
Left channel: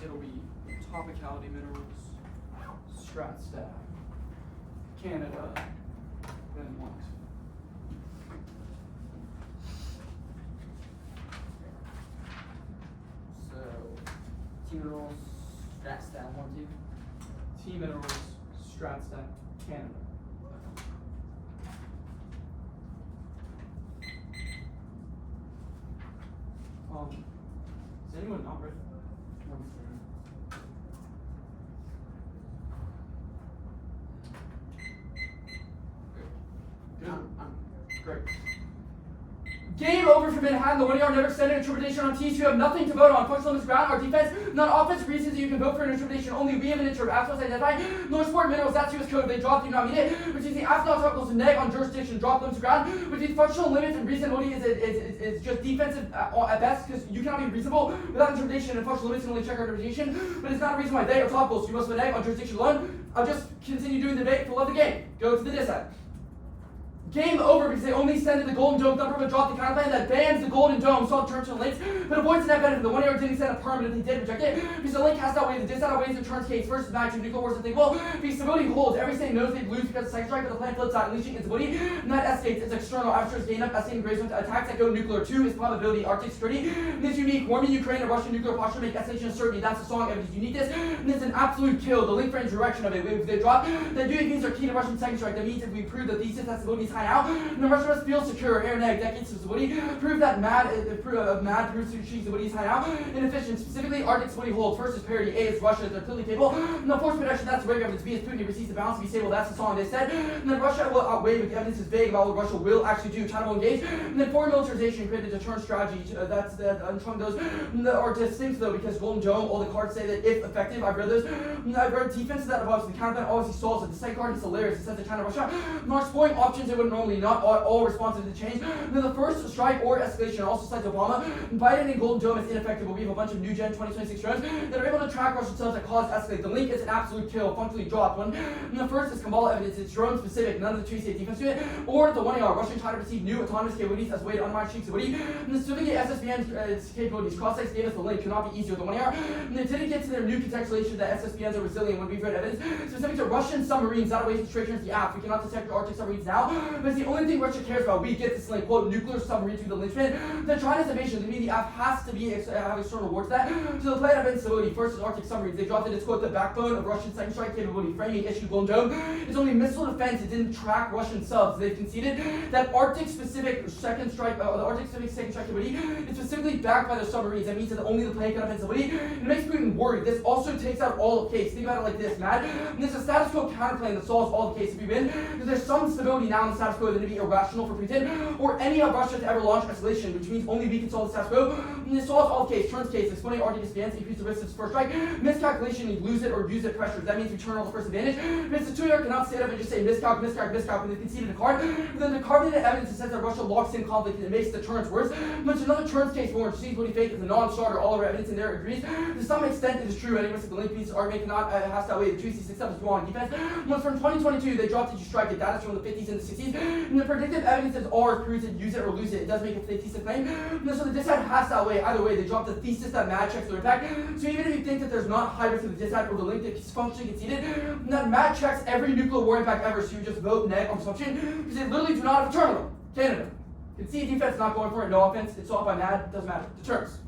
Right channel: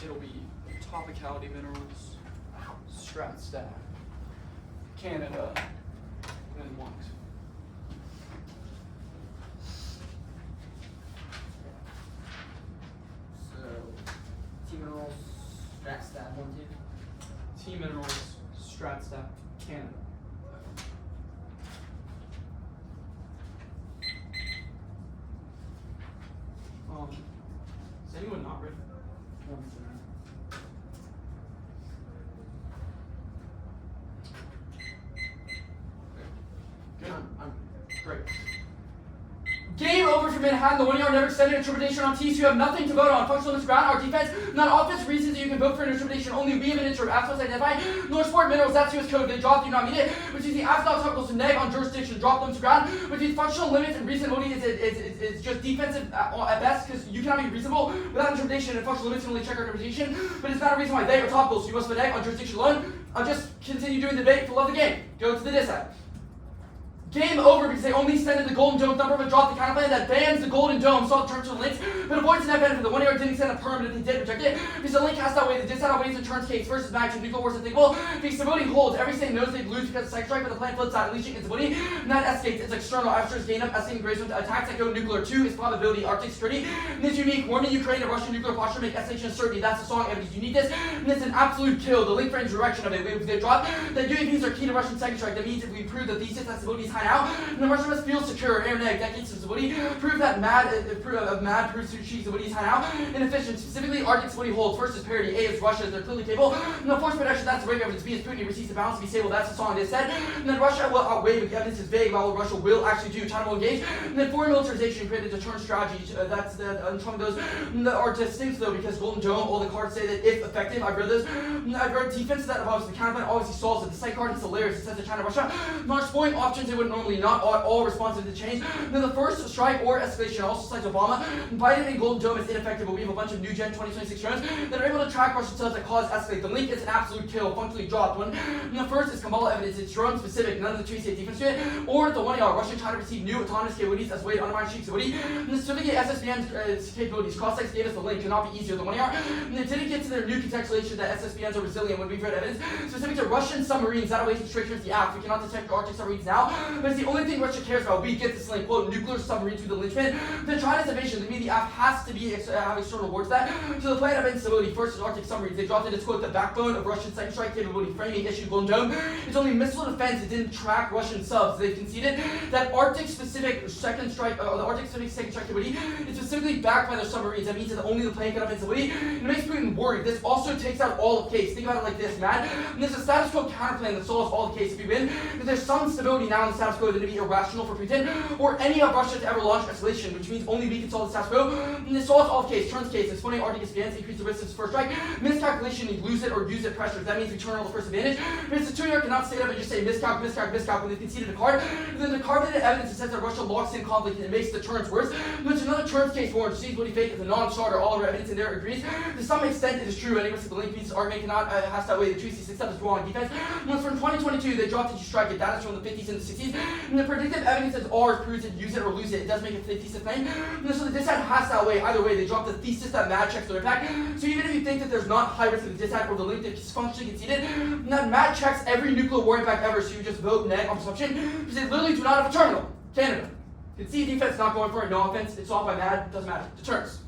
It'll be topicality minerals, strat stack, Canada, then what? So, T minerals, strat stack, 1, 2. T minerals, strat stack, Canada. Is anyone not ready? Great. Game over for Manhattan. The 1 yard never extended. Interpretation on teams who have nothing to vote on. Functional on this ground. Our defense, not offense. Reasons that you can vote for an interpretation. Only we have an interim. Assets identified. North Sport Minerals. That's US code. They dropped. You not mean it. Which is the asphalt articles to neg on jurisdiction. Drop them to ground. Which is functional limits and reasonability is just defensive at best because you cannot be reasonable without interpretation and functional limits and only check our interpretation. But it's not a reason why they are topical. So you must have a neg on jurisdiction alone. I'll just continue doing the debate to love the game. Go to the DCI. Game over because they only extended the Golden Dome thumper but dropped the counterplan that bans the Golden Dome. Saw terms and links, but avoids the net benefit. The 1 yard didn't extend a perm, but if they did reject it, because the link has to outweigh the dis outweighs the turns case versus magnitude nuclear force unthinkable. Because stability holds, every state knows they lose because of second strike, but the plan flips out, unleashing instability. And that escapes, it's external. After gain up, estimating grades attacks that go nuclear. 2 is probability, Arctic security. And it's unique. Warning Ukraine and Russian nuclear posture make estimation certainty. That's the song, and it's uniqueness. And it's an absolute kill. The link frames direction of it. If they drop, then UAVs are key to Russian second strike. That means if we prove the thesis that stability is time out. And then Russia must feel secure. Air Neg, decades of Woody, prove that mad proves she's Woody's time out. Inefficient, specifically Arctic Woody holds. First is parity, A is Russia, they're clearly capable. No force production, that's the rate evidence. B is Putin, he receives the balance to be stable, that's the song they said. And then Russia will outweigh, but the evidence is vague about what Russia will actually do. China will engage. And then foreign militarization created a deterrent strategy. That's the showing those are distinct though, because Golden Dome, all the cards say that if effective, I've read those. I've read defense that involves the counterplan obviously solves it. The second card is hilarious. It says that China Russia launch exploring options they would normally not all responsive to the change. And then the first strike or escalation also cites Obama. Biden and Golden Dome is ineffective, but we have a bunch of new gen 2026 drones that are able to track Russian cells that cause escalate. The link is an absolute kill, functionally dropped one. And the first is Kamala evidence. It's drone specific, none of the 2CA defense to it. Or the 1AR, Russia and China receive new autonomous capabilities as a way to undermine Sheikh Saudi. And the specifically SSBN's capabilities. Cross-sex gave us the link, cannot be easier than 1AR. And they didn't get to their new contextualization that SSBNs are resilient when we've read evidence specific to Russian submarines that awaits restrictions the act. We cannot detect Arctic submarines now, but it's the only thing Russia cares about. We get this link, quote, nuclear submarine to the linchpin. Then China's invasion, they mean the app has to be have external rewards that. So the plan of instability, first is Arctic submarines. They dropped it as, quote, the backbone of Russian second strike capability, framing issue Golden Dome. It's only missile defense, it didn't track Russian subs. They've conceded that Arctic specific second strike, the Arctic specific second strike capability is specifically backed by their submarines. That means that only the plane can have instability. It makes Putin worried. This also takes out all of case. Think about it like this, Matt. And there's a status quo counterplane that solves all the case. If you win, there's some stability now in the status quo that would be irrational for Putin or any of Russia to ever launch escalation, which means only we can solve the status quo. And this solves all case. Turns case. It's funny, Arctic advance, increase the risk of first strike. Miscalculation, you lose it or use it pressure. That means we turn all the first advantage. But it's the 2-yard cannot stand up and just say miscalc when they conceded the card. And then the carbonated evidence that says that Russia locks in conflict and it makes the turns worse. But there's another turns case warrant. Sees what he fake is a non-starter. All of our evidence in there agrees. To some extent, it is true. Any risk of the link piece argument cannot has that way. The 2C6 is wrong. Defense. Once from 2022, they dropped it to strike it. That is from the 50s and the 60s. And the predictive evidence is ours proves it, use it or lose it. It does make a thesis claim. And so the dissent has that way. Either way, they dropped the thesis that mad checks their impact. So even if you think that there's not high risk of the dissent or the link that is functionally conceded, that mad checks every nuclear war impact ever. So you just vote neg on presumption because they literally do not have a terminal. Canada. Concede defense, not going for it, no offense. It's off by mad, doesn't matter. Deterrence.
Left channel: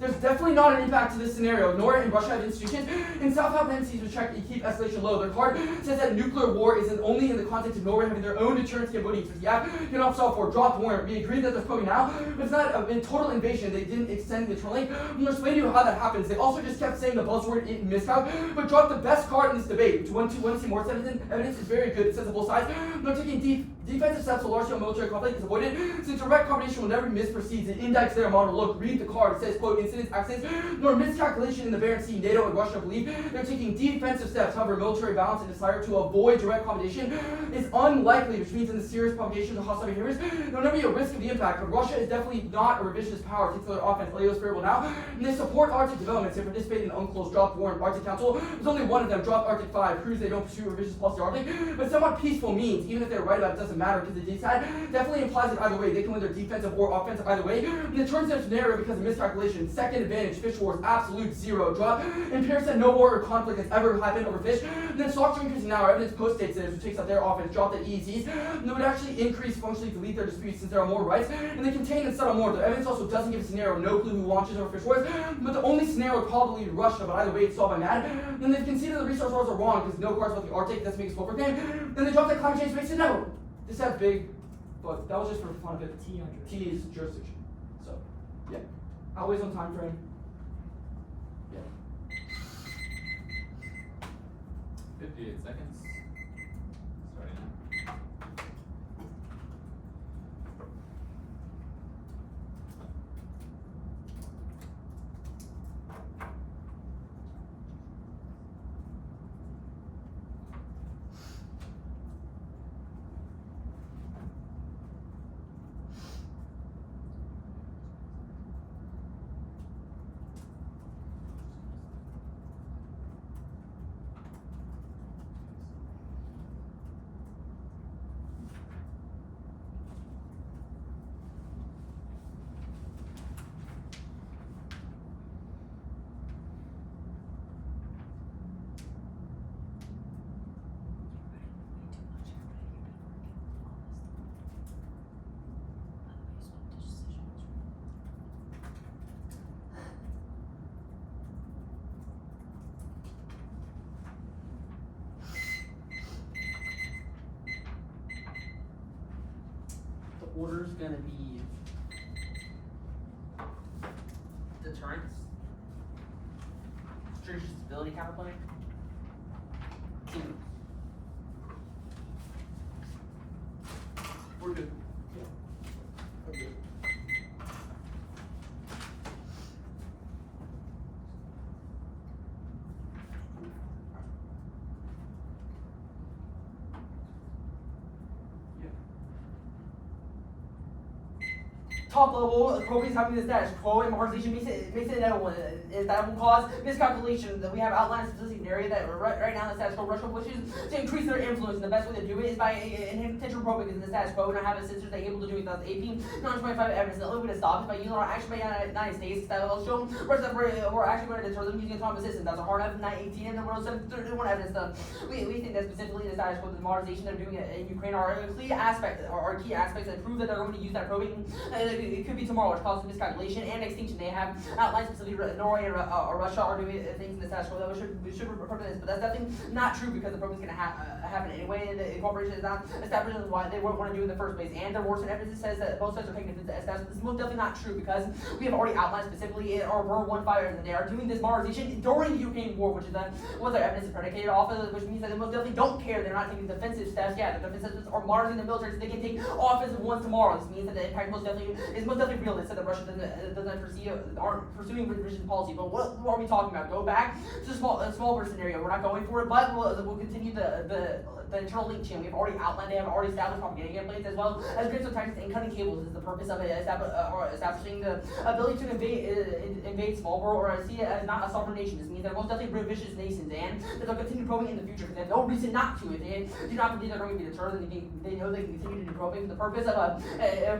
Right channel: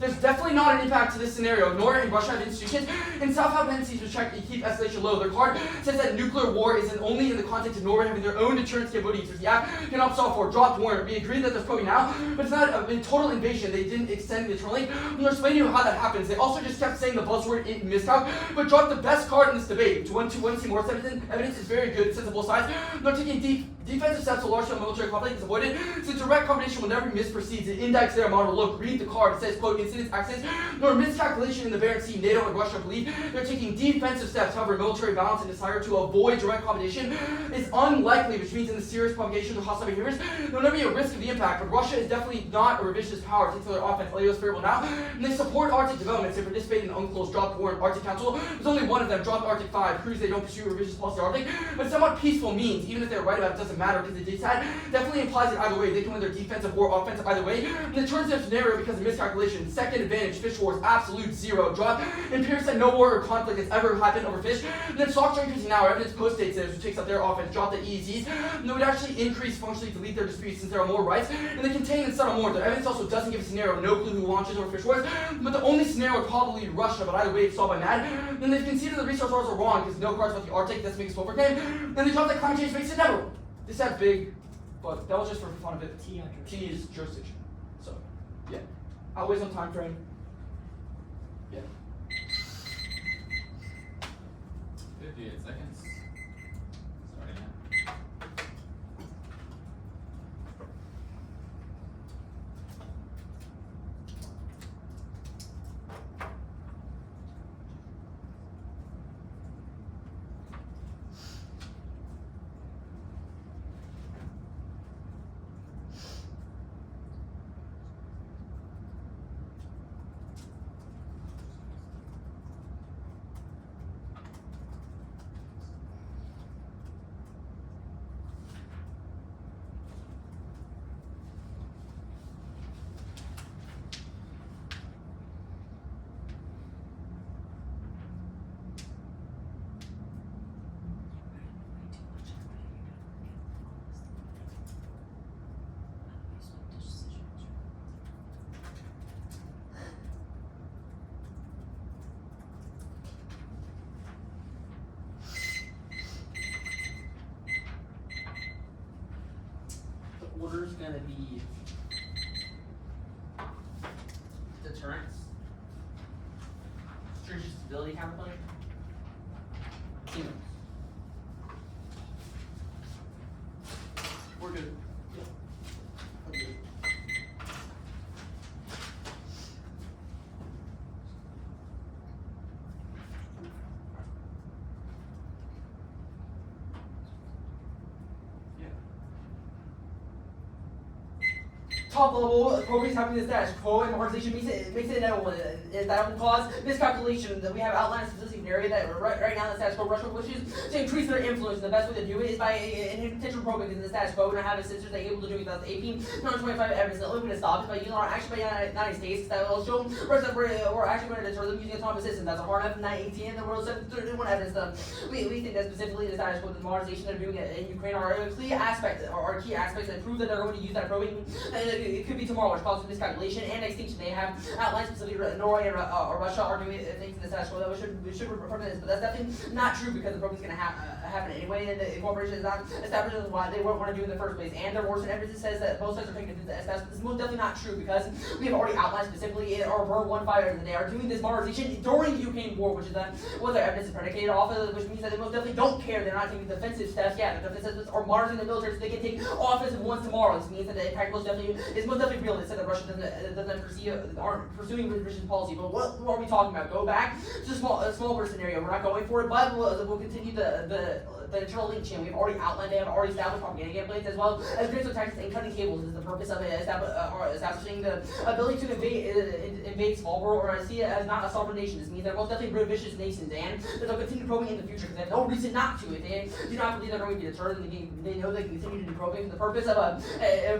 There's definitely not an impact to this scenario. Nor in Russia have institutions. In South dependencies which check keep escalation low. Their card says that nuclear war is only in the context of Norway having their own deterrence capabilities, which the app can opt for. Dropped warrant. We agree that there's probably now, but it's not a total invasion. They didn't extend the trolling. I'm going to explain to you how that happens. They also just kept saying the buzzword miscalc, but dropped the best card in this debate. To want to see more evidence is very good. It says on both sides. They're taking defensive steps to large-scale military conflict is avoided. Since direct combination will never be misperceived. It indexes their model. Look, read the card. It says, quote, incidents, accidents, nor miscalculation in the Barents Sea. NATO and Russia believe they're taking defensive steps. However, military balance and desire to avoid direct combination is unlikely, which means in the serious propagation of hostile behaviors, there'll never be a risk of the impact. But Russia is definitely not a revisionist power. It's their offense. Leo's favorable now. And they support Arctic developments. They participate in UNCLOS dropped warrant Arctic Council. There's only one of them, dropped Arctic 5. Proves they don't pursue revisionist policy Arctic. But somewhat peaceful means, even if they're right about it, doesn't matter because the decide definitely implies it either way. They can win their defensive or offensive either way. And it turns their scenario because of miscalculation. Second advantage, fish wars, absolute zero. Drop. And Pierce said no war or conflict has ever happened over fish. And then soft drink using now evidence post-states it, which takes up their offense, drop the EEZs. And they would actually increase functionally delete their disputes since there are more rights. And they contain and settle more. The evidence also doesn't give a scenario, no clue who launches over fish wars. But the only scenario would probably be Russia, but either way it's solved by mad. And then they've conceded the resource wars are wrong because no cards about the Arctic, that's makes for game. And they dropped that climate change makes it never. This had big, but that was just for fun of it. T is jurisdiction. So, yeah. Always on time frame. Yeah. 58 seconds. Starting now. gonna be deterrence, strategic stability counterpoint, team. We're good. Okay. Top level properties having the status quo and marginalization makes it inevitable. That will cause miscalculation. That we have outlined a specific area that right now the status quo Russia wishes to increase their influence. The best way to do it is by intentional probing in the status quo and having censors that are able to do it without AP non-25 evidence. The only way to stop is by using our action by the United States that will show Russia that we're actually going to deter them using autonomous systems. That's our F-918 and the World 731 evidence. We think that specifically the status quo, the modernization they're doing in Ukraine are key aspects that prove that they're going to use that probing. It could be tomorrow, which causes miscalculation and extinction. They have outlined specifically Norway and Russia are doing things in the status quo that we should refer to this, but that's definitely not true because the probing is going to happen anyway, and the incorporation is not established as why they won't want to do it in the first place. And there were some evidence that says that both sides are taking this as this is most definitely not true because we have already outlined specifically in our World 1 fire that they are doing this modernization during the Ukraine war, which is what their evidence is predicated off of, which means that they most definitely don't care. They're not taking defensive steps. Yeah, the defensive steps are modernizing the military so they can take offensive ones tomorrow. This means that the impact most definitely is most definitely real. They said that Russia aren't pursuing revision policy. But what are we talking about? Go back to the small scenario. We're not going for it, but we'll continue the internal link chain. We've already outlined it, already established propaganda templates as well as grid tactics and cutting cables is the purpose of it, establishing the ability to invade small world or see it as not a sovereign nation. This means they're most definitely revisionist nations and they'll continue probing in the future because they have no reason not to. If they do not believe they're going to be deterred, then they know they can continue to do probing for the purpose of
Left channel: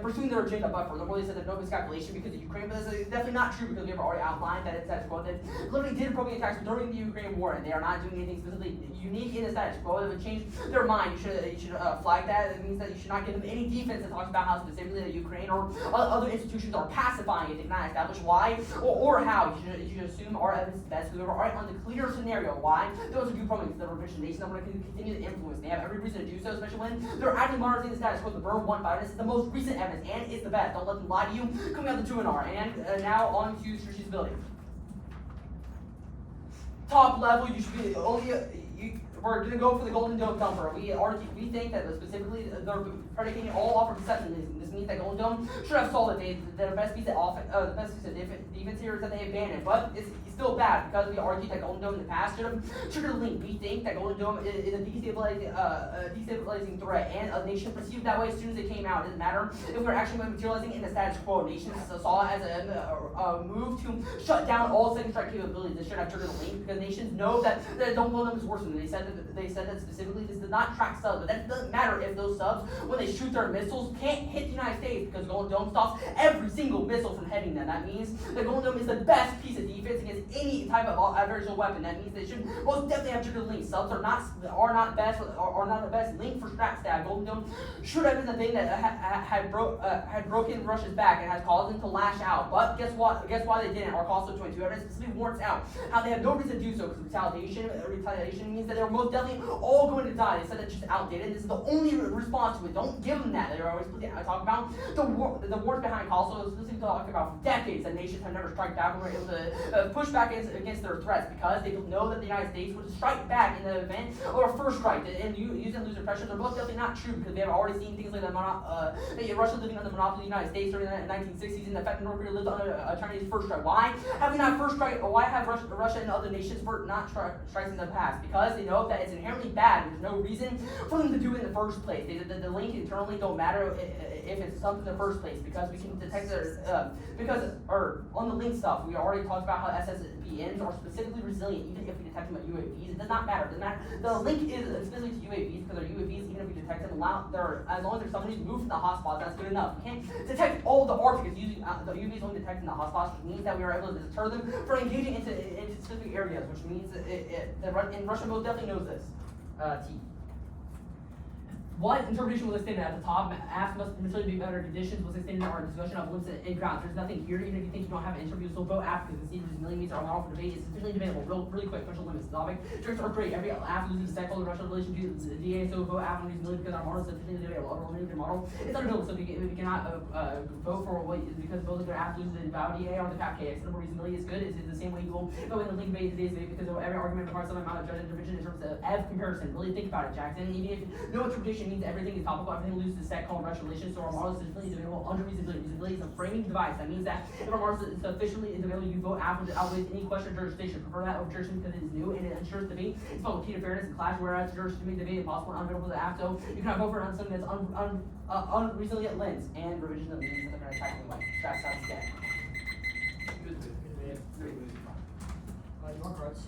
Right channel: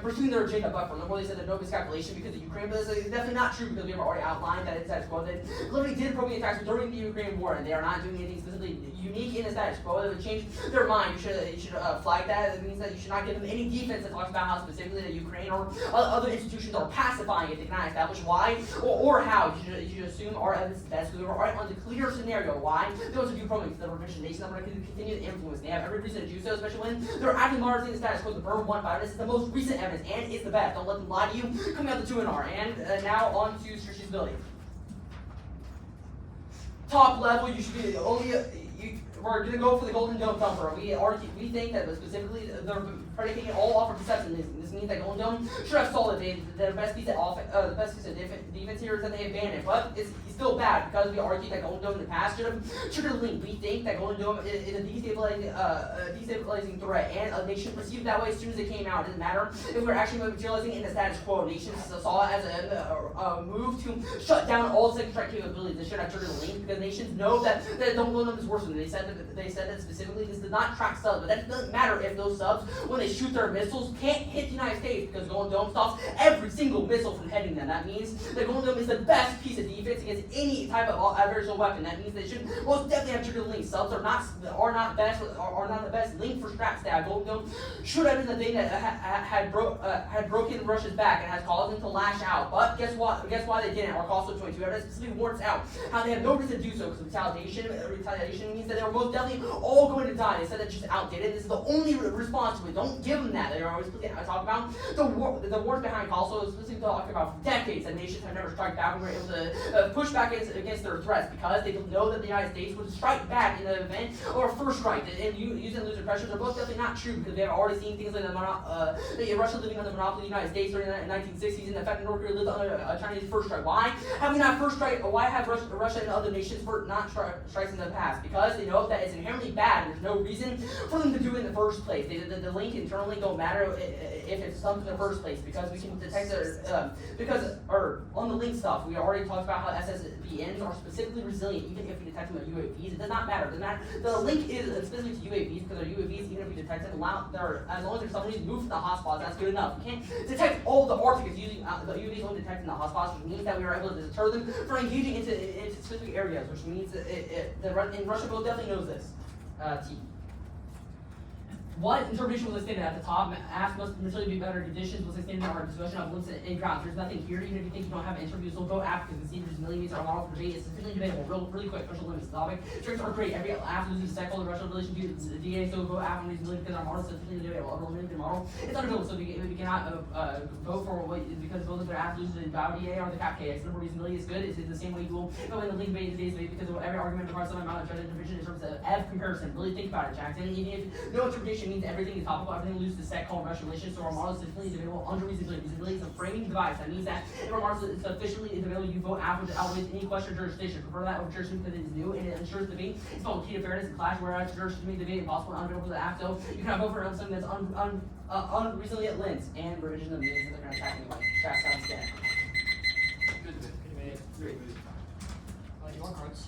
pursuing their agenda. But for the world, they said there's no miscalculation because of Ukraine, but this is definitely not true because we have already outlined that it's status quo. They literally did probing attacks during the Ukraine war and they are not doing anything specifically unique in the status quo. It would change their mind. You should flag that. It means that you should not give them any defense that talks about how specifically the Ukraine or other institutions are pacifying it. They cannot establish why or how. You should assume our evidence is best. We are already on the clear scenario why those of you probing the revision nation that want to continue to influence. They have every reason to do so, especially when they're actively monitoring the status quo. The Burn 1.5. This is the most recent evidence and it's the best. Don't let them lie to you. Coming out the 2NR. And now on to strategic ability. Top level, you should be only. We're gonna go for the Golden Dome thumper. We think that specifically they're predicating it all off of deception. This means that Golden Dome should have solid. The best piece of defense here is that they abandoned, but it's still bad because we argued that Golden Dome in the past should have triggered link. We think that Golden Dome is a destabilizing threat, and a nation perceived that way as soon as it came out. It doesn't matter if we're actually materializing in the status quo. Nations saw it as a move to shut down all second strike capabilities. They should have triggered a link because nations know that Golden Dome is worse than they said that specifically this does not track subs, but that doesn't matter if those subs, when they shoot their missiles, can't hit the United States because Golden Dome stops every single missile from hitting them. That means that Golden Dome is the best piece of defense against any type of adversarial weapon. That means they should most definitely have triggered links. Subs are not the best link for strap stab. Golden Dome should have been the thing that had broken Russia's back and has caused them to lash out. But guess what? Guess why they didn't? Our Cost 22 evidence specifically warrants out how they have no reason to do so because retaliation means that they were most definitely all going to die. They said that just outdated. This is the only response to it. Don't give them that. They're always I talk about the wars behind Kosovo, specifically talking about for decades that nations have never struck back and were able to push back against their threats because they know that the United States would strike back in the event or a first strike. And using loser pressure, they're both definitely not true because they have already seen things like Russia living under the monopoly of the United States during the 1960s and the fact that North Korea lived under a Chinese first strike. Why have we not first strike? Why have Russia and other nations not strikes in the past? Because they know that it's inherently bad. There's no reason for them to do it in the first place. The link internally don't matter if it's something in the first place because we can detect on the link stuff we already talked about how SSBNs are specifically resilient even if we detect them at UAVs. It does not matter. The link is specific to UAVs because our UAVs, even if we detect them, as long as there's somebody moved from the hotspots, that's good enough. We can't detect all the Arctic using the UAVs only detecting the hotspots, which means that we are able to deter them from engaging into specific areas, which means that Russia most definitely knows this. T. What interpretation was stated at the top? Ask must necessarily be better conditions was stated in our discussion of limits and grounds. There's nothing here, even if you think you don't have an interview, so vote app because the there's millimeters are model for debate. It's sufficiently debatable. Really quick, special limits. Topic. Tricks are great. Every app loses the second the rational relation to the DA, so vote app on these millimeters because our model is sufficiently debatable. Our limited model it's undebatable, so we cannot vote for what because both of their apps lose the value DA or the cap KX. The reasonability is good. It's the same way you will go in the league debate because of every argument requires some amount of judgment division in terms of F comparison. Really think about it, Jackson. Even if no interpretation means everything is topical, everything loses the set called rational relation, so our model is sufficiently debatable under reasonability. Reasonability is a framing device. That means that if our model is sufficiently debatable, you vote app which outweighs any question or jurisdiction. Prefer that over jurisdiction because it is new and it ensures debate. It's called key to fairness and clash, whereas jurisdiction makes debate impossible and undebatable to the app. So you cannot vote for something that's unreasonably at lens and revision of means that they're going to attack anyway. Jack sounds dead. Do you want cards?